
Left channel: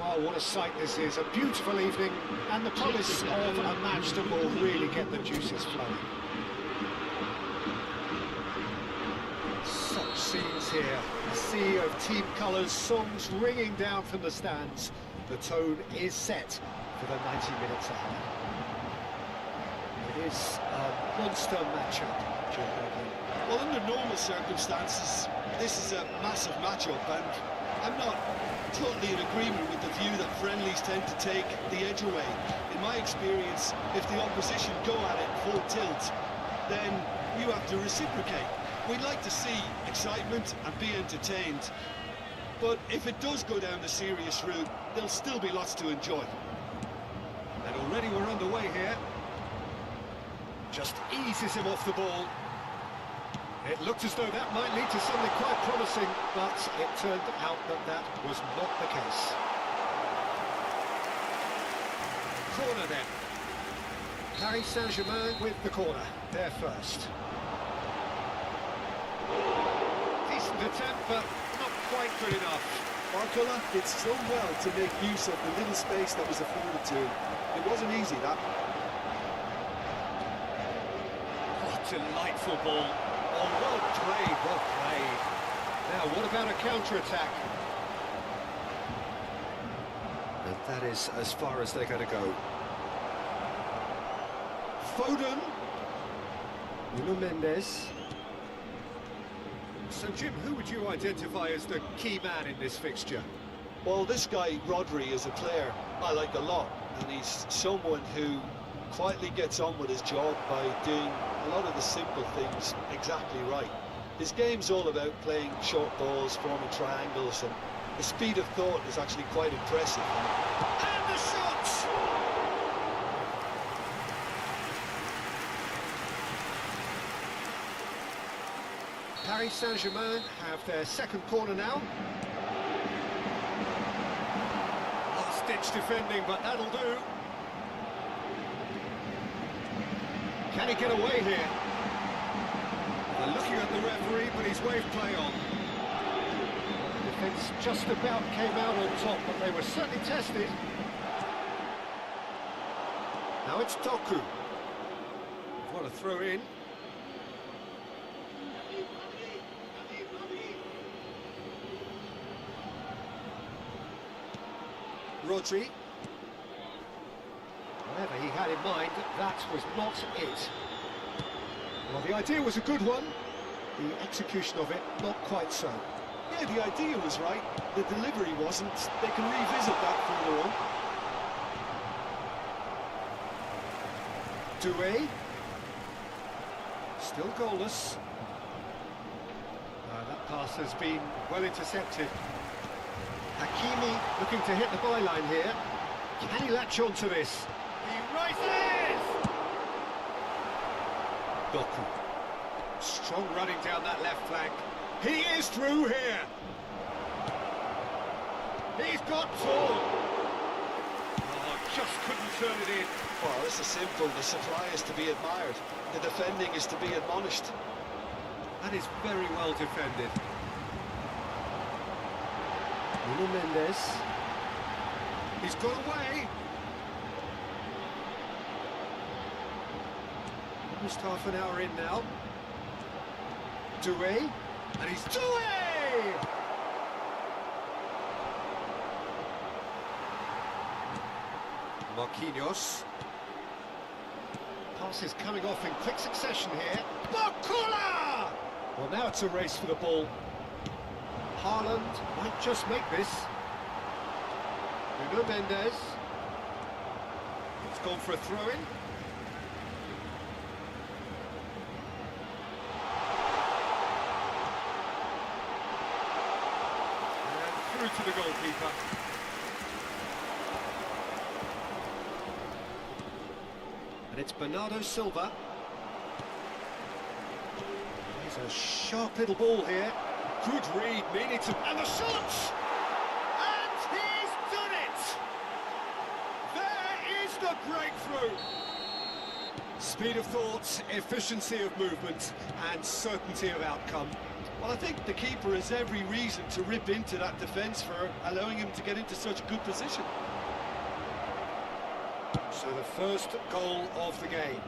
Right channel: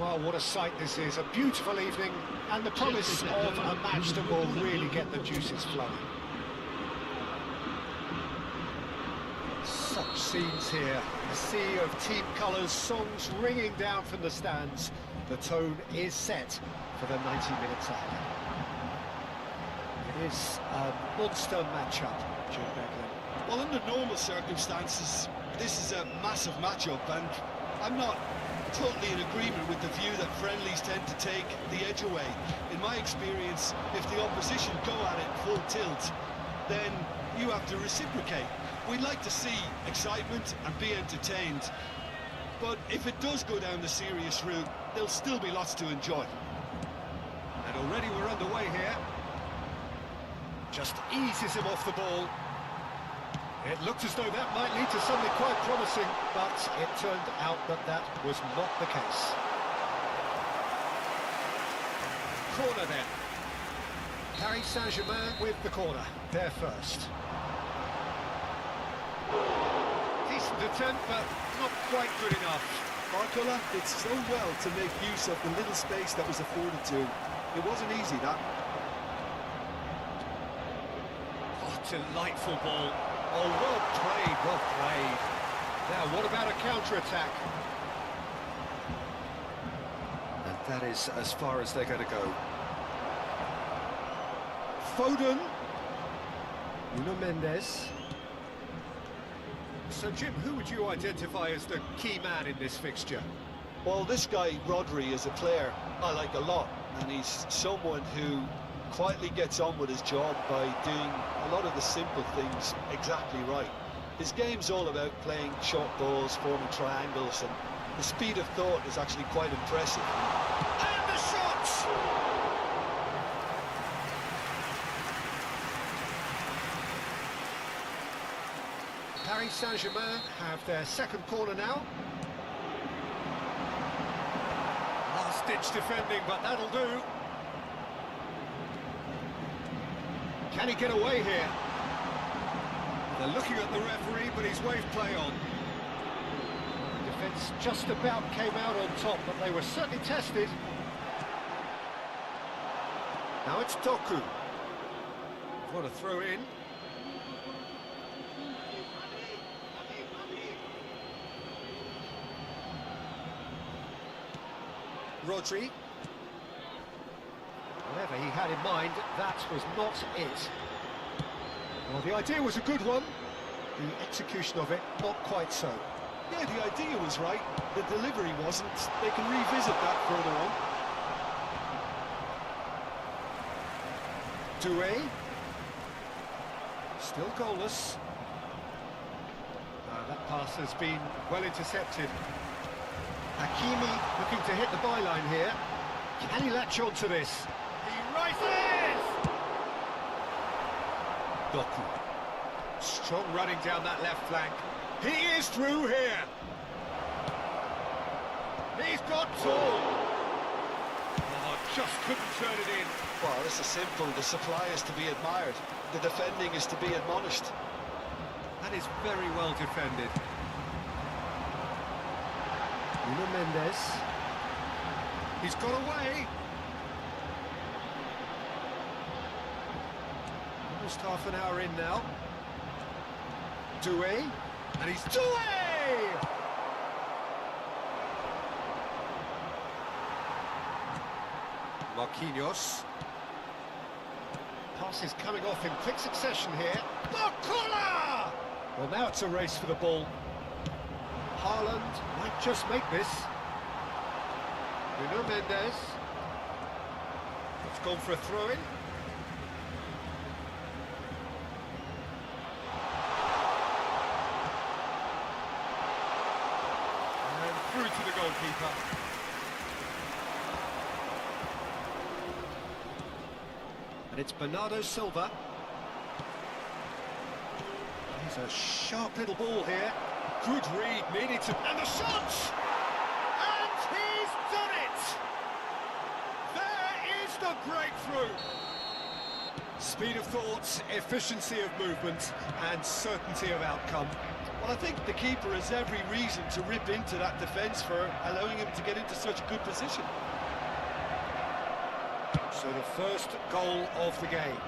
Wow, what a sight this is. A beautiful evening and the promise of a match that will really get the juices flowing. Such scenes here. A sea of team colours, songs ringing down from the stands. The tone is set for the 90 minutes ahead. It is a monster matchup, Jim Beglin. Well, under normal circumstances, this is a massive matchup, and I'm not totally in agreement with the view that friendlies tend to take the edge away. In my experience, if the opposition go at it full tilt, then you have to reciprocate. We'd like to see excitement and be entertained, but if it does go down the serious route, there'll still be lots to enjoy. And already we're underway here. Just eases him off the ball. It looked as though that might lead to something quite promising, but it turned out that that was not the case. Corner then. Paris Saint-Germain with the corner, there first. Decent attempt, but not quite good enough. Barcola did so well to make use of the little space that was afforded to him. It wasn't easy, that. Oh, Delightful ball. Oh, well played, well played. Now, what about a counter-attack? And that is as far as they're going to go. Foden. Nuno Mendes. So, Jim, who would you identify as the key man in this fixture? Well, this guy, Rodri, is a player I like a lot, and he's someone who quietly gets on with his job by doing a lot of the simple things exactly right. His game's all about playing short balls, forming triangles, and the speed of thought is actually quite impressive. And the shots! Paris Saint-Germain have their second corner now. Last-ditch defending, but that'll do. Can he get away here? They're looking at the referee, but he's waved play on. The defence just about came out on top, but they were certainly tested. Now it's Doku. What a throw in. Rodri. Whatever he had in mind, that was not it. Well, the idea was a good one. The execution of it, not quite so. Yeah, the idea was right. The delivery wasn't. They can revisit that further on. Duel. Still goalless. That pass has been well intercepted. Hakimi looking to hit the byline here. Can he latch on to this? He rises! Doku. Strong running down that left flank. He is through here. He's got tall. Oh, just couldn't turn it in. Well, this is simple. The supply is to be admired. The defending is to be admonished. That is very well defended. Nuno Mendes. He's got away. Almost half an hour in now. Duel. And he's Duel! Marquinhos. Pass is coming off in quick succession here. Bakula! Well, now it's a race for the ball. Haaland might just make this. Nuno Mendes. It's gone for a throw-in. And through to the goalkeeper. And it's Bernardo Silva. He's a sharp little ball here. Good read, needed to... And the shot! And he's done it! There is the breakthrough! Speed of thought, efficiency of movement, and certainty of outcome. Well, I think the keeper has every reason to rip into that defence for allowing him to get into such a good position. So the first goal of the game.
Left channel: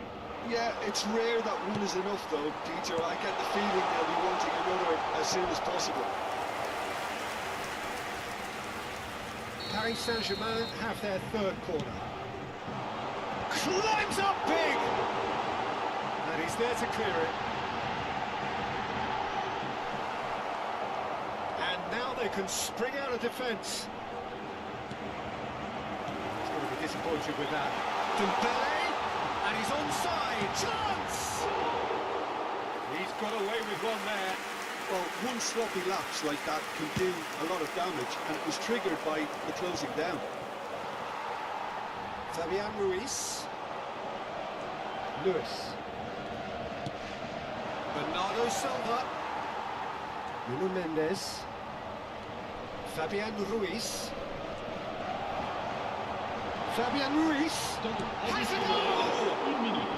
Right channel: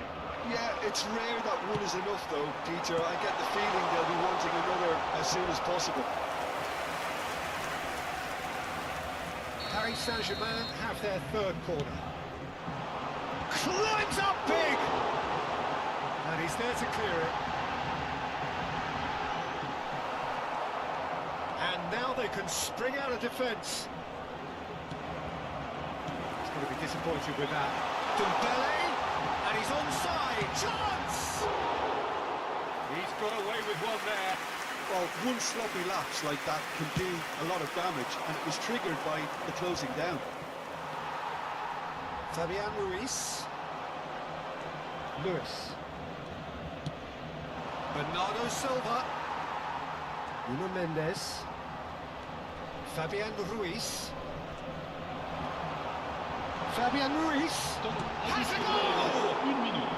Yeah, it's rare that one is enough, though, Peter. I get the feeling they'll be wanting another as soon as possible. Paris Saint-Germain have their third corner. Climbs up big! And he's there to clear it. And now they can spring out of defence. He's going to be disappointed with that. Dembele! And he's onside. Chance! He's got away with one there. Well, one sloppy lapse like that can do a lot of damage, and it was triggered by the closing down. Fabian Ruiz. Lewis. Bernardo Silva. Nuno Mendes. Fabian Ruiz. Fabian Ruiz has a goal! 1 minute.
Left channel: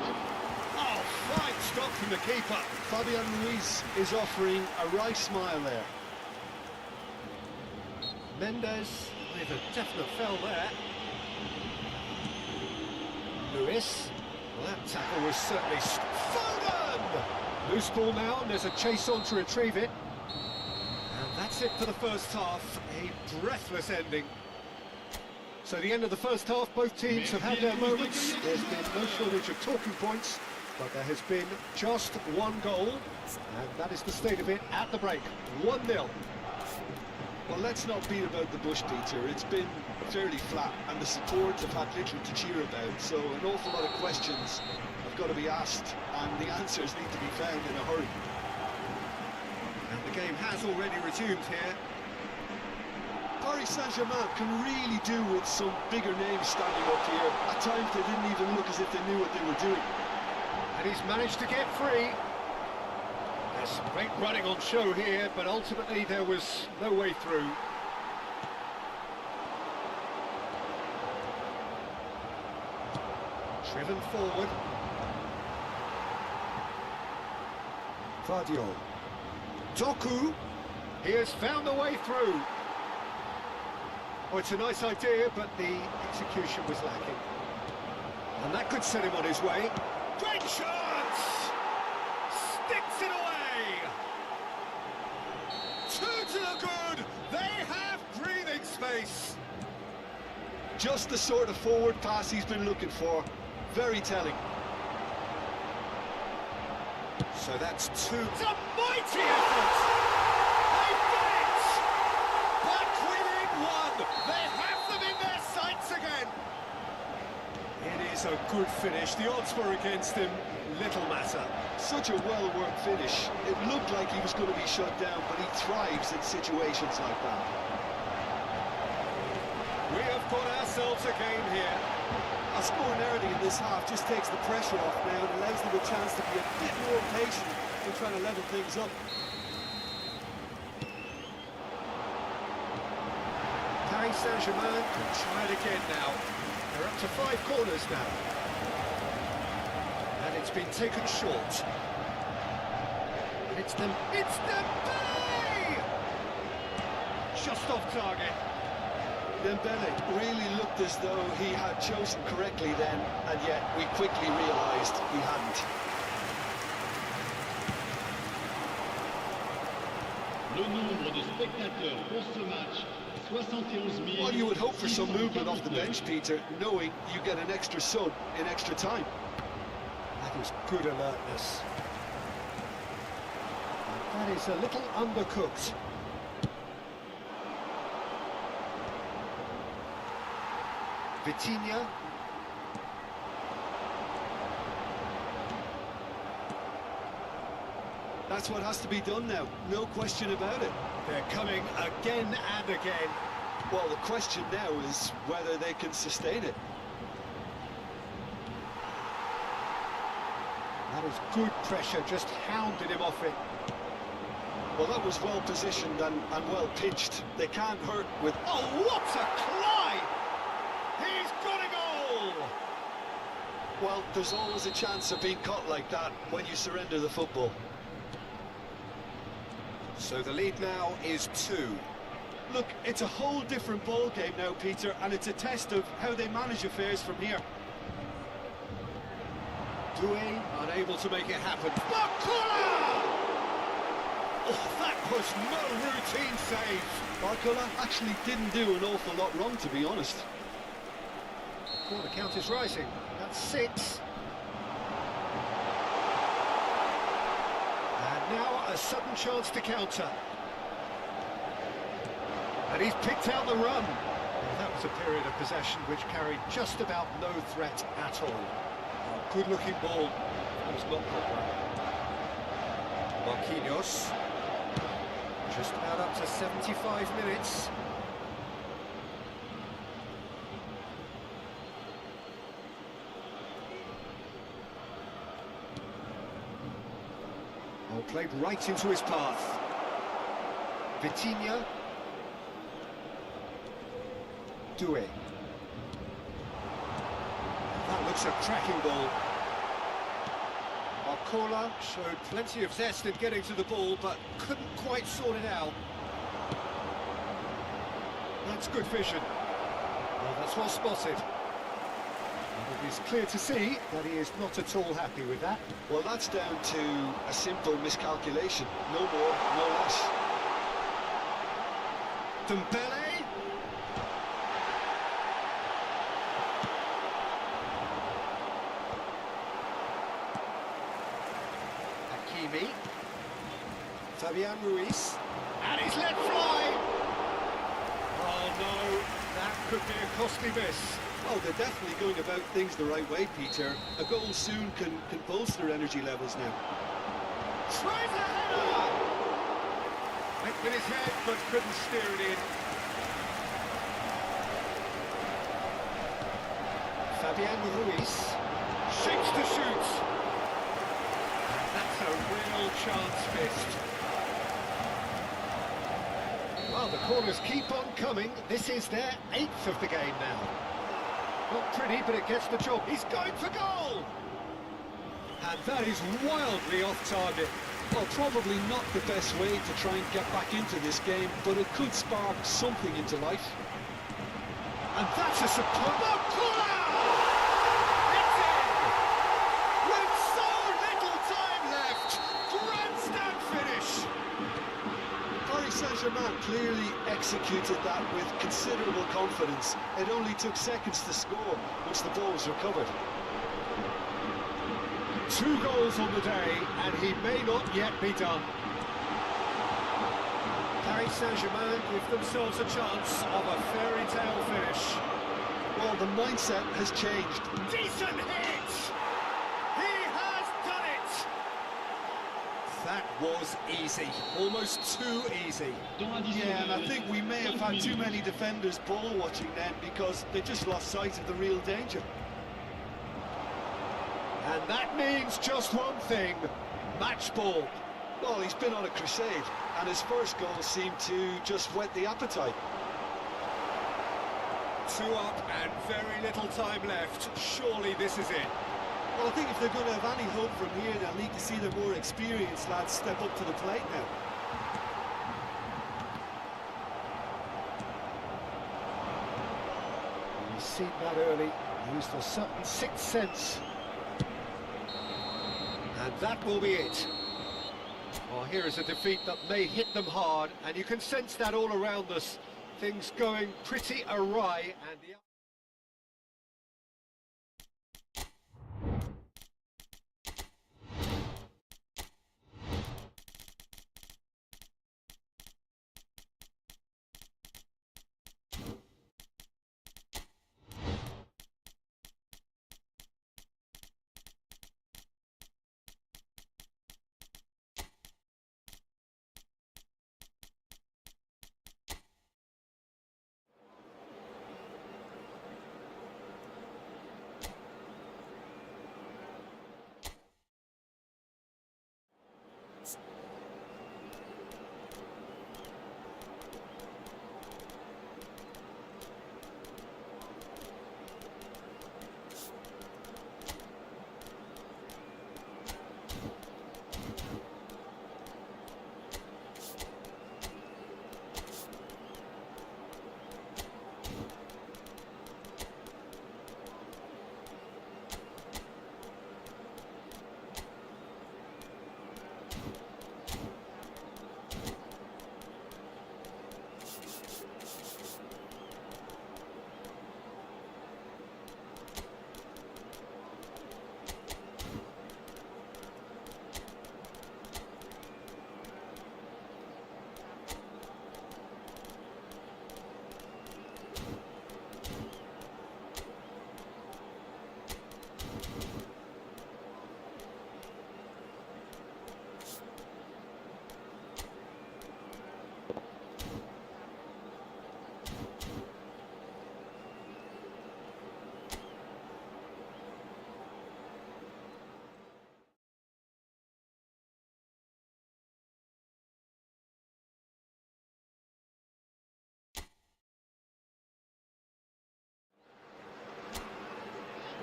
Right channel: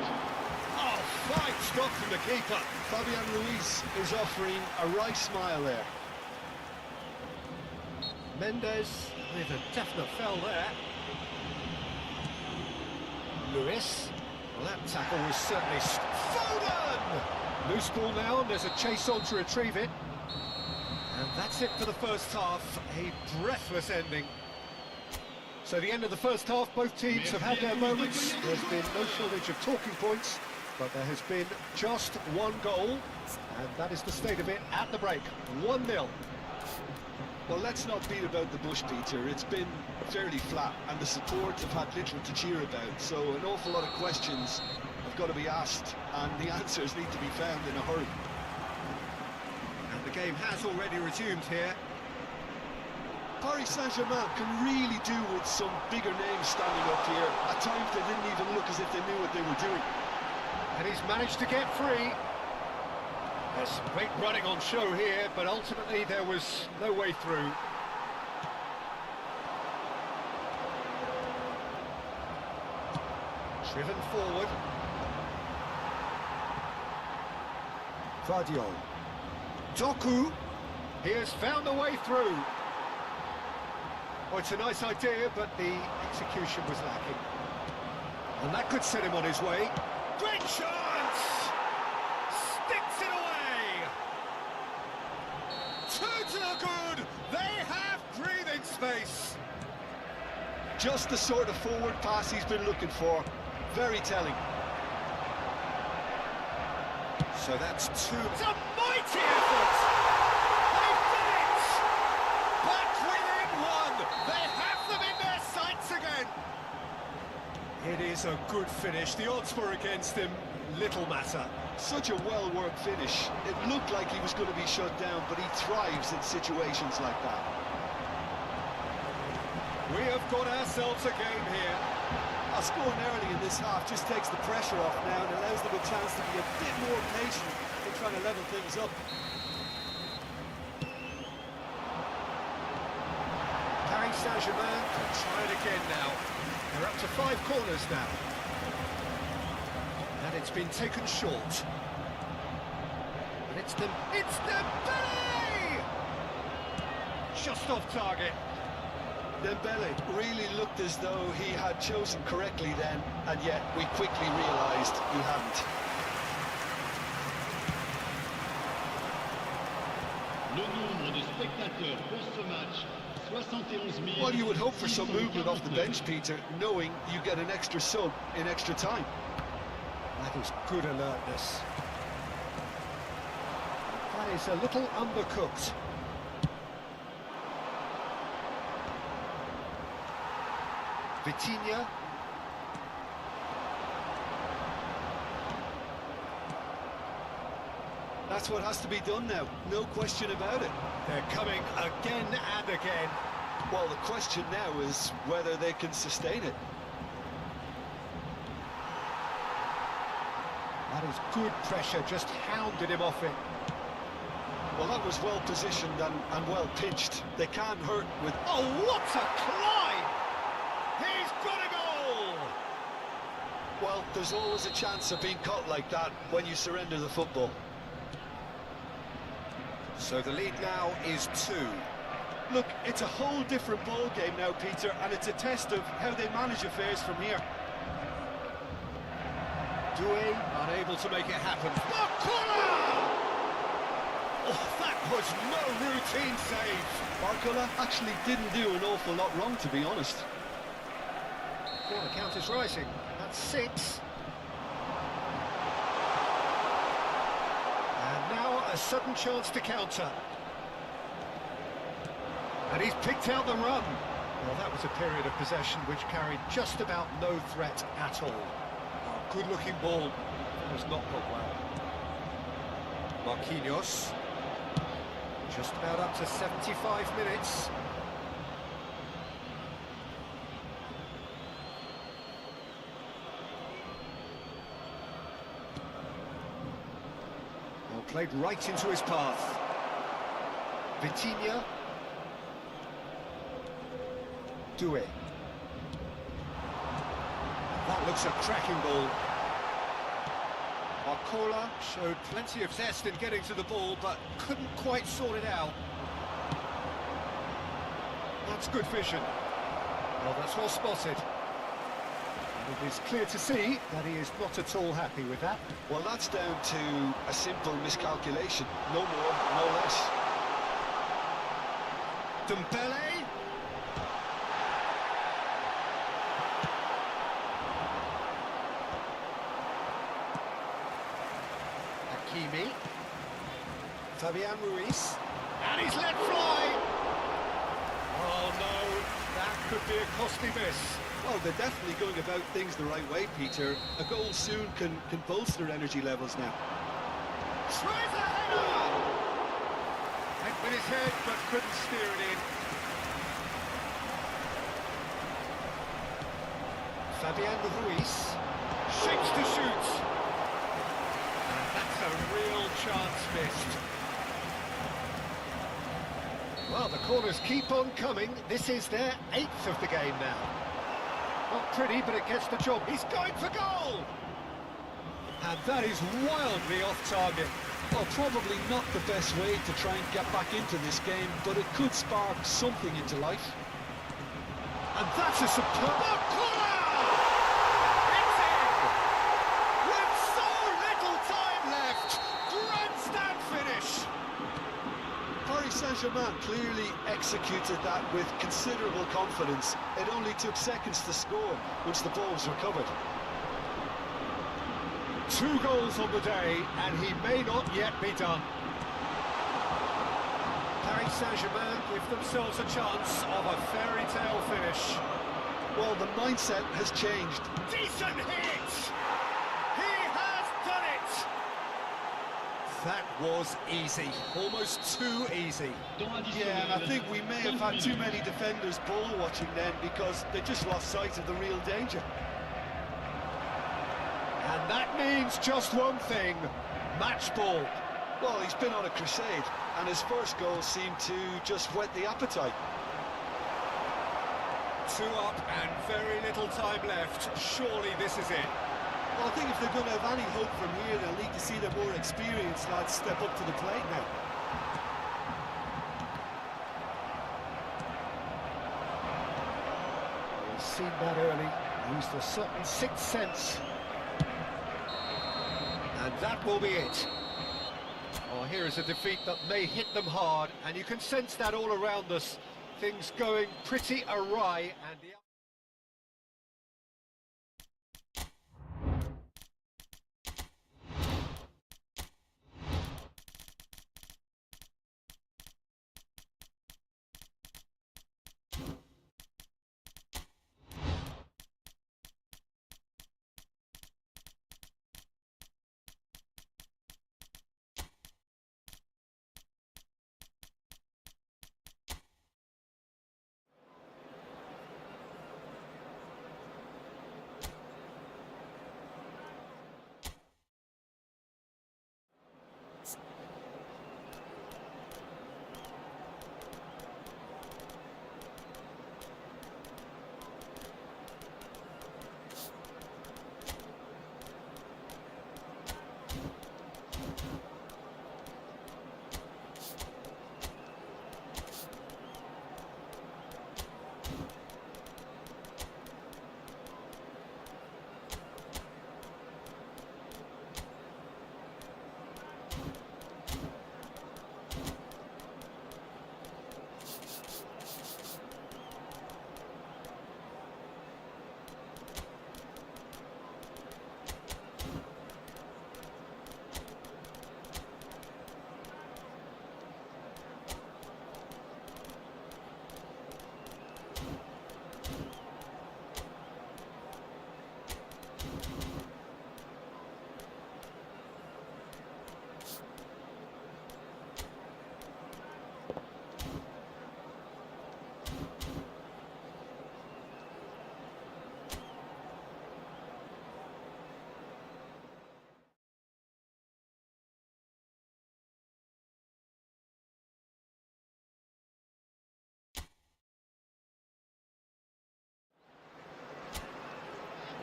Oh, fine stop from the keeper. Fabian Ruiz is offering a wry smile there. Mendes with a definite fell there. Lewis. Well, that tackle was certainly... Foden! Loose ball now, and there's a chase on to retrieve it. And that's it for the first half, a breathless ending. So the end of the first half, both teams have had their moments. There's been no shortage of talking points, but there has been just one goal, and that is the state of it at the break, 1-0. Well, let's not beat about the bush, Peter. It's been fairly flat, and the supports have had little to cheer about, so an awful lot of questions have got to be asked, and the answers need to be found in a hurry. And the game has already resumed here. Paris Saint-Germain can really do with some bigger names standing up here. At times they didn't even look as if they knew what they were doing. And he's managed to get free. There's some great running on show here, but ultimately there was no way through. Driven forward. Vardiol. Doku. He has found a way through. Oh, it's a nice idea, but the execution was lacking. And that could set him on his way. Great chance! Sticks it away! Two to the good! They have breathing space! Just the sort of forward pass he's been looking for. Very telling. So that's two. It's a mighty effort! They've done it! Back within one! They have them in their sights again! It is a good finish. The odds were against him. Little matter. Such a well-worked finish. It looked like he was going to be shut down, but he thrives in situations like that. We have got ourselves a game here. Scoring early in this half just takes the pressure off now and allows them a chance to be a bit more patient in trying to level things up. Paris Saint-Germain can try it again now. They're up to 5 corners now. And it's been taken short. And it's them. It's Dembele! Just off target. Dembele really looked as though he had chosen correctly then, and yet we quickly realised he hadn't. Le nombre de spectateurs pour ce match, 71 000. Well, you would hope for some movement off the bench, Peter, knowing you get an extra sub in extra time. That is good alertness. That is a little undercooked. Vitinha. That's what has to be done now, no question about it. They're coming again and again. Well, the question now is whether they can sustain it. That is good pressure, just hounded him off it. Well, that was well positioned and well pitched. They can't hurt with... Oh, what a climb! He's got a goal! Well, there's always a chance of being caught like that when you surrender the football. So the lead now is 2. Look, it's a whole different ball game now, Peter, and it's a test of how they manage affairs from here. Duel unable to make it happen. Barcola! Oh, that was no routine save. Barcola actually didn't do an awful lot wrong, to be honest. Corner count is rising. That's 6. And now a sudden chance to counter. And he's picked out the run. Well, that was a period of possession which carried just about no threat at all. Oh, good-looking ball. That was not put well. Marquinhos. Just about up to 75 minutes. Well, played right into his path. Vitinha. Duel. That looks a cracking ball. Barcola showed plenty of zest in getting to the ball, but couldn't quite sort it out. That's good vision. Well, that's well spotted. And It is clear to see that he is not at all happy with that. Well, that's down to a simple miscalculation. No more, no less. Dembele. Hakimi. Fabian Ruiz. And he's let fly. Oh no, that could be a costly miss. Well, they're definitely going about things the right way, Peter. A goal soon can bolster energy levels now. Tries a header! Went with his head, but couldn't steer it in. Fabian Ruiz shakes to shoot. And that's a real chance missed. Well, the corners keep on coming. This is their 8th of the game now. Not pretty, but it gets the job. He's going for goal! And that is wildly off target. Well, probably not the best way to try and get back into this game, but it could spark something into life. And that's a superb... Bakula! It's in! With so little time left! Grandstand finish! Paris Saint-Germain clearly executed that with considerable confidence. It only took seconds to score once the ball was recovered. 2 goals on the day, and he may not yet be done. Paris Saint-Germain give themselves a chance of a fairy tale finish. Well, the mindset has changed. Decent hit! He has done it! That was easy, almost too easy. Yeah, and I think we may have had too many defenders ball watching then because they just lost sight of the real danger. And that means just one thing, match ball. Well, he's been on a crusade, and his first goal seemed to just whet the appetite. 2 up and very little time left. Surely this is it. Well, I think if they're going to have any hope from here, they'll need to see their more experienced lads step up to the plate now. He's seen that early, used a certain sixth sense. And that will be it. Oh, here is a defeat that may hit them hard, and you can sense that all around us. Things going pretty awry, and the...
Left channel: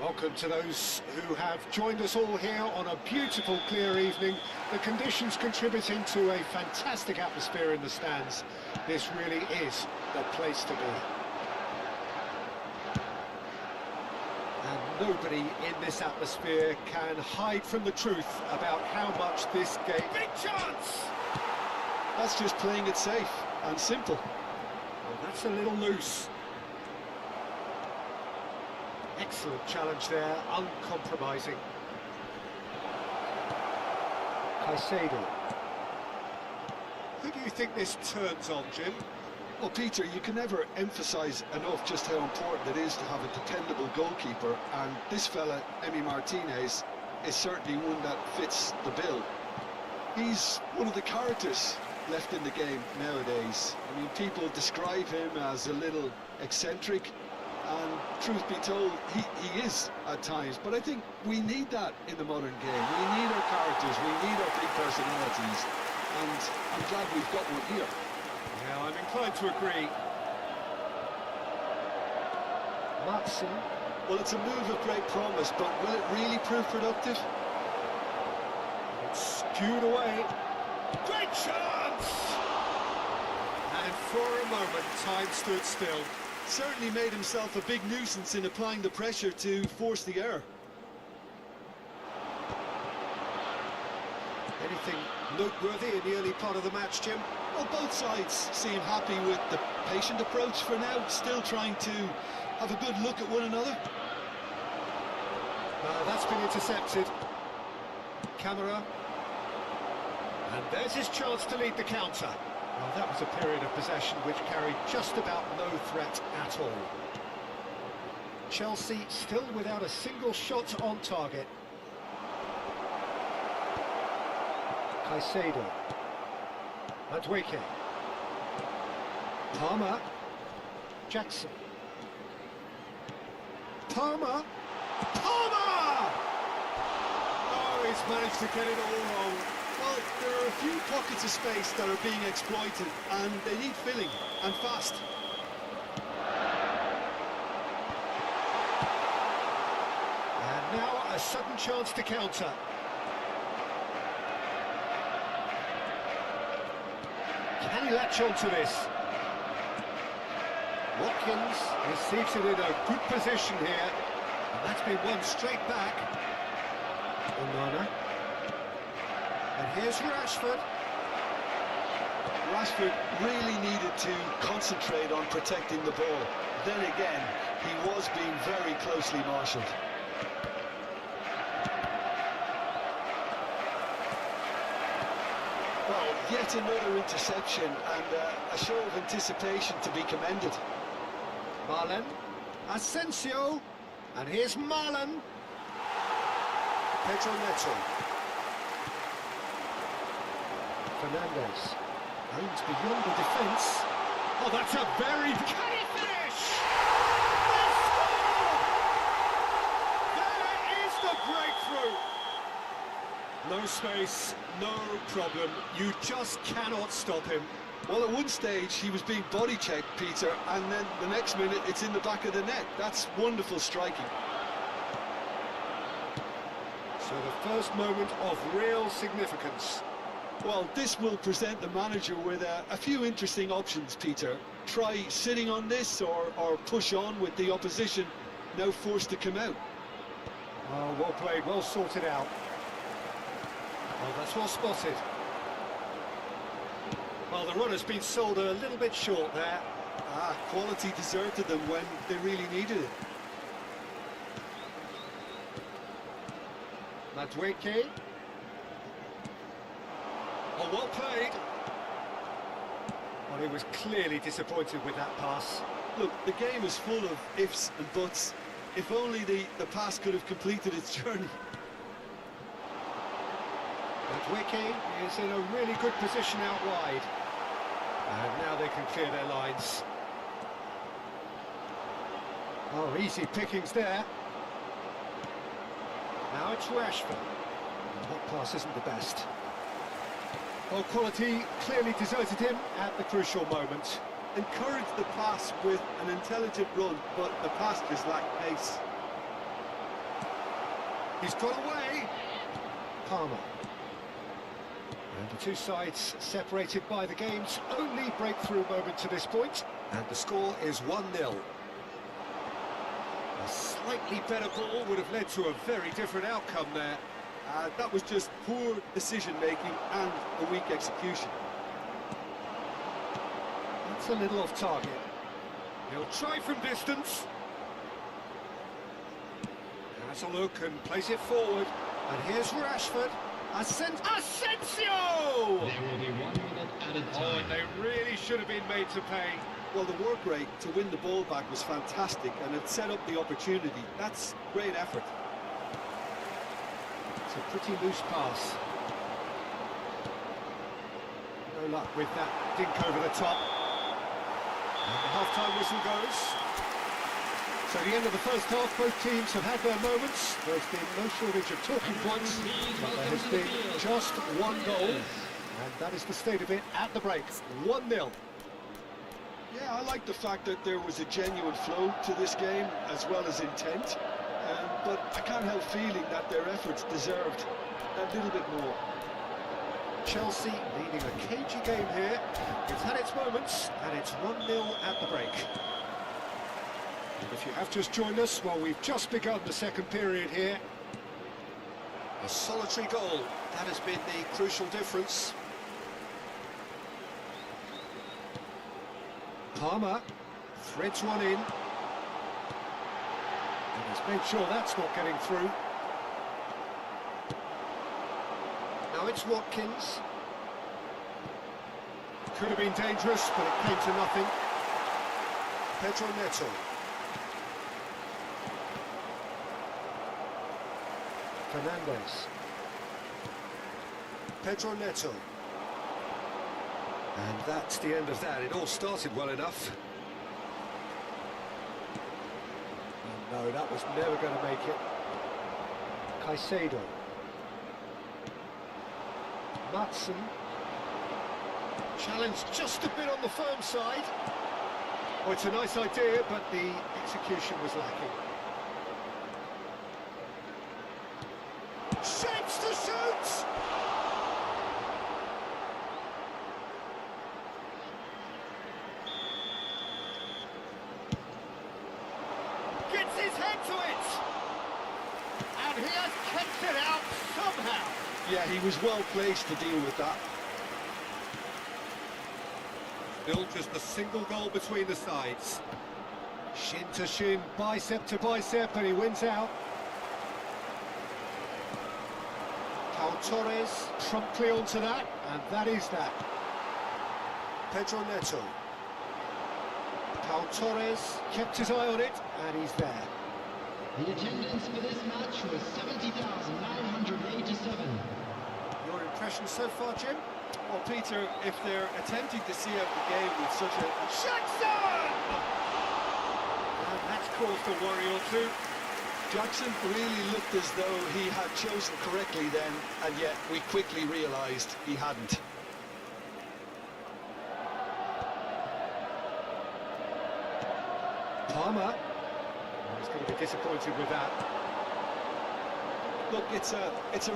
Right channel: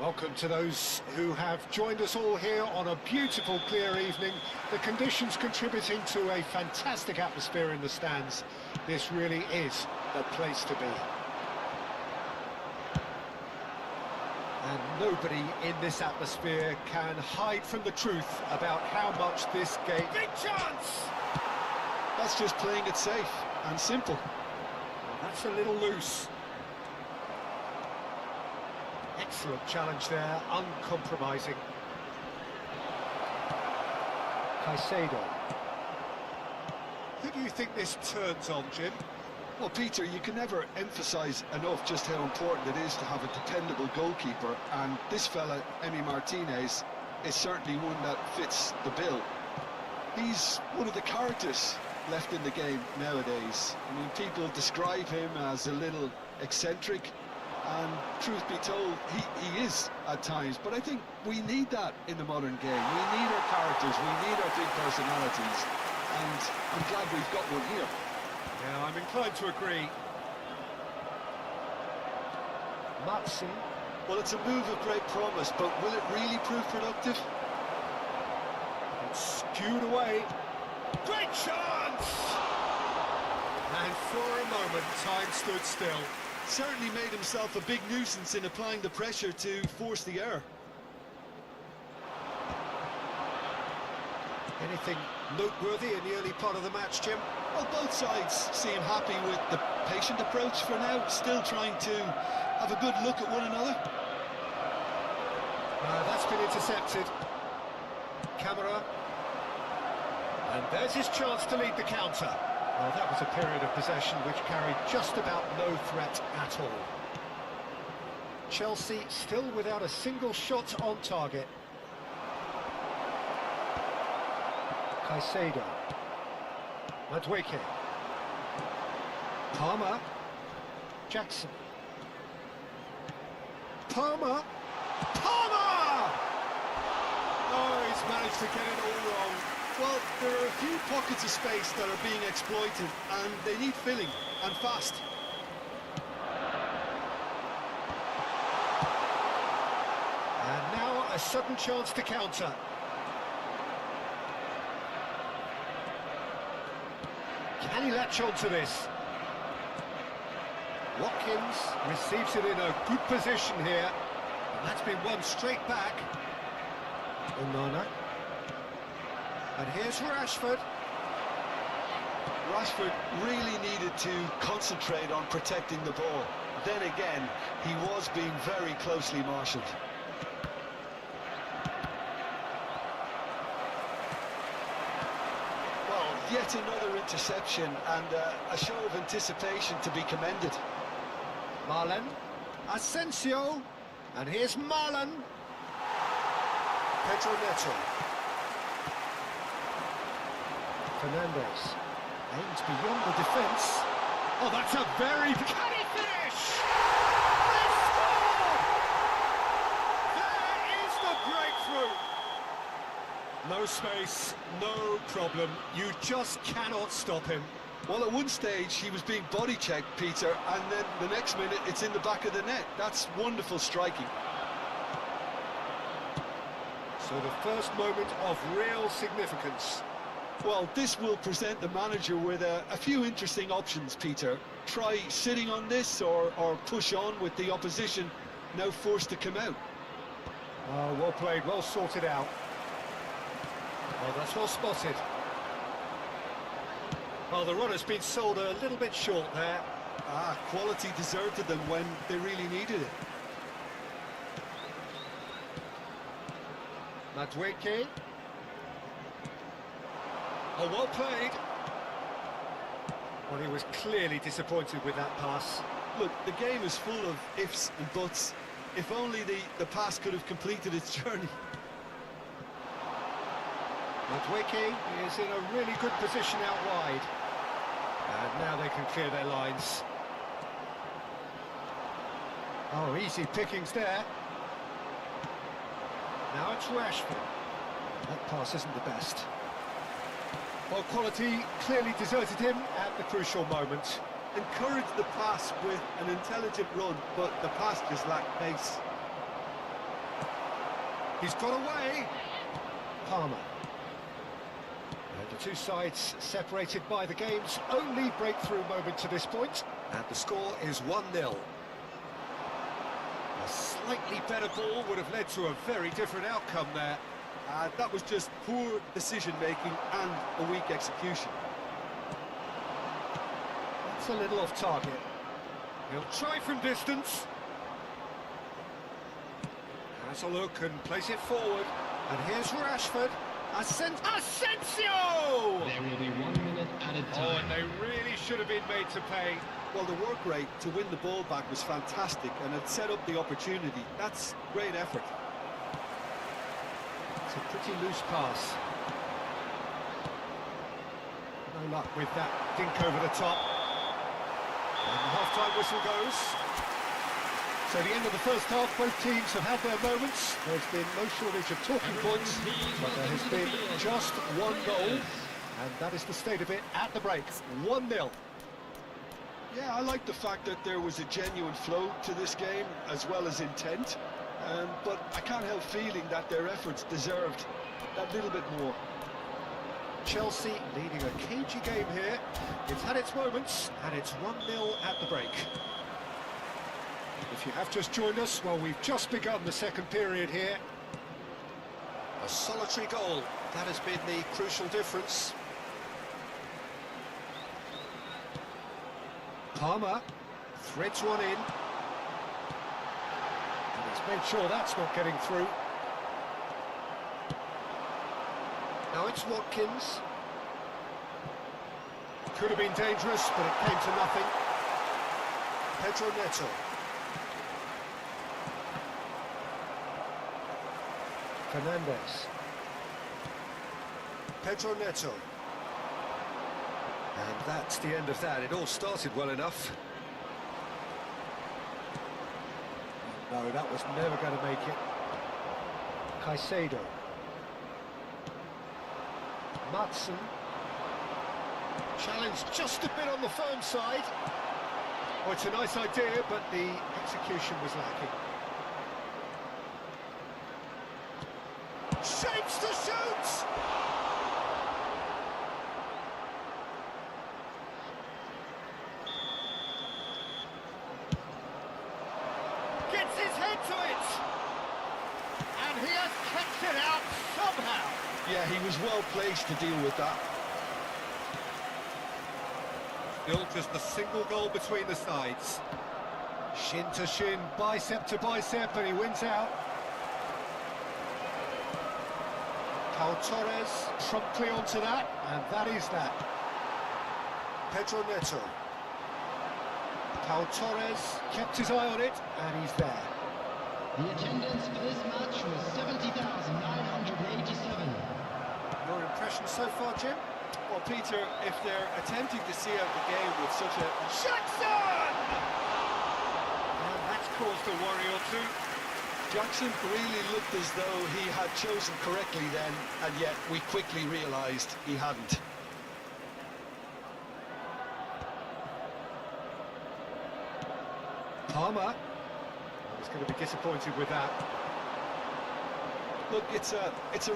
Welcome to those who have joined us all here on a beautiful, clear evening. The conditions contributing to a fantastic atmosphere in the stands. This really is the place to be. And nobody in this atmosphere can hide from the truth about how much this game... Big chance! That's just playing it safe and simple. Well, that's a little loose. Excellent challenge there, uncompromising. Caicedo. Who do you think this turns on, Jim? Well, Peter, you can never emphasise enough just how important it is to have a dependable goalkeeper, and this fella, Emi Martinez, is certainly one that fits the bill. He's one of the characters left in the game nowadays. I mean, people describe him as a little eccentric, and truth be told, he is at times, but I think we need that in the modern game. We need our characters, we need our big personalities, and I'm glad we've got one here. Yeah, I'm inclined to agree. Matson. Well, it's a move of great promise, but will it really prove productive? It's skewed away. Great chance! And for a moment, time stood still. Certainly made himself a big nuisance in applying the pressure to force the error. Anything noteworthy in the early part of the match, Jim? Well, both sides seem happy with the patient approach for now, still trying to have a good look at one another. That's been intercepted. Camera. And there's his chance to lead the counter. Well, that was a period of possession which carried just about no threat at all. Chelsea still without a single shot on target. Caicedo. Madueke. Palmer. Jackson. Palmer. Palmer! Oh, he's managed to get it all wrong. Well, there are a few pockets of space that are being exploited, and they need filling, and fast. And now a sudden chance to counter. Can he latch on to this? Watkins receives it in a good position here. And that's been won straight back. Onana. And here's Rashford. Rashford really needed to concentrate on protecting the ball. Then again, he was being very closely marshalled. Well, yet another interception and a show of anticipation to be commended. Marlon. Asensio. And here's Marlon. Pedro Neto. Fernandez aims beyond the defence. Oh, that's a very... Can he finish? They score! There is the breakthrough. No space, no problem. You just cannot stop him. Well, at one stage he was being body checked, Peter, and then the next minute it's in the back of the net. That's wonderful striking. So the first moment of real significance. Well, this will present the manager with a few interesting options, Peter. Try sitting on this or push on with the opposition now forced to come out. Oh, well played, well sorted out. Oh, that's well spotted. Well, the runner's been sold a little bit short there. Quality deserted them when they really needed it. Madueke. Oh, well played. Well, he was clearly disappointed with that pass. Look, the game is full of ifs and buts. If only the pass could have completed its journey. Madueke is in a really good position out wide. And now they can clear their lines. Oh, easy pickings there. Now it's Rashford. That pass isn't the best. Well, quality clearly deserted him at the crucial moment. Encouraged the pass with an intelligent run, but the pass just lacked pace. He's got away. Palmer. And the two sides separated by the game's only breakthrough moment to this point. And the score is 1-0. A slightly better ball would have led to a very different outcome there. That was just poor decision-making and a weak execution. That's a little off target. He'll try from distance. Has a look and plays it forward. And here's Rashford. Asensio! There will be 1 minute added time. Oh, and they really should have been made to pay. Well, the work rate to win the ball back was fantastic, and it set up the opportunity. That's great effort. It's a pretty loose pass. No luck with that dink over the top. And the half-time whistle goes. So the end of the first half, both teams have had their moments. There's been no shortage of talking points, but there has been just one goal. And that is the state of it at the break, 1-0. Yeah, I like the fact that there was a genuine flow to this game, as well as intent. But I can't help feeling that their efforts deserved that little bit more. Chelsea leading a cagey game here. It's had its moments, and it's 1-0 at the break. If you have just joined us, well, we've just begun the second period here. A solitary goal, that has been the crucial difference. Palmer threads one in. And he's made sure that's not getting through. Now it's Watkins. Could have been dangerous, but it came to nothing. Pedro Neto. Fernandez. Pedro Neto. And that's the end of that. It all started well enough. And no, that was never going to make it. Caicedo. Matson. Challenged just a bit on the firm side. Oh, it's a nice idea, but the execution was lacking. Shapes to shoot! Gets his head to it! And he has kept it out somehow! Yeah, he was well placed to deal with that. Still just a single goal between the sides. Shin to shin, bicep to bicep, and he wins out. Pau Torres promptly onto that, and that is that. Pedro Neto. Pau Torres kept his eye on it, and he's there. The attendance for this match was 70,987. Your impression so far, Jim? Well, Peter, if they're attempting to see out the game with such a... Jackson! And that's caused a worry or two. Jackson really looked as though he had chosen correctly then, and yet we quickly realised he hadn't. Palmer. He's going to be disappointed with that. Look, it's a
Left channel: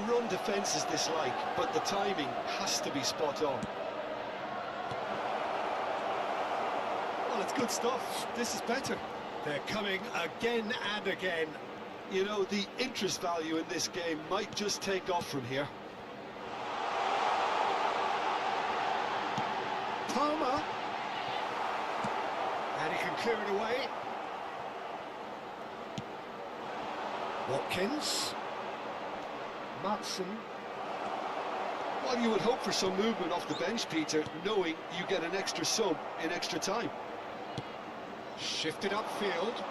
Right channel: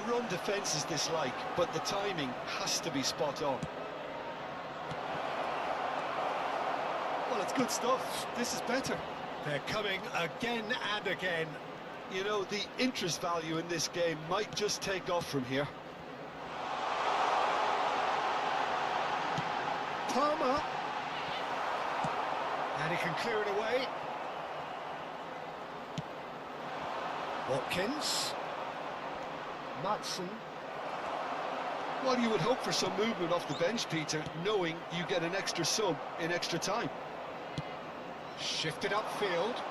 run defence's dislike, but the timing has to be spot on. Well, it's good stuff. This is better. They're coming again and again. You know, the interest value in this game might just take off from here. Palmer. And he can clear it away. Watkins. Matson. Well, you would hope for some movement off the bench, Peter, knowing you get an extra sub in extra time. Shifted upfield.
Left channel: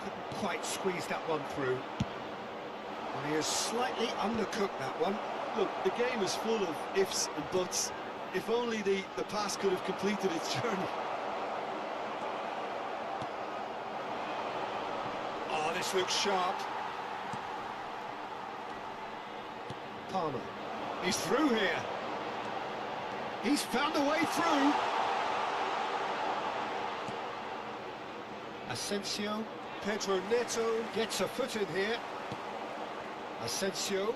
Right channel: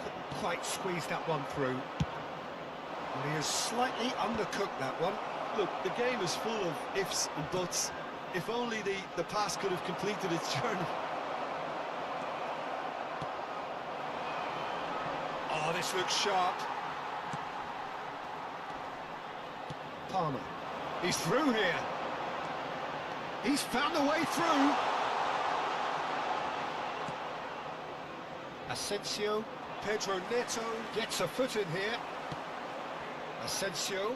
Couldn't quite squeeze that one through. Well, he has slightly undercooked that one. Look, the game is full of ifs and buts. If only the pass could have completed its journey. Oh, this looks sharp. Palmer. He's through here. He's found a way through. Asensio. Pedro Neto gets a foot in here. Asensio.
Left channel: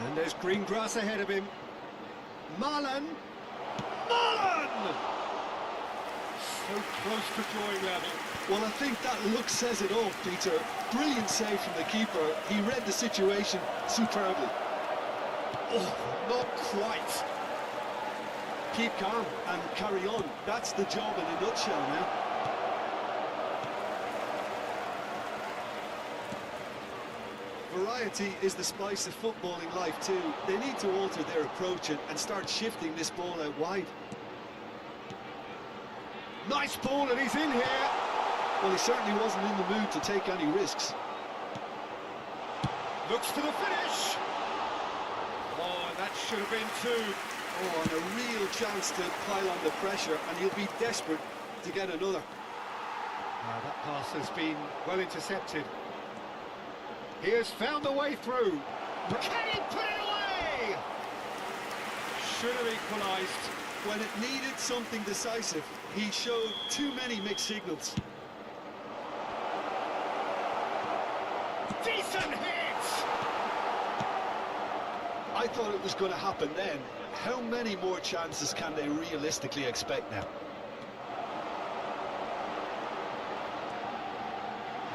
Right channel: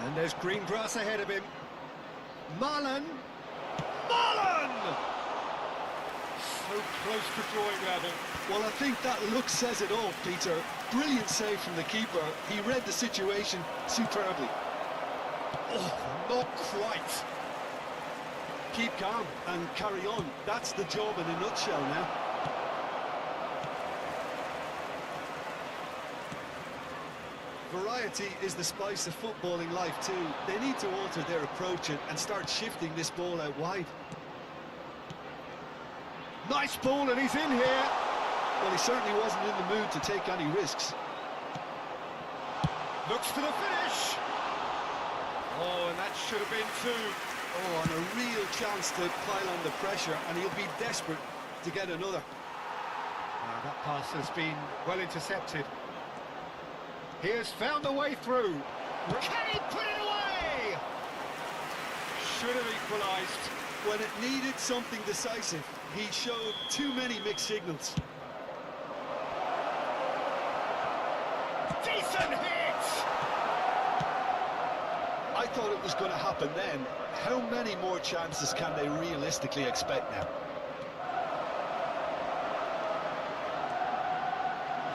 And there's green grass ahead of him. Marlon. Marlon! So close to drawing level. Well, I think that look says it all, Peter. Brilliant save from the keeper. He read the situation superbly. Oh, not quite. Keep calm and carry on. That's the job in a nutshell now. Variety is the spice of footballing life too. They need to alter their approach and start shifting this ball out wide. Nice ball, and he's in here. Well, he certainly wasn't in the mood to take any risks. Looks for the finish. Oh, and that should have been two. Oh, and a real chance to pile on the pressure, and he'll be desperate to get another. That pass has been well intercepted. He has found a way through. Can he put it away? Should have equalised. When it needed something decisive, he showed too many mixed signals. Decent hit! I thought it was going to happen then. How many more chances can they realistically expect now?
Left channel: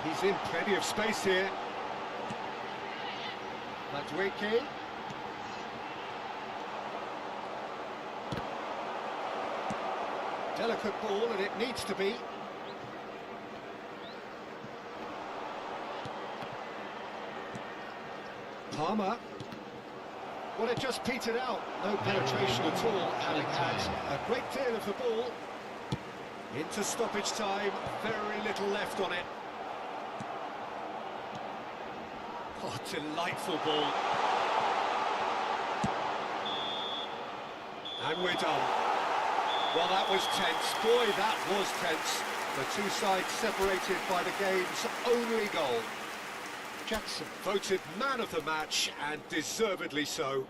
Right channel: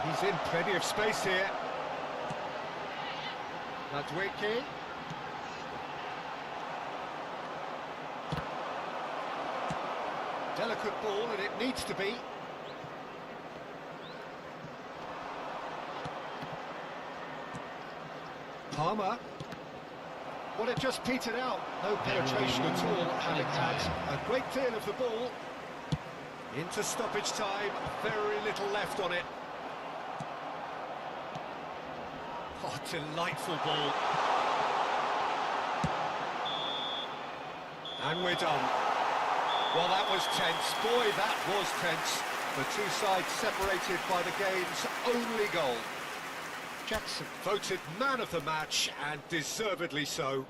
He's in plenty of space here. Madwiki. Delicate ball, and it needs to be. Palmer. Well, it just petered out. No penetration at all, having had a great deal of the ball. Into stoppage time, very little left on it. Oh, delightful ball. And we're done. Well, that was tense. Boy, that was tense. The two sides separated by the game's only goal. Jackson voted man of the match, and deservedly so.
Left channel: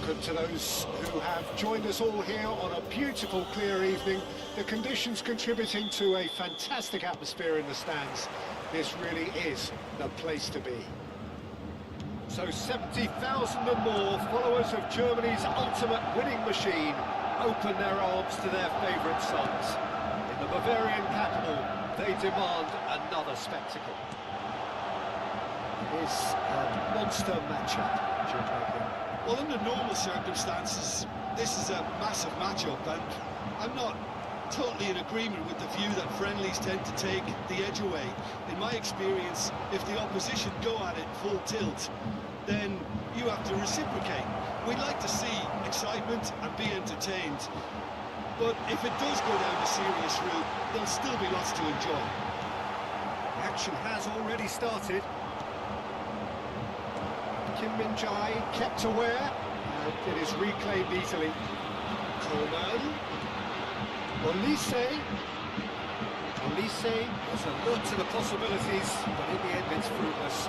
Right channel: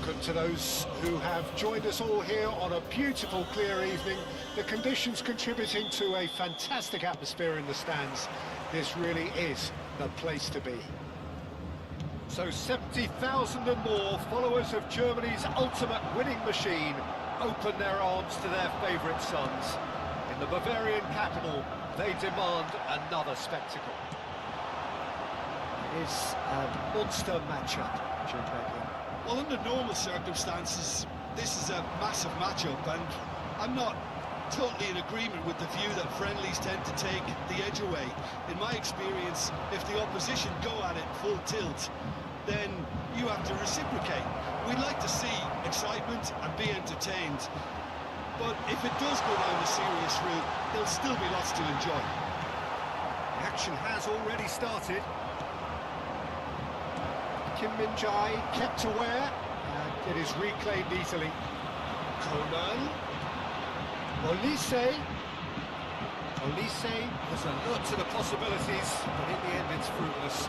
welcome to those who have joined us all here on a beautiful, clear evening. The conditions contributing to a fantastic atmosphere in the stands. This really is the place to be. So 70,000 and more followers of Germany's ultimate winning machine open their arms to their favourite sons. In the Bavarian capital, they demand another spectacle. It is a monster matchup, Jim Beglin. Well, under normal circumstances, this is a massive matchup, and I'm not totally in agreement with the view that friendlies tend to take the edge away. In my experience, if the opposition go at it full tilt, then you have to reciprocate. We'd like to see excitement and be entertained, but if it does go down a serious route, there'll still be lots to enjoy. The action has already started. Kim Min-jae kept aware, and it is reclaimed easily. Coleman. Olise was alert to the possibilities, but in the end it's fruitless.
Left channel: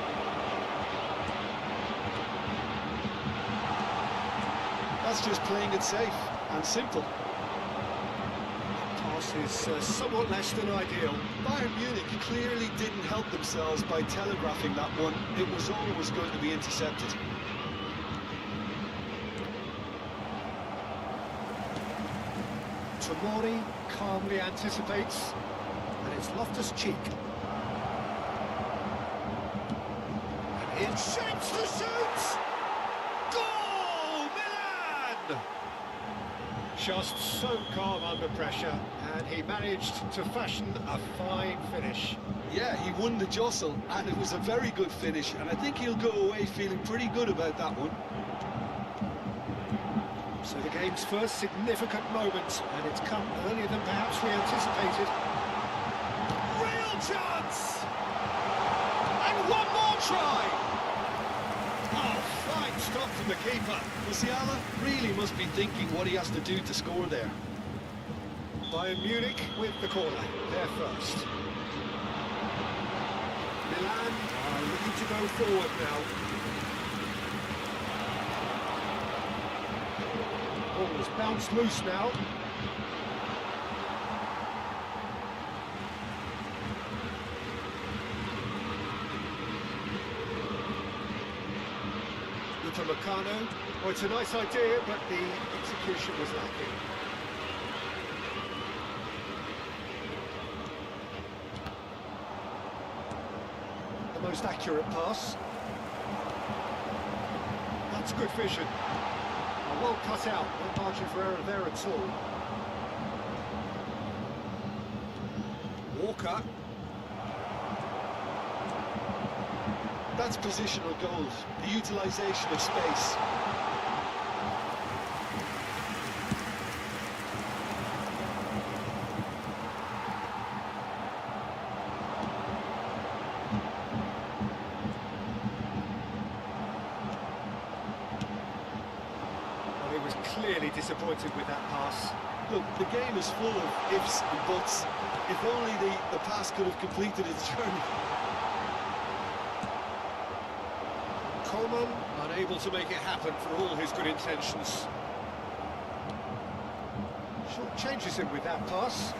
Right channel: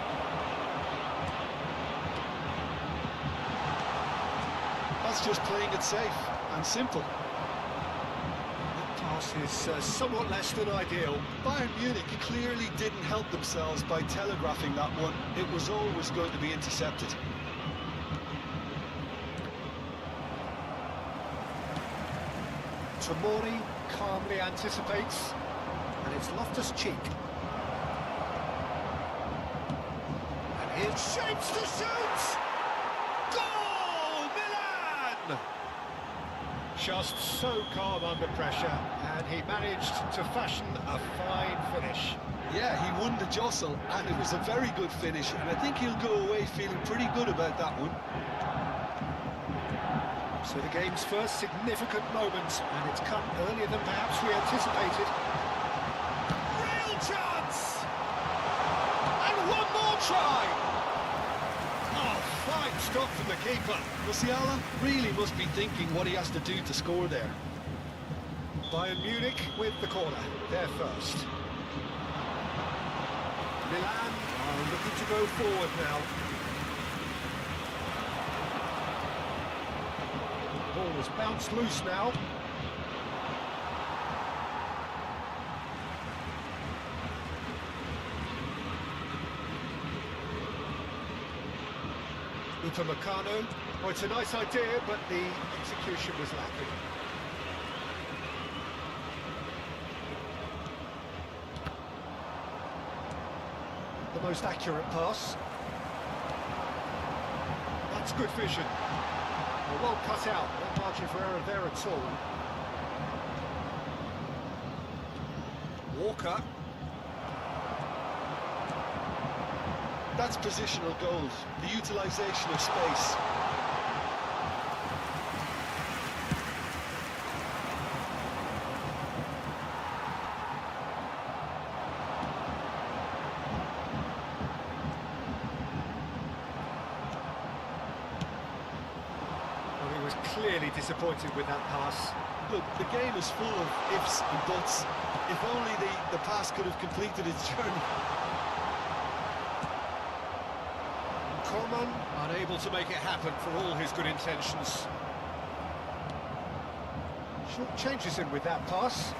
That's just playing it safe and simple. That pass is somewhat less than ideal. Bayern Munich clearly didn't help themselves by telegraphing that one. It was always going to be intercepted. Tomori calmly anticipates, and it's Loftus-Cheek. And here's shapes to shoot! Goal! Milan! Just so calm under pressure, and he managed to fashion a fine finish. Yeah, he won the jostle, and it was a very good finish, and I think he'll go away feeling pretty good about that one. So the game's first significant moment, and it's come earlier than perhaps we anticipated. Real chance! And one more try! Oh, fine stop from the keeper. Musiala really must be thinking what he has to do to score there. Bayern Munich with the corner, they're first. Milan are looking to go forward now. Ball has bounced loose now. Upamecano. Oh, it's a nice idea, but the execution was lacking. The most accurate pass. That's good vision. Oh, well cut out, no margin for error there at all. Walker. That's positional gold, the utilisation of space. Well, he was clearly disappointed with that pass. Look, the game is full of ifs and buts. If only the pass could have completed its journey. Coleman unable to make it happen for all his good intentions. Short changes him with that pass.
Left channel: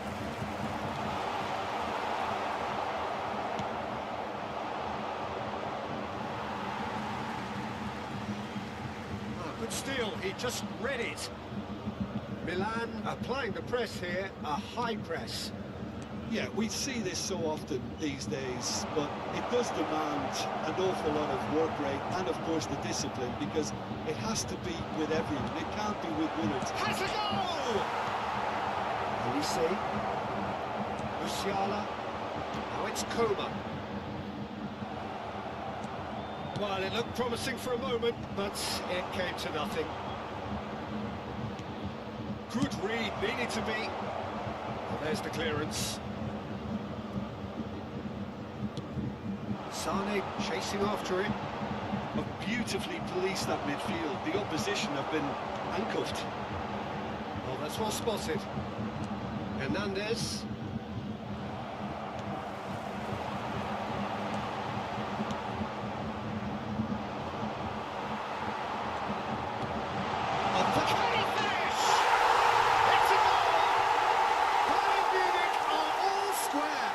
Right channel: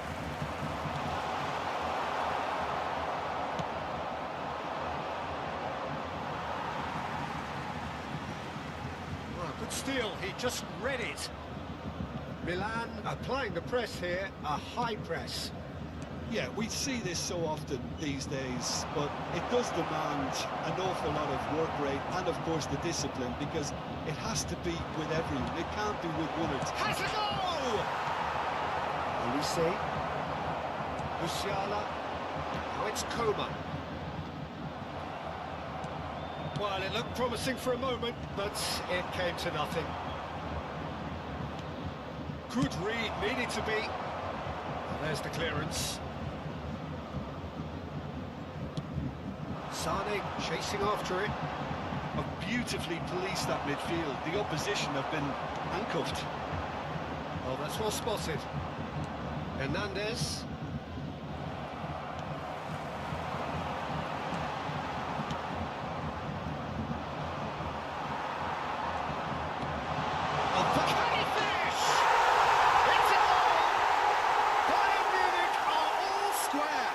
Ah, good steal, he just read it. Milan applying the press here, a high press. Yeah, we see this so often these days, but it does demand an awful lot of work rate and, of course, the discipline, because it has to be with everyone. It can't be with one or two. Has a go! Olise. Musiala. Now it's Coleman. Well, it looked promising for a moment, but it came to nothing. Good read, needed to be. Well, there's the clearance. Sane chasing after it. Beautifully policed that midfield. The opposition have been handcuffed. Oh, that's well spotted. Hernandez. square.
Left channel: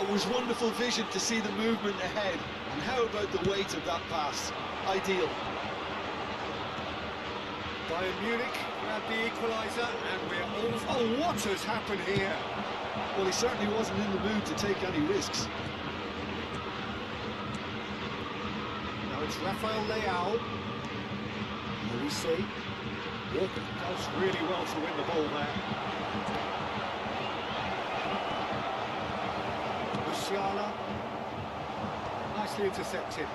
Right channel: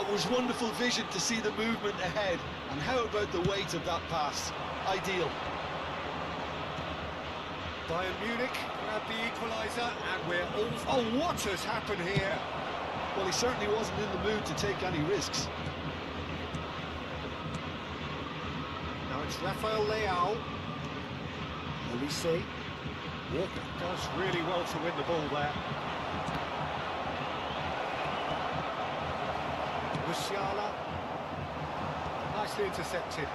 It was wonderful vision to see the movement ahead. And how about the weight of that pass? Ideal. Bayern Munich grab the equaliser, and we're all... Oh, what has happened here? Well, he certainly wasn't in the mood to take any risks. Now it's Rafael Leao. Olise. Walker does really well to win the ball there. Musiala. Nicely intercepted.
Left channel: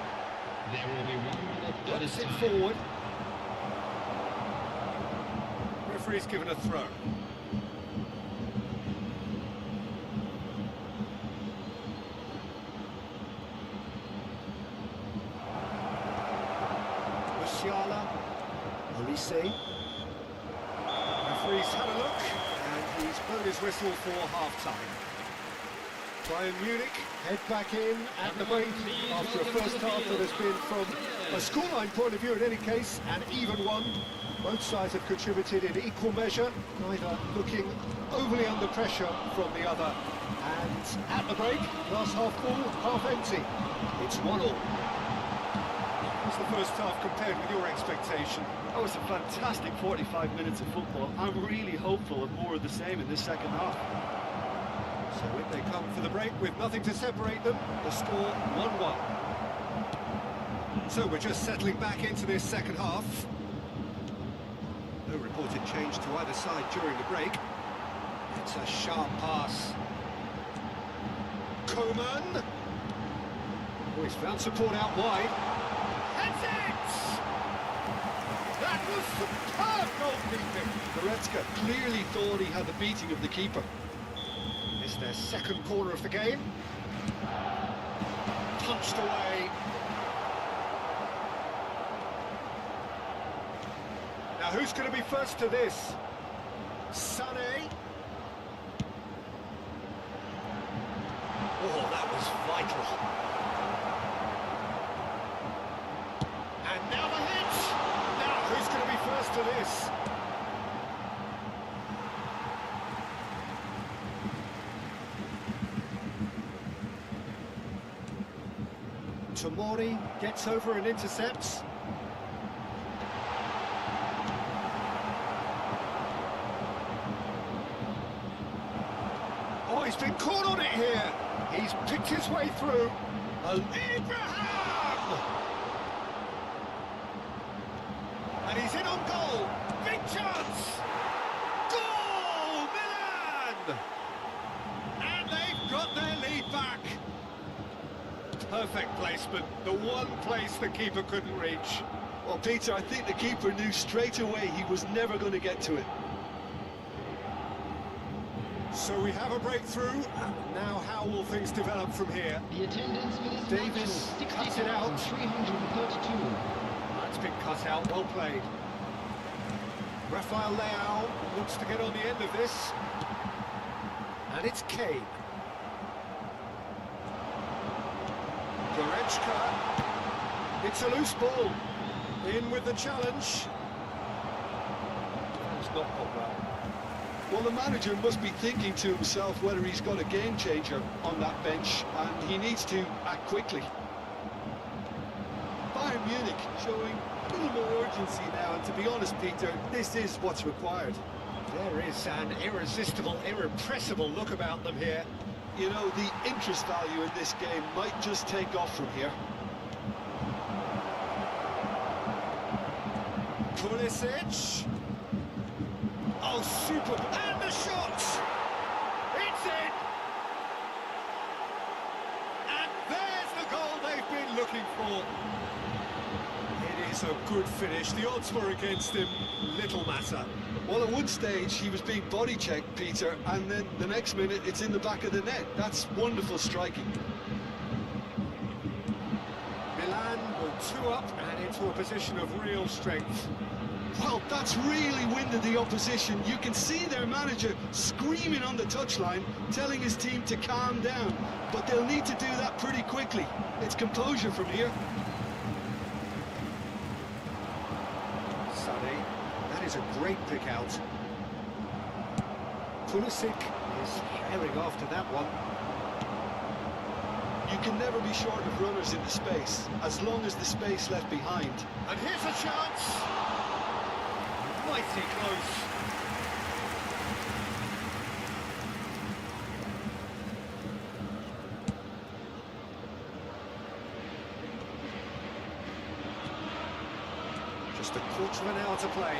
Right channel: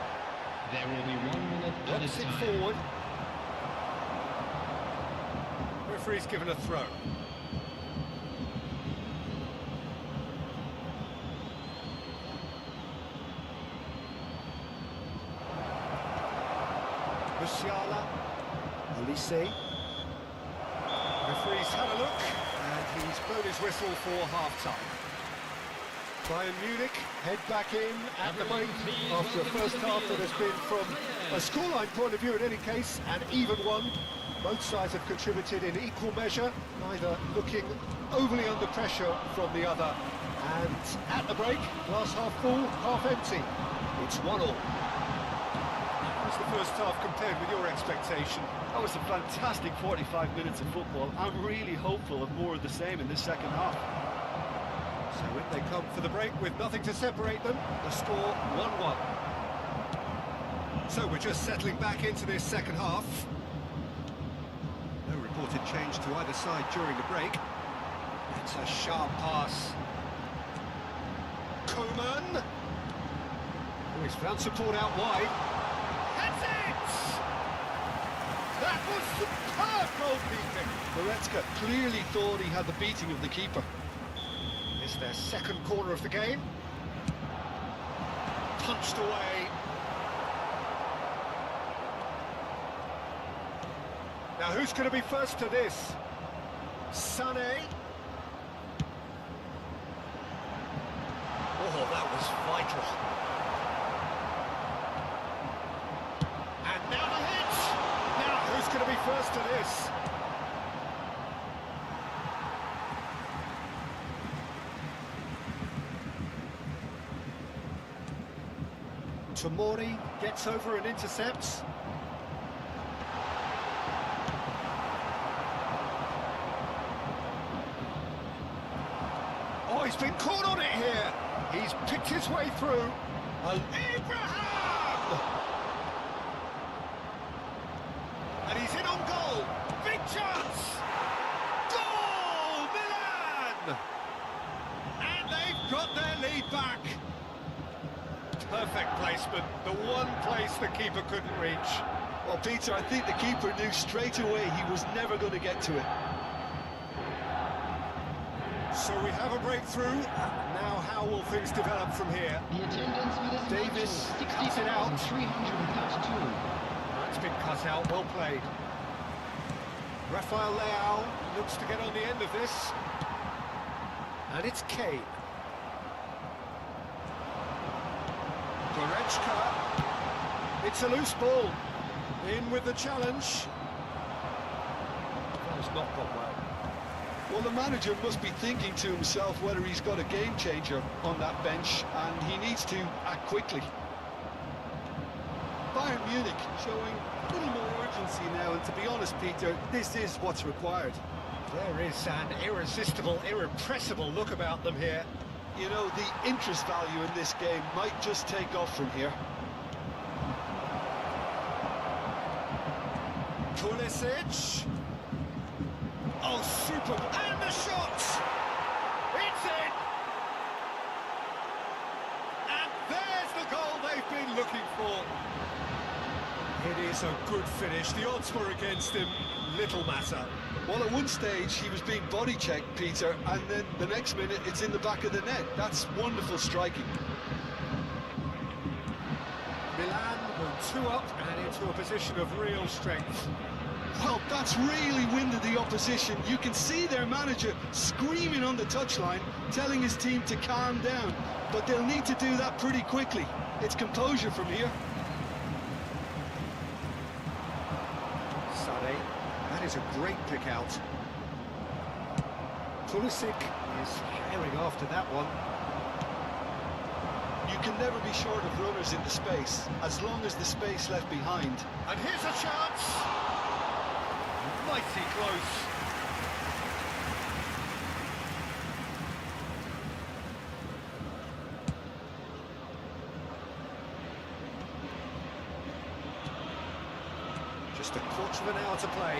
There will be 1 minute added Works it time. forward. Referee's given a throw. Musiala. Olise. Referee's had a look, and he's blown his whistle for half-time. Bayern Munich head back in at the break after a first half that has been, from a scoreline point of view in any case, an even one. Both sides have contributed in equal measure, neither looking overly under pressure from the other. And at the break, glass half full, half empty. It's 1-1. How's the first half compared with your expectation? That was a fantastic 45 minutes of football. I'm really hopeful of more of the same in this second half. So in they come for the break with nothing to separate them. The score 1-1. So we're just settling back into this second half. No reported change to either side during the break. It's a sharp pass. Coman. Oh, he's found support out wide. Heads it! That was superb goalkeeping. Goretzka clearly thought he had the beating of the keeper. It's their second corner of the game. Punched away. Now who's going to be first to this? Sané. Oh, that was vital. And now the hit! Now who's going to be first to this? Tomori gets over and intercepts. Oh, he's been caught on it here. He's picked his way through. Abraham! And he's in on goal. Big chance! Goal! Milan! And they've got their lead back. Perfect placement, the one place the keeper couldn't reach. Well, Peter, I think the keeper knew straight away he was never going to get to it. So we have a breakthrough. Now how will things develop from here? The attendance for this Davis match cuts was it out. 60,332. That's been cut out, well played. Rafael Leao looks to get on the end of this. And it's Kane. Goretzka. It's a loose ball. In with the challenge. That has not gone well. Well, the manager must be thinking to himself whether he's got a game changer on that bench, and he needs to act quickly. Bayern Munich showing a little more urgency now, and to be honest, Peter, this is what's required. There is an irresistible, irrepressible look about them here. You know, the interest value in this game might just take off from here. Pulisic. Oh, super. And the shot! It's in! And there's the goal they've been looking for. It is a good finish. The odds were against him. Little matter. Well, at one stage, he was being body-checked, Peter, and then the next minute, it's in the back of the net. That's wonderful striking. Milan go 2 up and into a position of real strength. Well, that's really winded the opposition. You can see their manager screaming on the touchline, telling his team to calm down. But they'll need to do that pretty quickly. It's composure from here. Sané, that is a great pick out. Pulisic He's herring after that one. You can never be short of runners in the space, as long as the space left behind. And here's a chance! Mighty close. Just a quarter of an hour to play.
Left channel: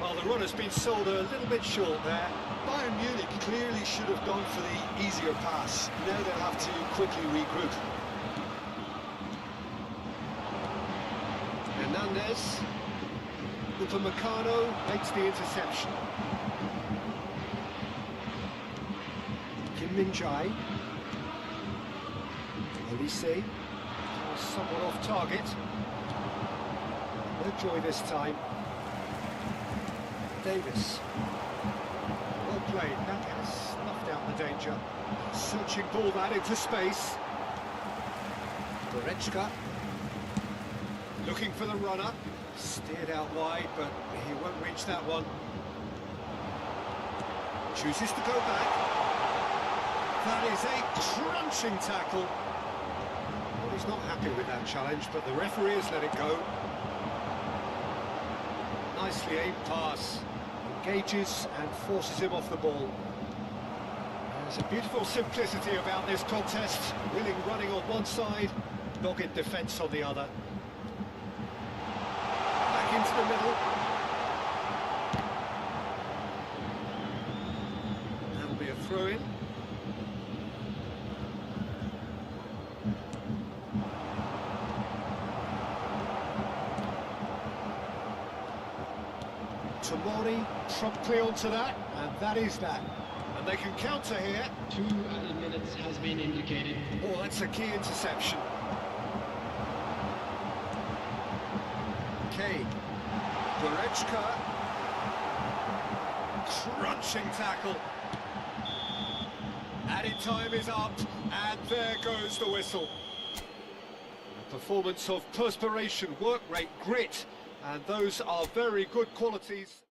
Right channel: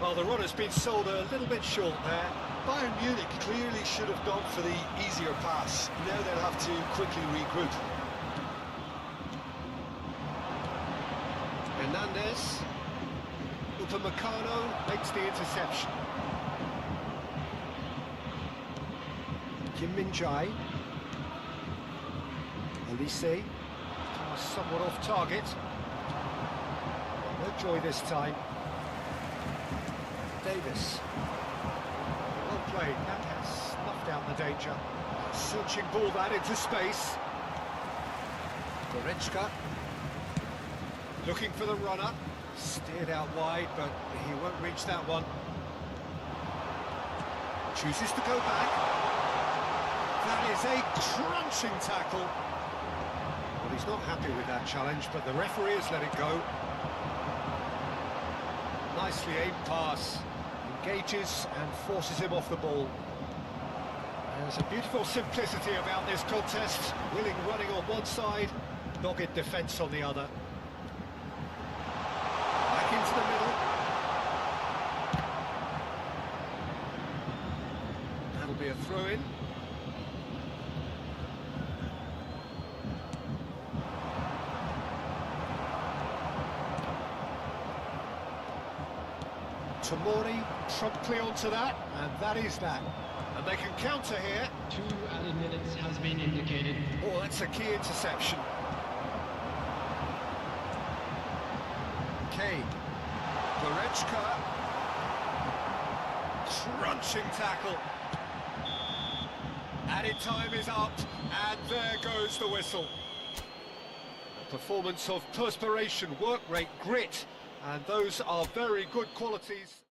Well, the run has been sold a little bit short there. Bayern Munich clearly should have gone for the easier pass. Now they'll have to quickly regroup. Hernandez. Upamecano makes the interception. Kim Min-jae. Olise. Somewhat off target. No joy this time. Davis. Well played, that has snuffed out the danger. Searching ball that into space. Goretzka. Looking for the runner. Steered out wide, but he won't reach that one. Chooses to go back. That is a crunching tackle. Well, he's not happy with that challenge, but the referee has let it go. Nicely aimed pass. Engages and forces him off the ball. There's a beautiful simplicity about this contest. Willing running on one side, dogged defence on the other. Back into the middle. That'll be a throw-in. Tomori promptly onto that, and that is that. And they can counter here. 2 added minutes has been indicated. Oh, that's a key interception. Kane. Goretzka. Crunching tackle. Added time is up, and there goes the whistle. A performance of perspiration, work rate, grit, and those are very good qualities.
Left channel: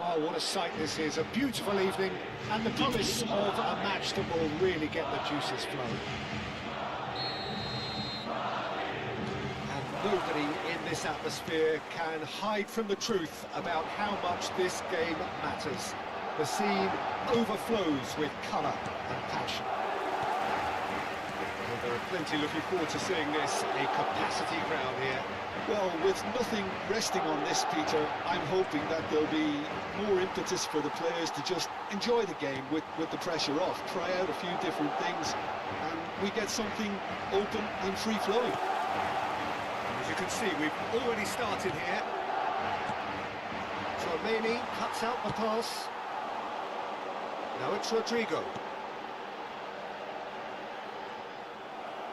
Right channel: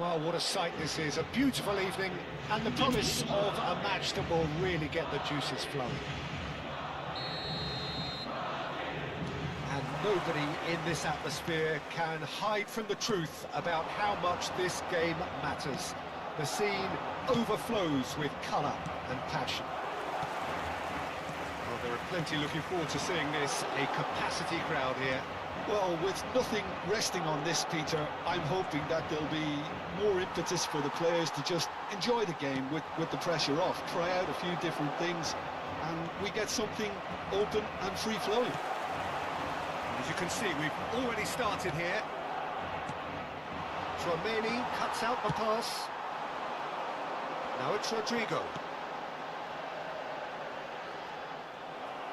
Wow, what a sight this is. A beautiful evening and the promise of a match that will really get the juices flowing. And nobody in this atmosphere can hide from the truth about how much this game matters. The scene overflows with colour and passion. Well, there are plenty looking forward to seeing this. A capacity crowd here. Well, with nothing resting on this, Peter, I'm hoping that there'll be more impetus for the players to just enjoy the game with the pressure off, try out a few different things, and we get something open and free-flowing. As you can see, we've already started here. Tchouaméni cuts out the pass. Now it's Rodrigo.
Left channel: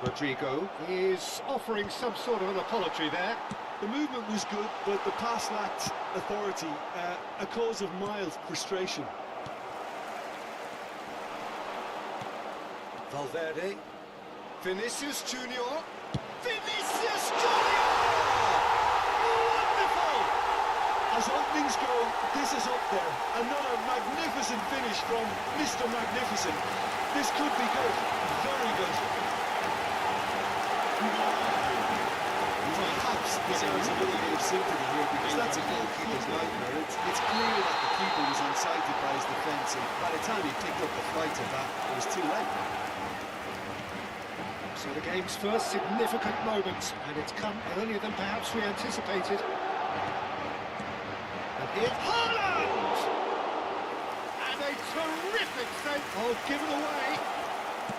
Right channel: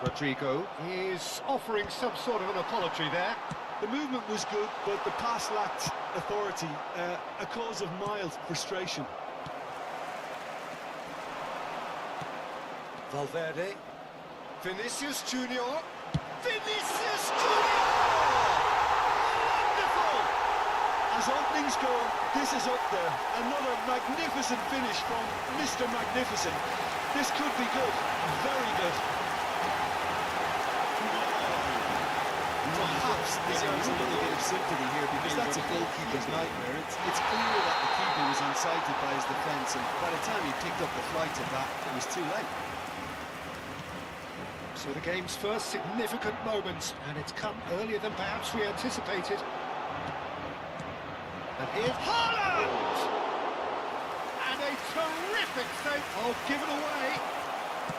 Rodrigo is offering some sort of an apology there. The movement was good, but the pass lacked authority, a cause of mild frustration. Valverde. Vinicius Junior. Vinicius Junior! Wonderful! As openings go, this is up there. Another magnificent finish from Mr. Magnificent. This could be good, very good. Perhaps deserves a little bit of sympathy here because that's a goalkeeper's nightmare. It's clear that the keeper was unsighted by his defence, and by the time he picked up the flight of that, it was too late. So the game's first significant moment, and it's come earlier than perhaps we anticipated. And here's Haaland! And a terrific save. Oh, given away.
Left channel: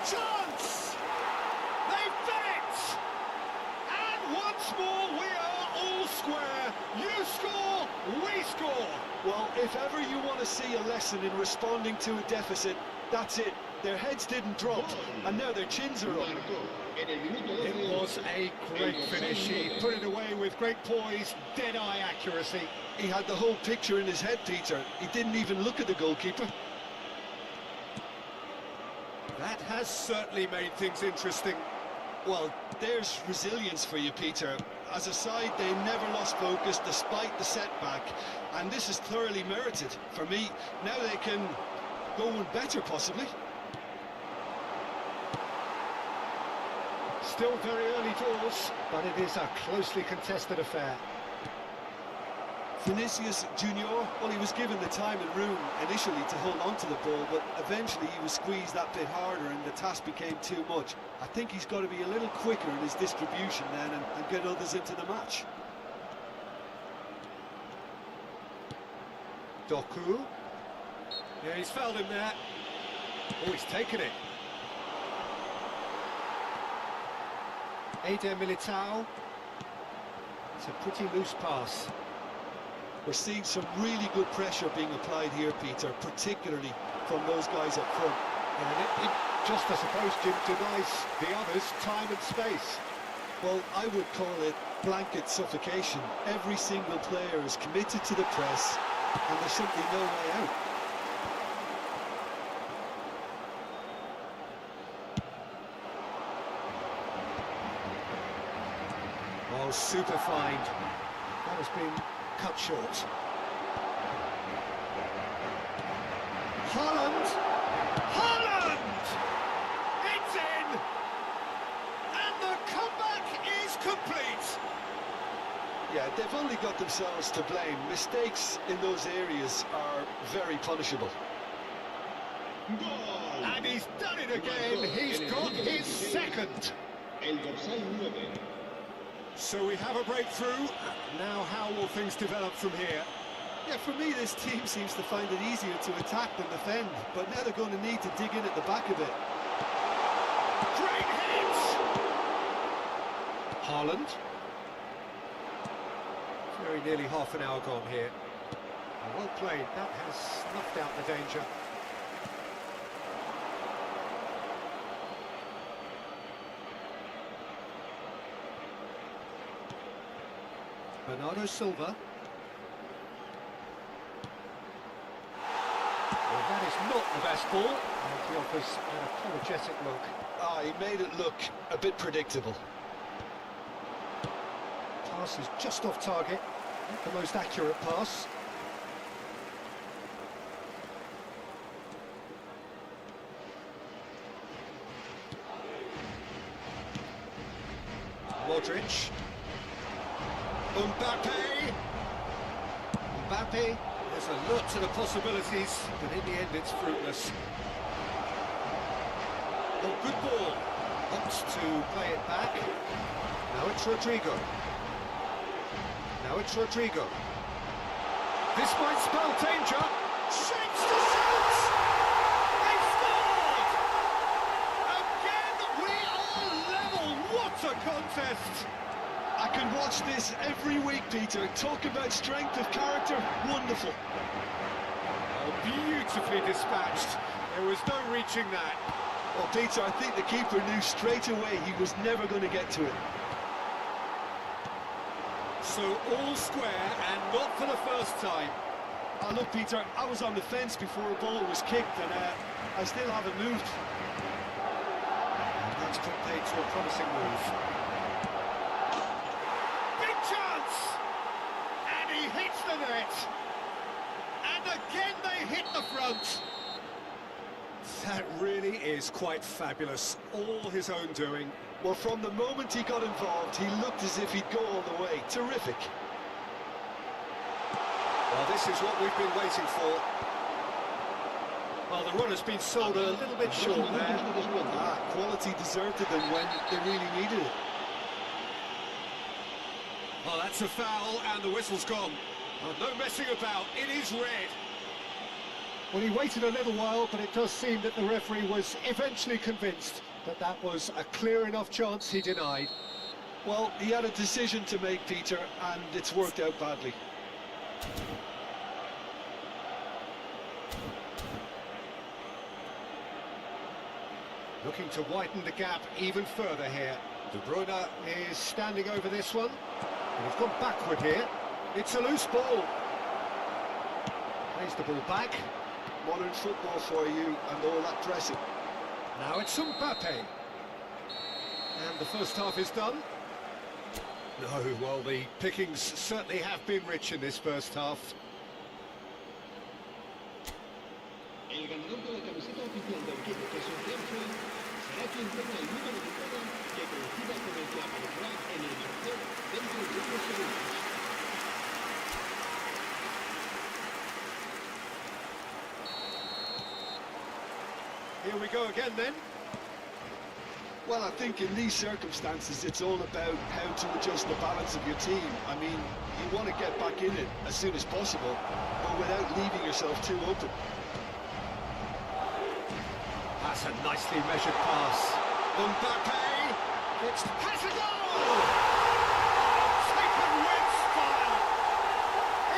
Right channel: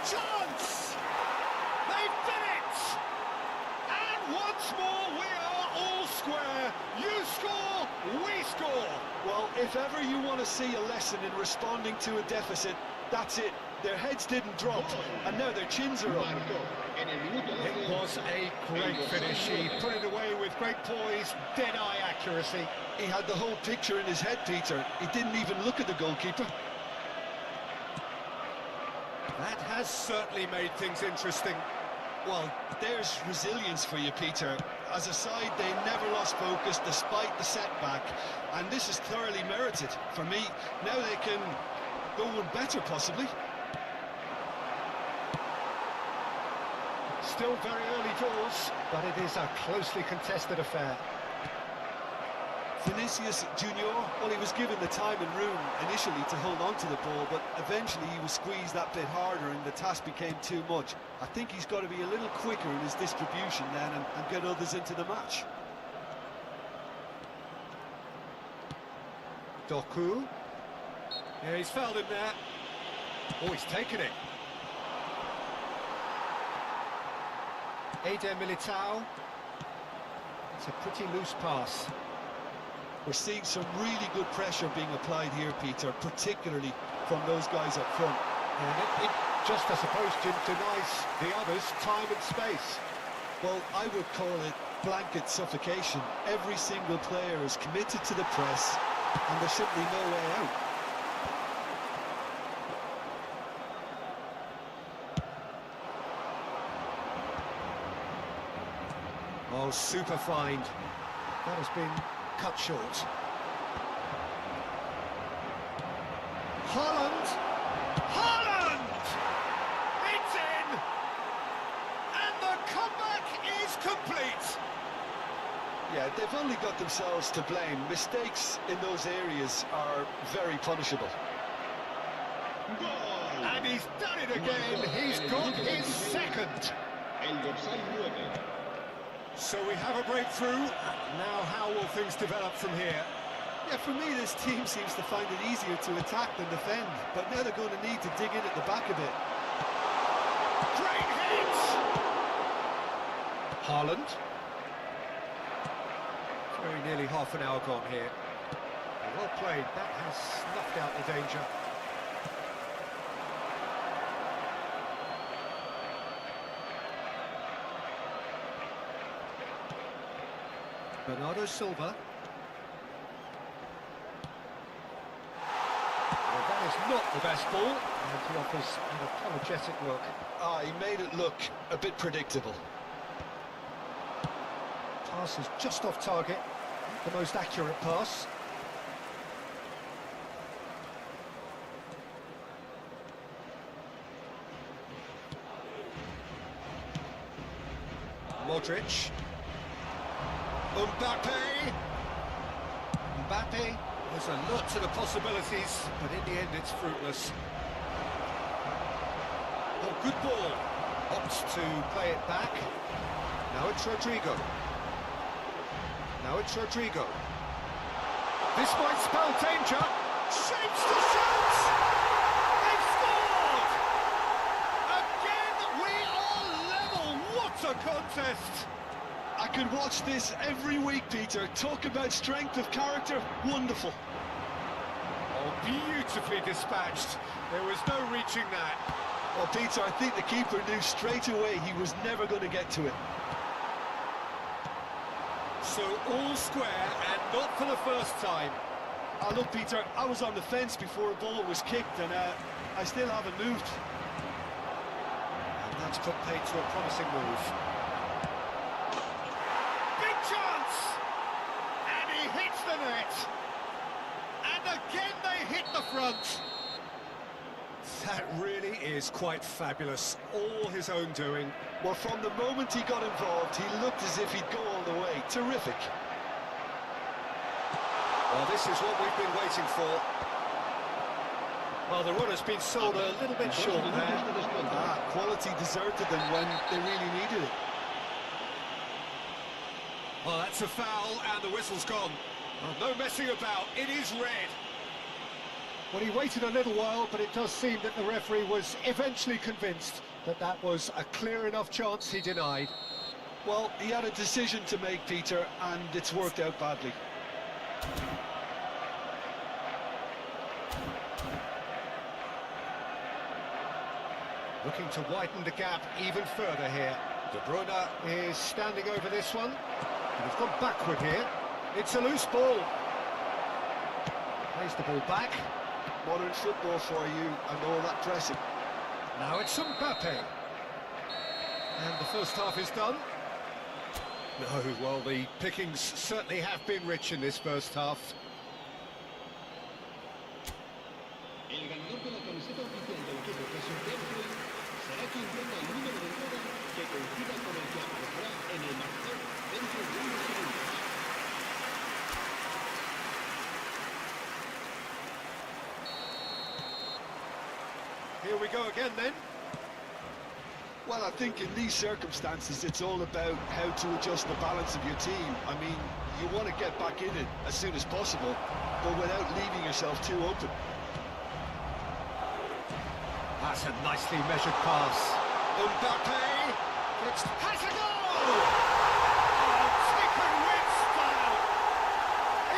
Chance! They've done it! And once more, we are all square. You score, we score. Well, if ever you want to see a lesson in responding to a deficit, that's it. Their heads didn't drop, and now their chins are up. It was a great finish. He put it away with great poise, dead-eye accuracy. He had the whole picture in his head, Peter. He didn't even look at the goalkeeper. That has certainly made things interesting. Well, there's resilience for you, Peter. As a side, they never lost focus despite the setback, and this is thoroughly merited. For me, now they can go one better, possibly. Still very early doors, but it is a closely contested affair. Vinicius Junior, well, he was given the time and room initially to hold on to the ball, but eventually he was squeezed that bit harder and the task became too much. I think he's got to be a little quicker in his distribution then and get others into the match. Doku. Yeah, he's fouled him there. Oh, he's taken it. Eder Militao. It's a pretty loose pass. We're seeing some really good pressure being applied here, Peter, particularly from those guys up front. And it just, I suppose, denies the others time and space. Well, I would call it blanket suffocation. Every single player is committed to the press, and there's simply no way out. Oh, super find. That has been cut short. Haaland! Haaland! It's in! And the comeback is complete! Yeah, they've only got themselves to blame. Mistakes in those areas are very punishable. And he's done it again. He's got his second. El dorsal 9. So we have a breakthrough. Now how will things develop from here? Yeah, for me, this team seems to find it easier to attack than defend, but now they're going to need to dig in at the back a bit. Great hits! Haaland. Very nearly half an hour gone here. Well played. That has snuffed out the danger. Bernardo Silva. Well, that is not the best ball, and he offers an apologetic look. He made it look a bit predictable. Pass is just off target, not the most accurate pass. Modric. Mbappe. Mbappe. There's a lot to the possibilities, but in the end it's fruitless. Oh, good ball. Opts to play it back. Now it's Rodrigo. Now it's Rodrigo. This might spell danger. Shapes to shoot! They've scored! Again, we are level. What a contest! I can watch this every week, Peter. Talk about strength of character, wonderful. Oh, beautifully dispatched. There was no reaching that. Well, Peter, I think the keeper knew straight away he was never going to get to it. So all square, and not for the first time. Look, Peter, I was on the fence before a ball was kicked, and I still haven't moved. And that's put paid to a promising move. Big chance! And he hits the net. And again they hit the front. That really is quite fabulous. All his own doing. Well, from the moment he got involved, he looked as if he'd go all the way. Terrific. Well, this is what we've been waiting for. Well, the run has been sold a little bit short there. Quality deserted them when they really needed it. Well, that's a foul, and the whistle's gone. Oh, no messing about, it is red. Well, he waited a little while, but it does seem that the referee was eventually convinced that that was a clear enough chance he denied. Well, he had a decision to make, Peter, and it's worked out badly. Looking to widen the gap even further here. De Bruyne is standing over this one, and he's gone backward here. It's a loose ball. Plays the ball back. Modern football for you, and all that pressing. Now it's Mbappe. And the first half is done. No, well, the pickings certainly have been rich in this first half. El ganador de la camiseta oficial del equipo que sortearse será quien tenga el número de entrada que coincida con el que aparecerá en el marcador dentro de unos segundos. Here we go again then. Well, I think in these circumstances, it's all about how to adjust the balance of your team. I mean, you want to get back in it as soon as possible, but without leaving yourself too open. That's a nicely measured pass. Mbappe has a goal! Oh, taken with style!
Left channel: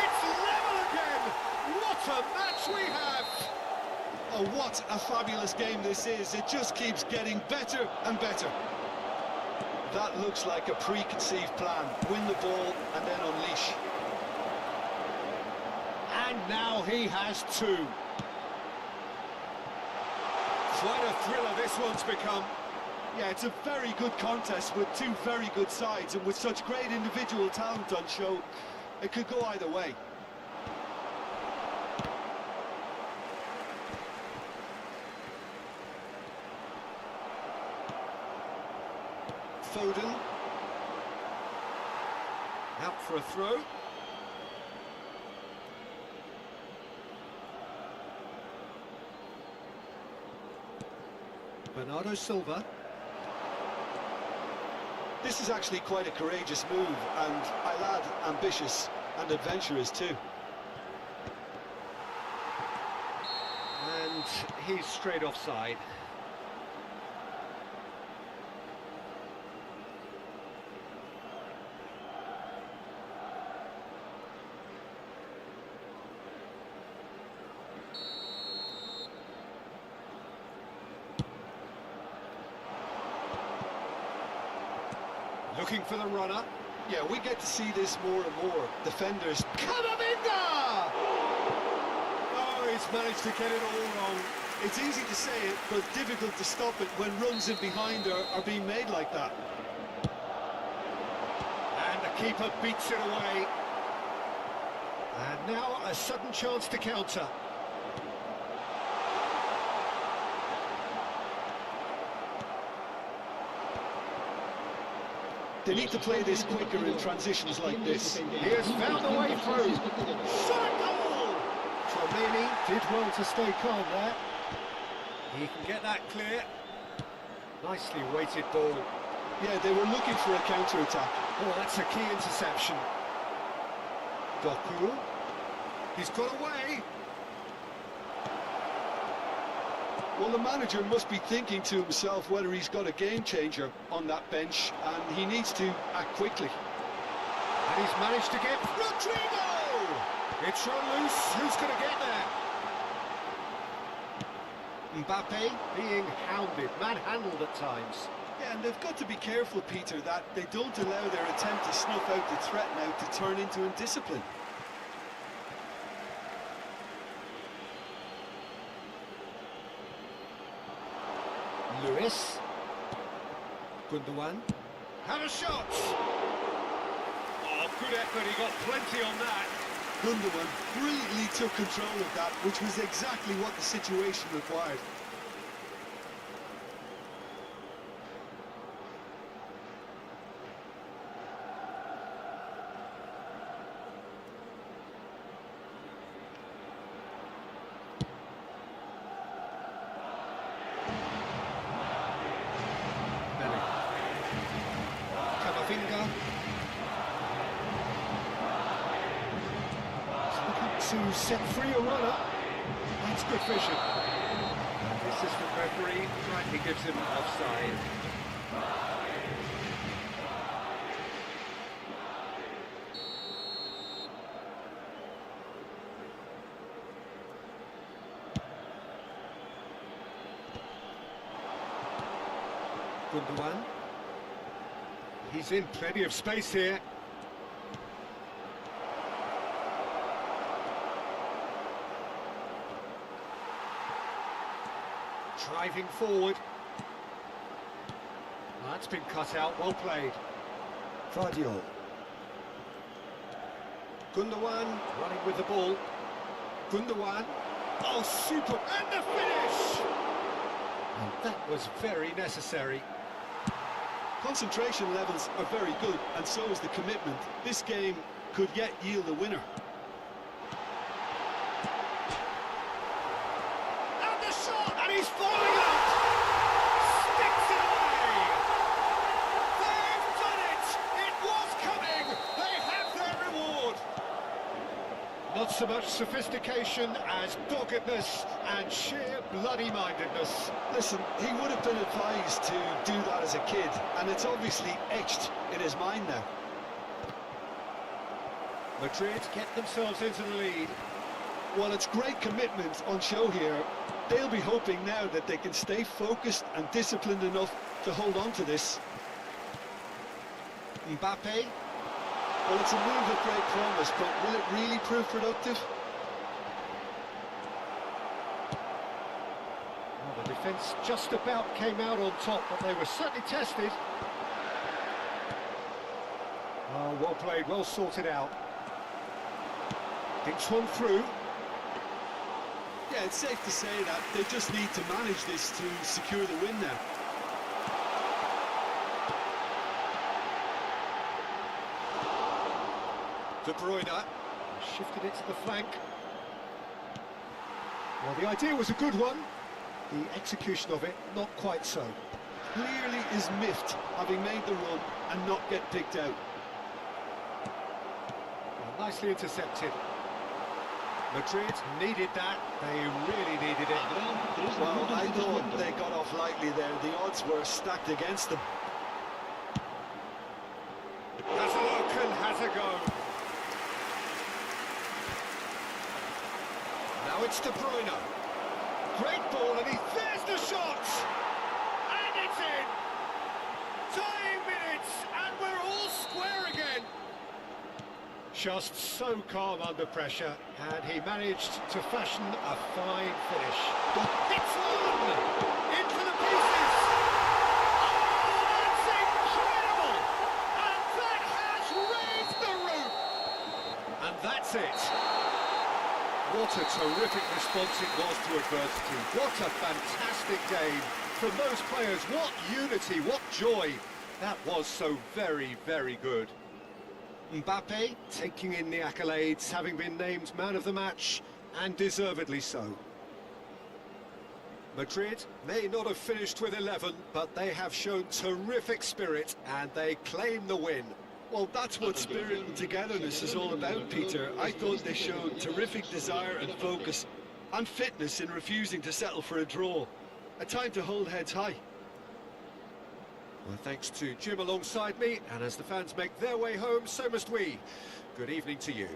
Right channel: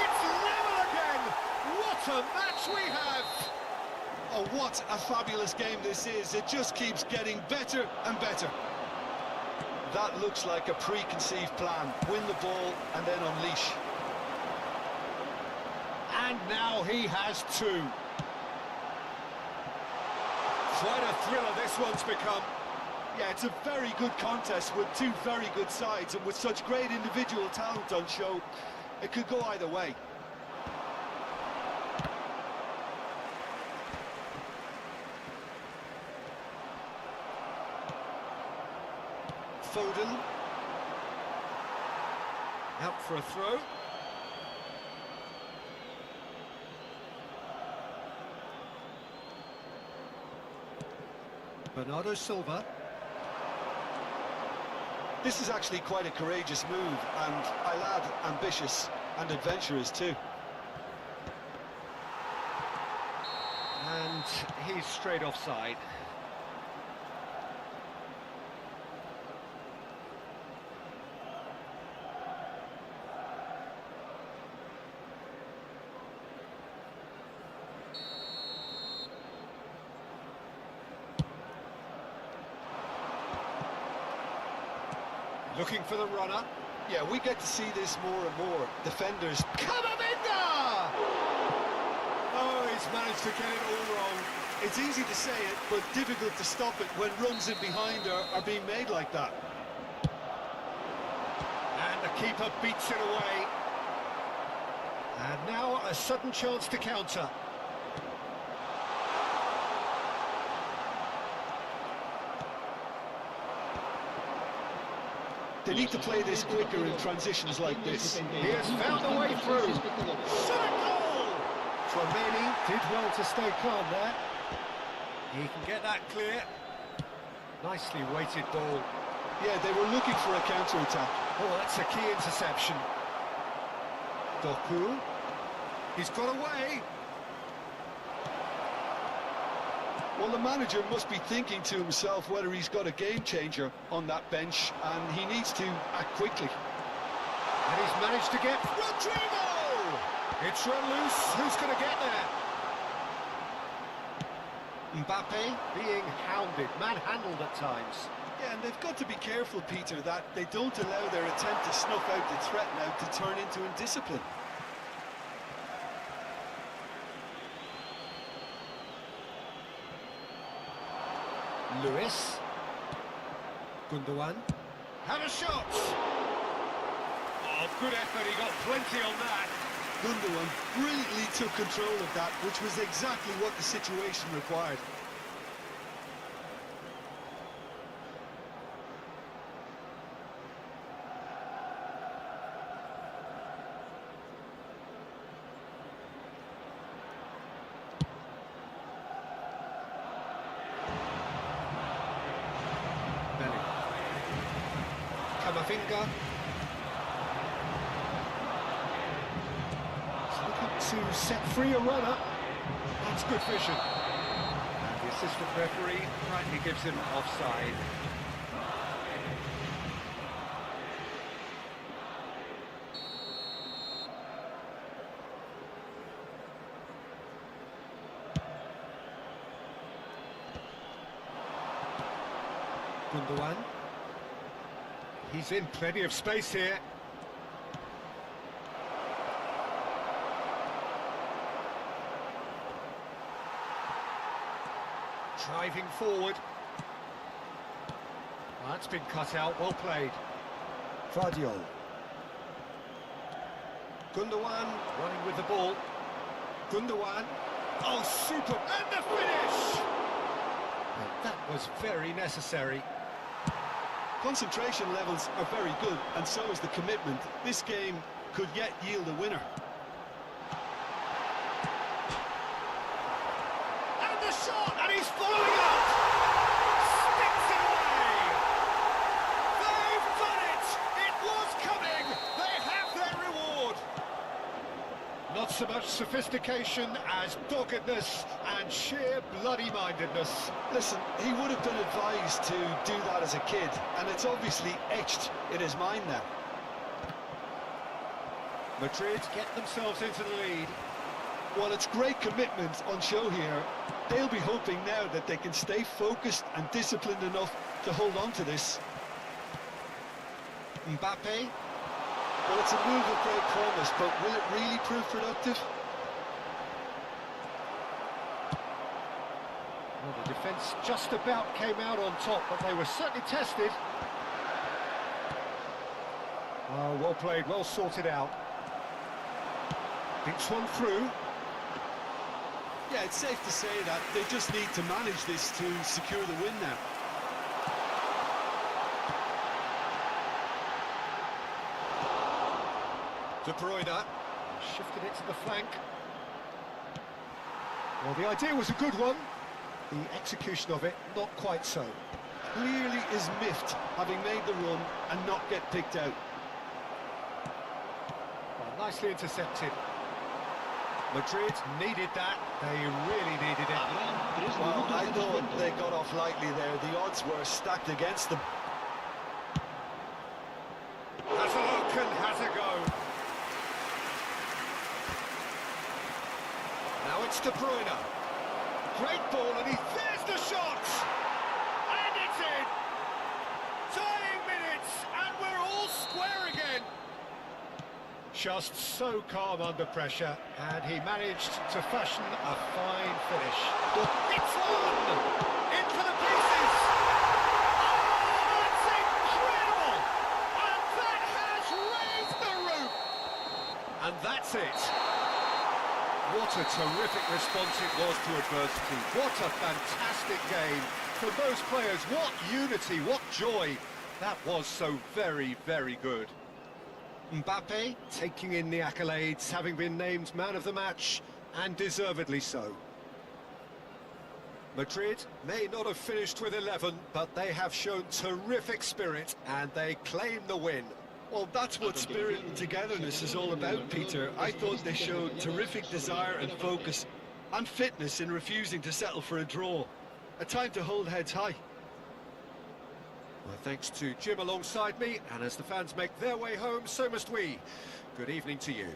It's level again! What a match we have! Oh, what a fabulous game this is. It just keeps getting better and better. That looks like a preconceived plan. Win the ball and then unleash. And now he has two. Quite a thriller this one's become. Yeah, it's a very good contest with two very good sides, and with such great individual talent on show, it could go either way. Foden. Out for a throw. Bernardo Silva. This is actually quite a courageous move, and I'll add ambitious and adventurous too. And he's straight offside. Looking for the runner. Yeah, we get to see this more and more. Defenders. Kamavinga! Oh, he's managed to get it all wrong. It's easy to say it, but difficult to stop it when runs in behind are being made like that. And the keeper beats it away. And now a sudden chance to counter. They need to play this quicker in transitions like this. He has found a way through. Shot a goal! Tramini did well to stay calm there. He can get that clear. Nicely weighted ball. Yeah, they were looking for a counter-attack. Oh, that's a key interception. Doku. He's got away. Well, the manager must be thinking to himself whether he's got a game-changer on that bench, and he needs to act quickly. And he's managed to get Rodrigo! It's run loose. Who's going to get there? Mbappe being hounded, manhandled at times. Yeah, and they've got to be careful, Peter, that they don't allow their attempt to snuff out the threat now to turn into indiscipline. Lewis. Gundogan. Had a shot! Oh, good effort, he got plenty on that. Gundogan brilliantly took control of that, which was exactly what the situation required. Belly. Camavinga. He's looking to set free a runner. That's good vision. And the assistant referee rightly gives him offside. Gundogan. He's in plenty of space here. Driving forward. Well, that's been cut out, well played. Vardiol. Gundogan running with the ball. Gundogan. Oh, super! And the finish! And that was very necessary. Concentration levels are very good, and so is the commitment. This game could yet yield a winner. And the shot! And he's following up! Sticks it away! They've done it! It was coming! They have their reward! Not so much sophistication as doggedness and sheer bloody-mindedness. Listen, he would have been advised to do that as a kid, and it's obviously etched in his mind now. Madrid get themselves into the lead. Well, it's great commitment on show here. They'll be hoping now that they can stay focused and disciplined enough to hold on to this. Mbappe. Well, it's a move of great promise, but will it really prove productive? Well, the defence just about came out on top, but they were certainly tested. Oh, well played, well sorted out. It's one through. Yeah, it's safe to say that they just need to manage this to secure the win now. De Bruyne shifted it to the flank. Well, the idea was a good one. The execution of it, not quite so. Clearly is miffed, having made the run and not get picked out. Well, nicely intercepted. Madrid needed that. They really needed it. Well, I thought they got off lightly there. The odds were stacked against them. Has a look and has a go. Now it's De Bruyne. Great ball, and there's the shot! And it's in! Tying minutes, and we're all square again! Just so calm under pressure, and he managed to fashion a fine finish. It's one! In for the pieces! Oh, that's incredible! And that has raised the roof! And that's it. What a terrific response it was to adversity. What a fantastic game from those players. What unity, what joy. That was so very, very good. Mbappe taking in the accolades, having been named man of the match, and deservedly so. Madrid may not have finished with 11, but they have shown terrific spirit, and they claim the win. Well, that's what spirit and togetherness is all about, Peter. I thought they showed terrific desire and focus and fitness in refusing to settle for a draw. A time to hold heads high. Well, thanks to Jim alongside me, and as the fans make their way home, so must we. Good evening to you.